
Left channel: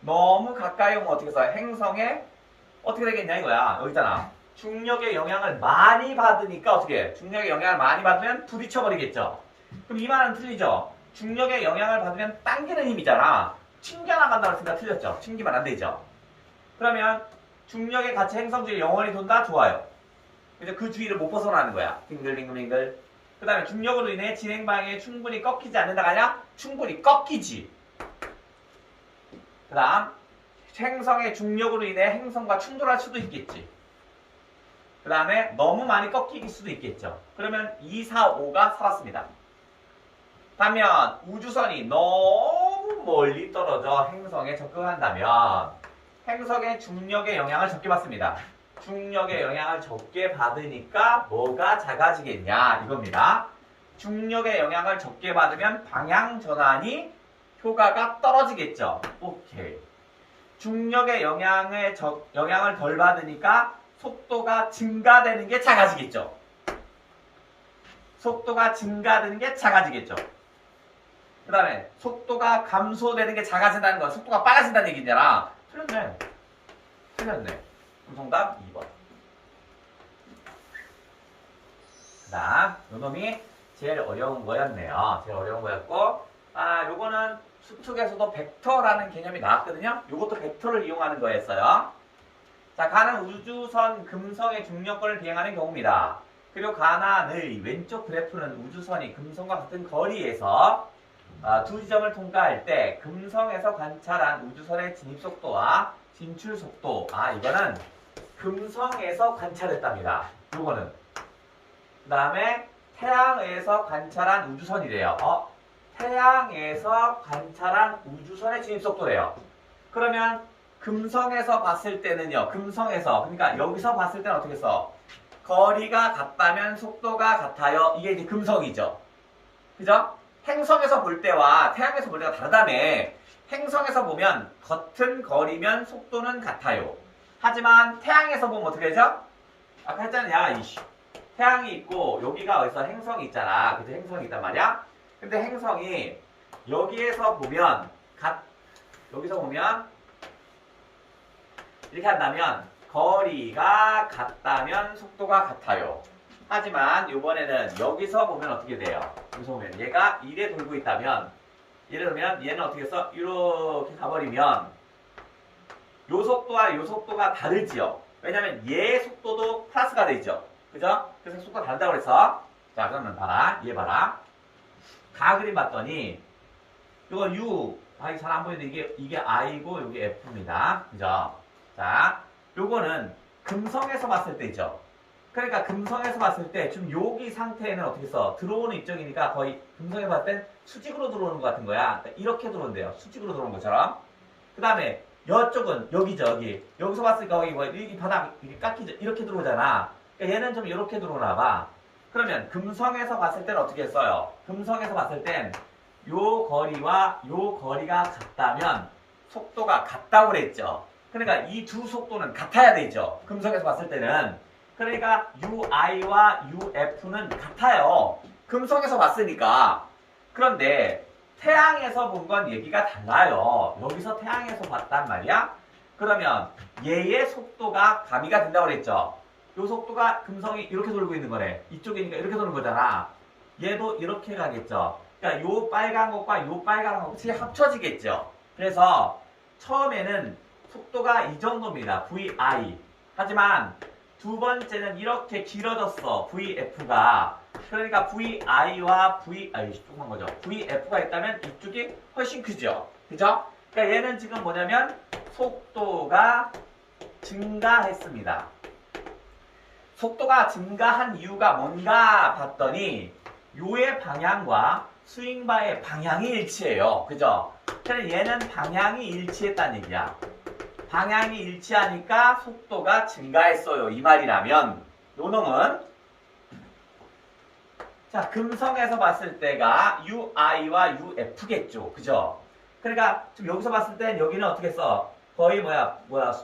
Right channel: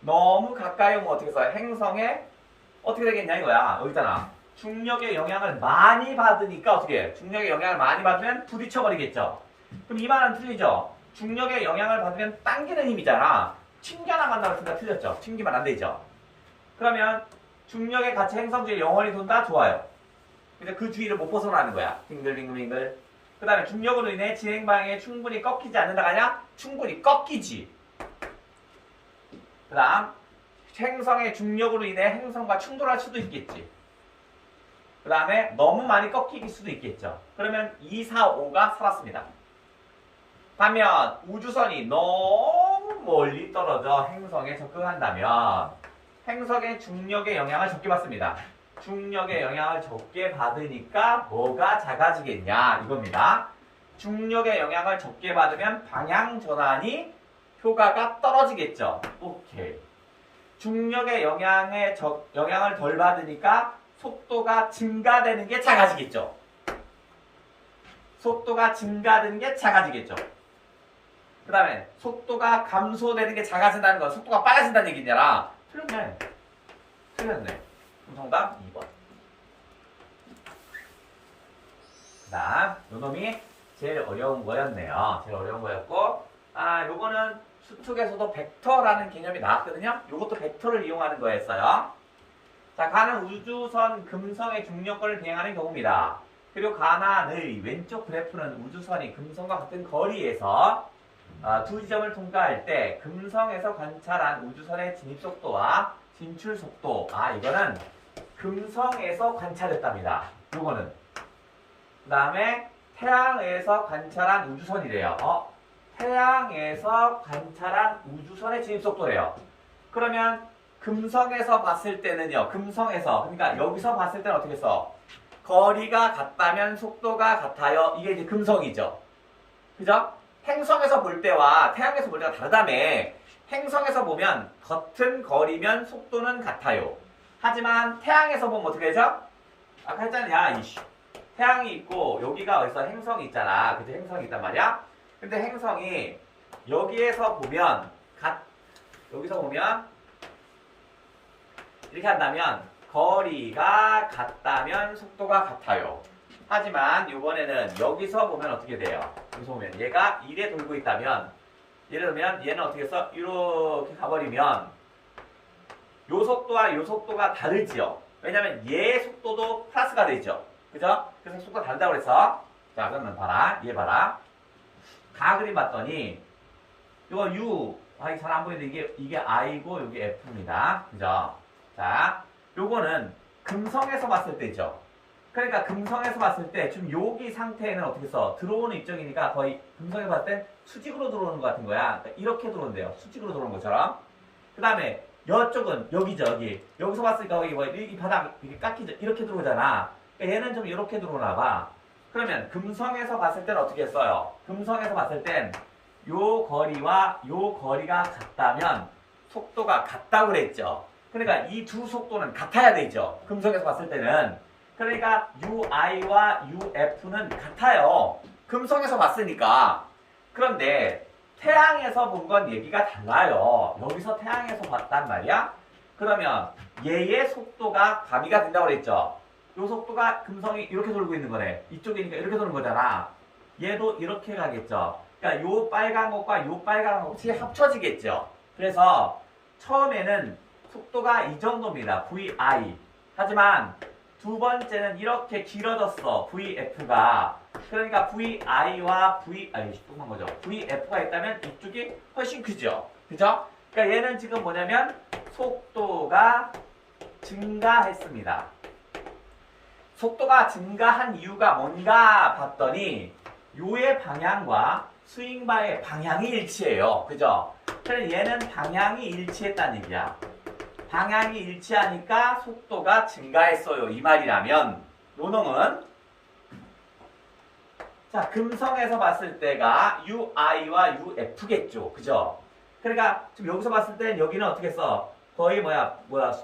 너무 가까이 오면 어떻게 해서 행성에 어떻게 되겠냐 이거야. 여기 있잖아. 중력의 영향을 많이 받으니까 어떻게 해? 중력의 영향을 많이 받으면 부딪혀버리겠죠. 그럼 이 말은 틀리죠. 중력의 영향을 받으면 당기는 힘이잖아. 튕겨나간다고 했으니까 틀렸죠. 튕기면 안 되죠. 그러면 중력의 같이 행성 주위에 영원히 돈다? 좋아요. 그래서 그 주위를 못 벗어나는 거야. 빙글빙글빙글. 그 다음에 중력으로 인해 진행 방향이 충분히 꺾이지 않는다가 아니라 충분히 꺾이지. 그 다음 행성의 중력으로 인해 행성과 충돌할 수도 있겠지. 그 다음에 너무 많이 꺾일 수도 있겠죠. 그러면 2, 4, 5가 살았습니다. 반면 우주선이 너무 멀리 떨어져 행성에 접근한다면 행성의 중력의 영향을 적게 받습니다. 중력의 영향을 적게 받으니까 뭐가 작아지겠냐 이겁니다. 중력의 영향을 적게 받으면 방향 전환이 효과가 떨어지겠죠. 오케이. 중력의 영향을 덜 받으니까 속도가 증가되는 게 작아지겠죠. 속도가 증가되는 게 작아지겠죠. 그 다음에 속도가 감소되는 게 작아진다는 건 속도가 빨라진다는 얘기잖아. 틀렸네. 그럼 정답 2번. 그 다음 요놈이 제일 어려운 거였네요. 제일 어려운 거였고 요거는 수특에서도 벡터라는 개념이 나왔거든요. 요것도 벡터를 이용하는 거였어요. 자, 가는 우주선 금성의 중력권을 비행하는 경우입니다. 그리고 가난의 왼쪽 그래프는 우주선이 금성과 같은 거리에서 두 지점을 통과할 때 금성에서 관찰한 우주선의 진입 속도와 진출 속도. 이거는 금성에서 관찰했답니다. 요거는. 그 다음에 태양에서 관찰한 우주선이래요. 태양에서 관찰한 우주선의 진입 속도래요. 그러면 금성에서 봤을 때는요. 금성에서. 그러니까 여기서 봤을 때는 어떻게 써? 거리가 같다면 속도가 같아요. 이게 이제 금성이죠. 그죠? 행성에서 볼 때와 태양에서 볼 때가 다르다며. 행성에서 보면 같은 거리면 속도는 같아요. 하지만 태양에서 보면 어떻게 되죠? 아까 했잖아. 태양이 있고 여기가 어디서 행성이 있잖아. 그죠? 행성이 있단 말이야. 근데 행성이 여기에서 보면 여기서 보면 이렇게 한다면 거리가 같다면 속도가 같아요. 하지만 이번에는 여기서 보면 어떻게 돼요? 여기서 보면 얘가 이래 돌고 있다면 예를 들면 얘는 어떻게 해서 이렇게 가버리면 요 속도와 요 속도가 다르지요. 왜냐면 얘 속도도 플러스가 되죠. 그죠? 그래서 속도가 다르다고 그래서 자 그러면 봐라. 얘 봐라. 가 그림 봤더니 이거 U 잘 안 보이는데 이게 I고 이게 F입니다. 그죠? 자 요거는 금성에서 봤을 때죠. 그러니까 금성에서 봤을 때 지금 여기 상태에는 어떻게 써? 들어오는 입장이니까 거의 금성에서 봤을 땐 수직으로 들어오는 것 같은 거야. 그러니까 이렇게 들어온대요. 수직으로 들어오는 것처럼. 그 다음에 이쪽은 여기죠. 여기서 봤으니까 이 바닥 이렇게 깎이죠. 이렇게 들어오잖아. 그러니까 얘는 좀 이렇게 들어오나 봐. 그러면 금성에서 봤을 때는 어떻게 써요? 금성에서 봤을 땐 요 거리와 요 거리가 같다면 속도가 같다고 그랬죠. 그러니까 이 두 속도는 같아야 되죠. 금성에서 봤을 때는. 그러니까 UI와 UF는 같아요. 금성에서 봤으니까. 그런데 태양에서 본 건 얘기가 달라요. 여기서 태양에서 봤단 말이야. 그러면 얘의 속도가 가미가 된다고 그랬죠. 요 속도가 금성이 이렇게 돌고 있는 거네. 이쪽이니까 이렇게 도는 거잖아. 얘도 이렇게 가겠죠. 그러니까 요 빨간 것과 요 빨간 것이 합쳐지겠죠. 그래서 처음에는 속도가 이 정도입니다. VI. 하지만 두 번째는 이렇게 길어졌어. VF가. 그러니까 VI와 조그만 거죠. VF가 있다면 이쪽이 훨씬 크죠. 그죠? 그러니까 얘는 지금 뭐냐면 속도가 증가했습니다. 속도가 증가한 이유가 뭔가 봤더니 요의 방향과 스윙바의 방향이 일치해요. 그죠? 그래서 얘는 방향이 일치했다는 얘기야. 방향이 일치하니까 속도가 증가했어요. 이 말이라면 요 놈은 자 금성에서 봤을 때가 UI와 UF겠죠. 그죠? 그러니까 지금 여기서 봤을 땐 여기는 어떻게 써? 거의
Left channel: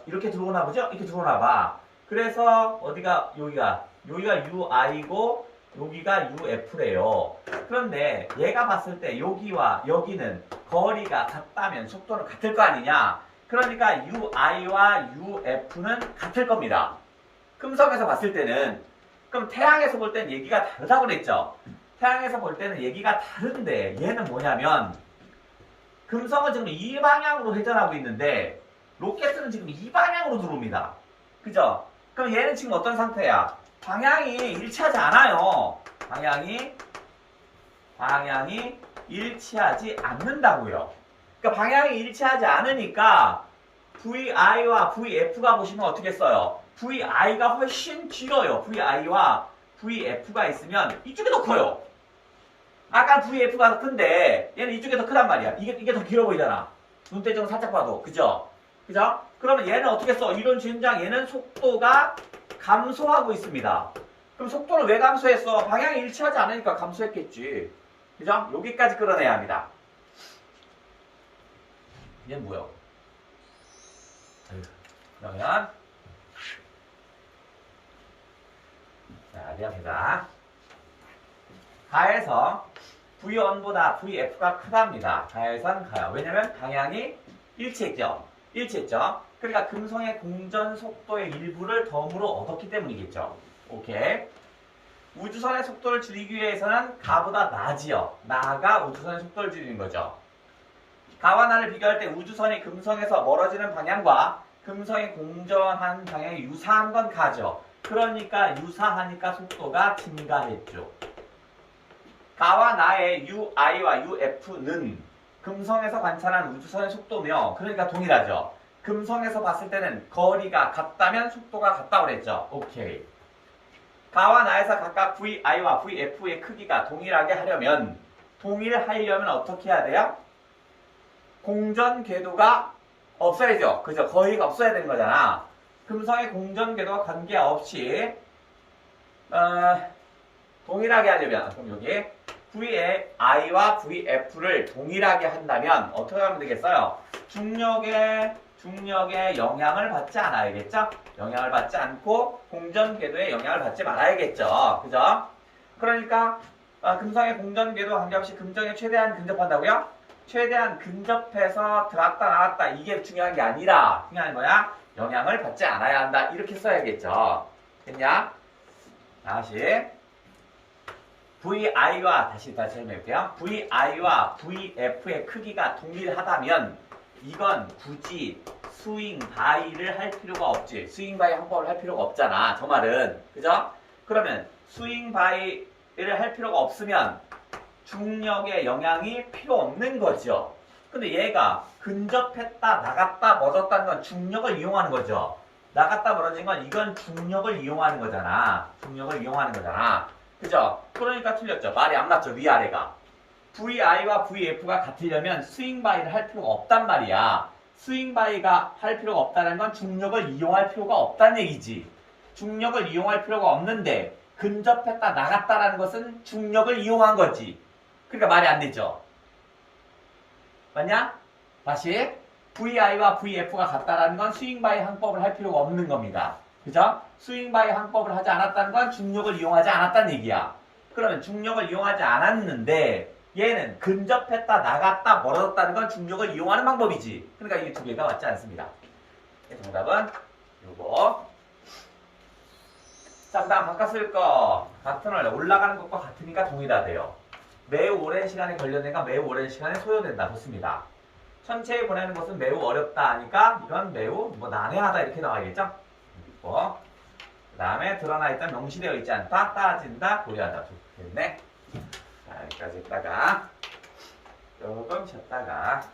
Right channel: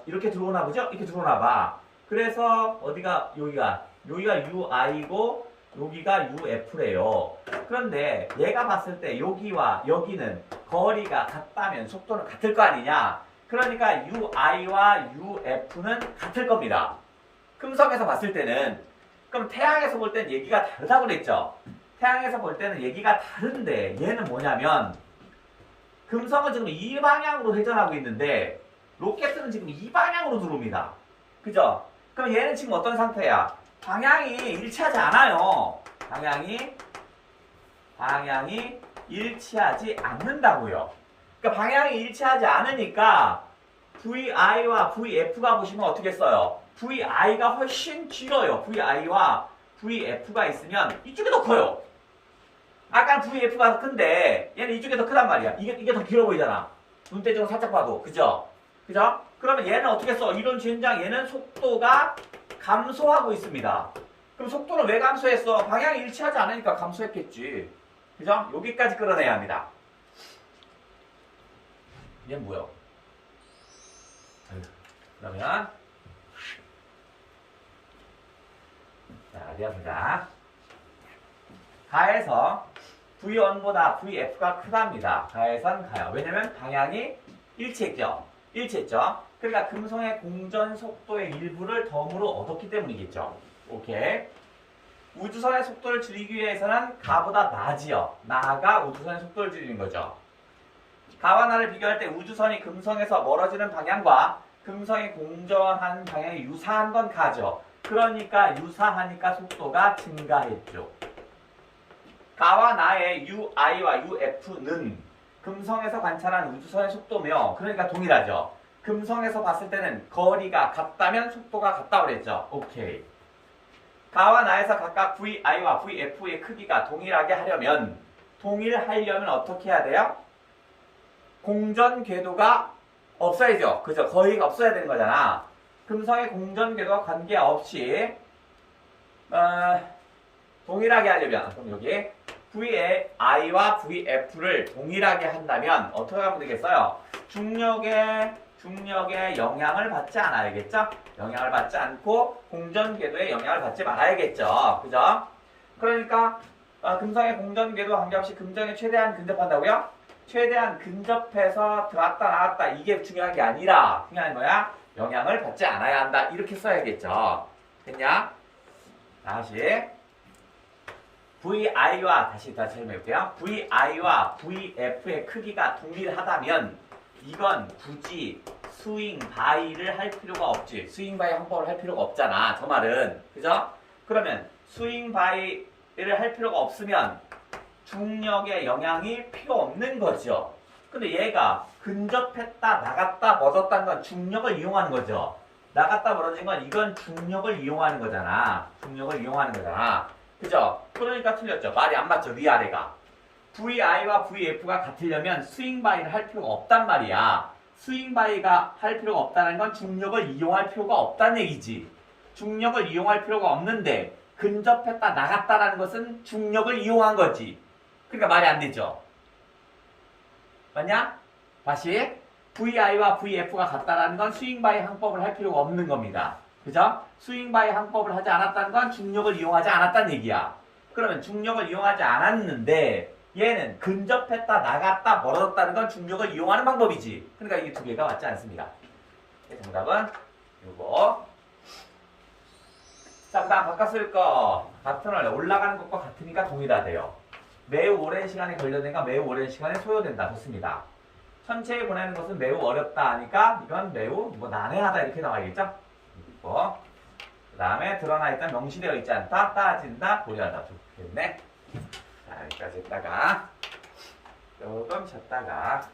이렇게 들어오나 보죠? 이렇게 들어오나 봐. 그래서 여기가 UI고 여기가 UF래요. 그런데 얘가 봤을 때 여기와 여기는 거리가 같다면 속도는 같을 거 아니냐? 그러니까 UI와 UF는 같을 겁니다. 금성에서 봤을 때는. 그럼 태양에서 볼 때는 얘기가 다르다고 그랬죠? 태양에서 볼 때는 얘기가 다른데 얘는 뭐냐면 금성은 지금 이 방향으로 회전하고 있는데 로켓은 지금 이 방향으로 들어옵니다. 그죠? 그럼 얘는 지금 어떤 상태야? 방향이 일치하지 않아요. 방향이 일치하지 않는다고요. 그러니까 방향이 일치하지 않으니까 VI와 VF가 보시면 어떻게 써요? VI가 훨씬 길어요. VI와 VF가 있으면 이쪽이 더 커요. 아까 VF가 더 큰데 얘는 이쪽이 더 크단 말이야. 이게 더 길어 보이잖아. 눈대중으로 살짝 봐도. 그죠? 그죠? 그러면 얘는 어떻게 써? 이론 주행장 얘는 속도가 감소하고 있습니다. 그럼 속도는 왜 감소했어? 방향이 일치하지 않으니까 감소했겠지. 그죠? 여기까지 끌어내야 합니다. 얘는 뭐야? 그러면 자, 리합니다. 가에서 V1보다 VF가 크답니다. 가에선 가요. 왜냐면 방향이 일치했죠. 일치했죠. 그러니까 금성의 공전 속도의 일부를 덤으로 얻었기 때문이겠죠. 오케이. 우주선의 속도를 줄이기 위해서는 가보다 나지요. 나가 우주선의 속도를 줄이는 거죠. 가와 나를 비교할 때 우주선이 금성에서 멀어지는 방향과 금성이 공전한 방향이 유사한 건 가죠. 그러니까 유사하니까 속도가 증가했죠. 가와 나의 UI와 UF는 금성에서 관찰한 우주선의 속도며 그러니까 동일하죠. 금성에서 봤을 때는 거리가 같다면 속도가 같다고 그랬죠. 오케이. 가와 나에서 각각 VI와 VF의 크기가 동일하려면 어떻게 해야 돼요? 공전 궤도가 없어야죠. 그죠? 거리가 없어야 되는 거잖아. 금성의 공전 궤도와 관계없이 동일하게 하려면 그럼 여기 VI와 VF를 동일하게 한다면 어떻게 하면 되겠어요? 중력의 영향을 받지 않아야겠죠? 영향을 받지 않고 공전 궤도의 영향을 받지 말아야겠죠. 그죠? 그러니까 금성의 공전 궤도와 관계없이 금성에 최대한 근접한다고요? 최대한 근접해서 들어왔다 나왔다 이게 중요한 게 아니라 중요한 거야? 영향을 받지 않아야 한다. 이렇게 써야겠죠. 됐냐? 다시 VI와 다시 설명해볼게요. VI와 VF의 크기가 동일하다면 이건 굳이 스윙 바이를 할 필요가 없지. 스윙 바이 항법을 할 필요가 없잖아. 저 말은. 그죠? 그러면 스윙 바이를 할 필요가 없으면 중력의 영향이 필요 없는 거죠. 근데 얘가 근접했다, 나갔다, 멀어졌다는 건 중력을 이용하는 거죠. 나갔다, 멀어진 건 이건 중력을 이용하는 거잖아. 중력을 이용하는 거잖아. 그죠? 그러니까 틀렸죠. 말이 안 맞죠. 위아래가. VI와 VF가 같으려면 스윙 바이를 할 필요가 없단 말이야. 스윙 바이가 할 필요가 없다는 건 중력을 이용할 필요가 없다는 얘기지. 중력을 이용할 필요가 없는데 근접했다, 나갔다라는 것은 중력을 이용한 거지. 그러니까 말이 안 되죠. 맞냐? 다시 VI와 VF가 같다라는 건 스윙바이 항법을 할 필요가 없는 겁니다. 그죠? 스윙바이 항법을 하지 않았다는 건 중력을 이용하지 않았다는 얘기야. 그러면 중력을 이용하지 않았는데 얘는 근접했다, 나갔다, 멀어졌다는 건 중력을 이용하는 방법이지. 그러니까 이 두 개가 맞지 않습니다. 정답은 요거. 자, 그 다음 바꿔 쓸 거. 같은 월 올라가는 것과 같으니까 동일하대요. 매우 오랜 시간에 걸려내가 매우 오랜 시간에 소요된다. 좋습니다. 천체에 보내는 것은 매우 어렵다 하니까 이건 매우 난해하다 이렇게 나와야겠죠? 그 다음에 드러나 있던 명시되어 있지 않다. 따진다. 고려하다. 좋겠네. 자, 여기까지 했다가 조금 쉬었다가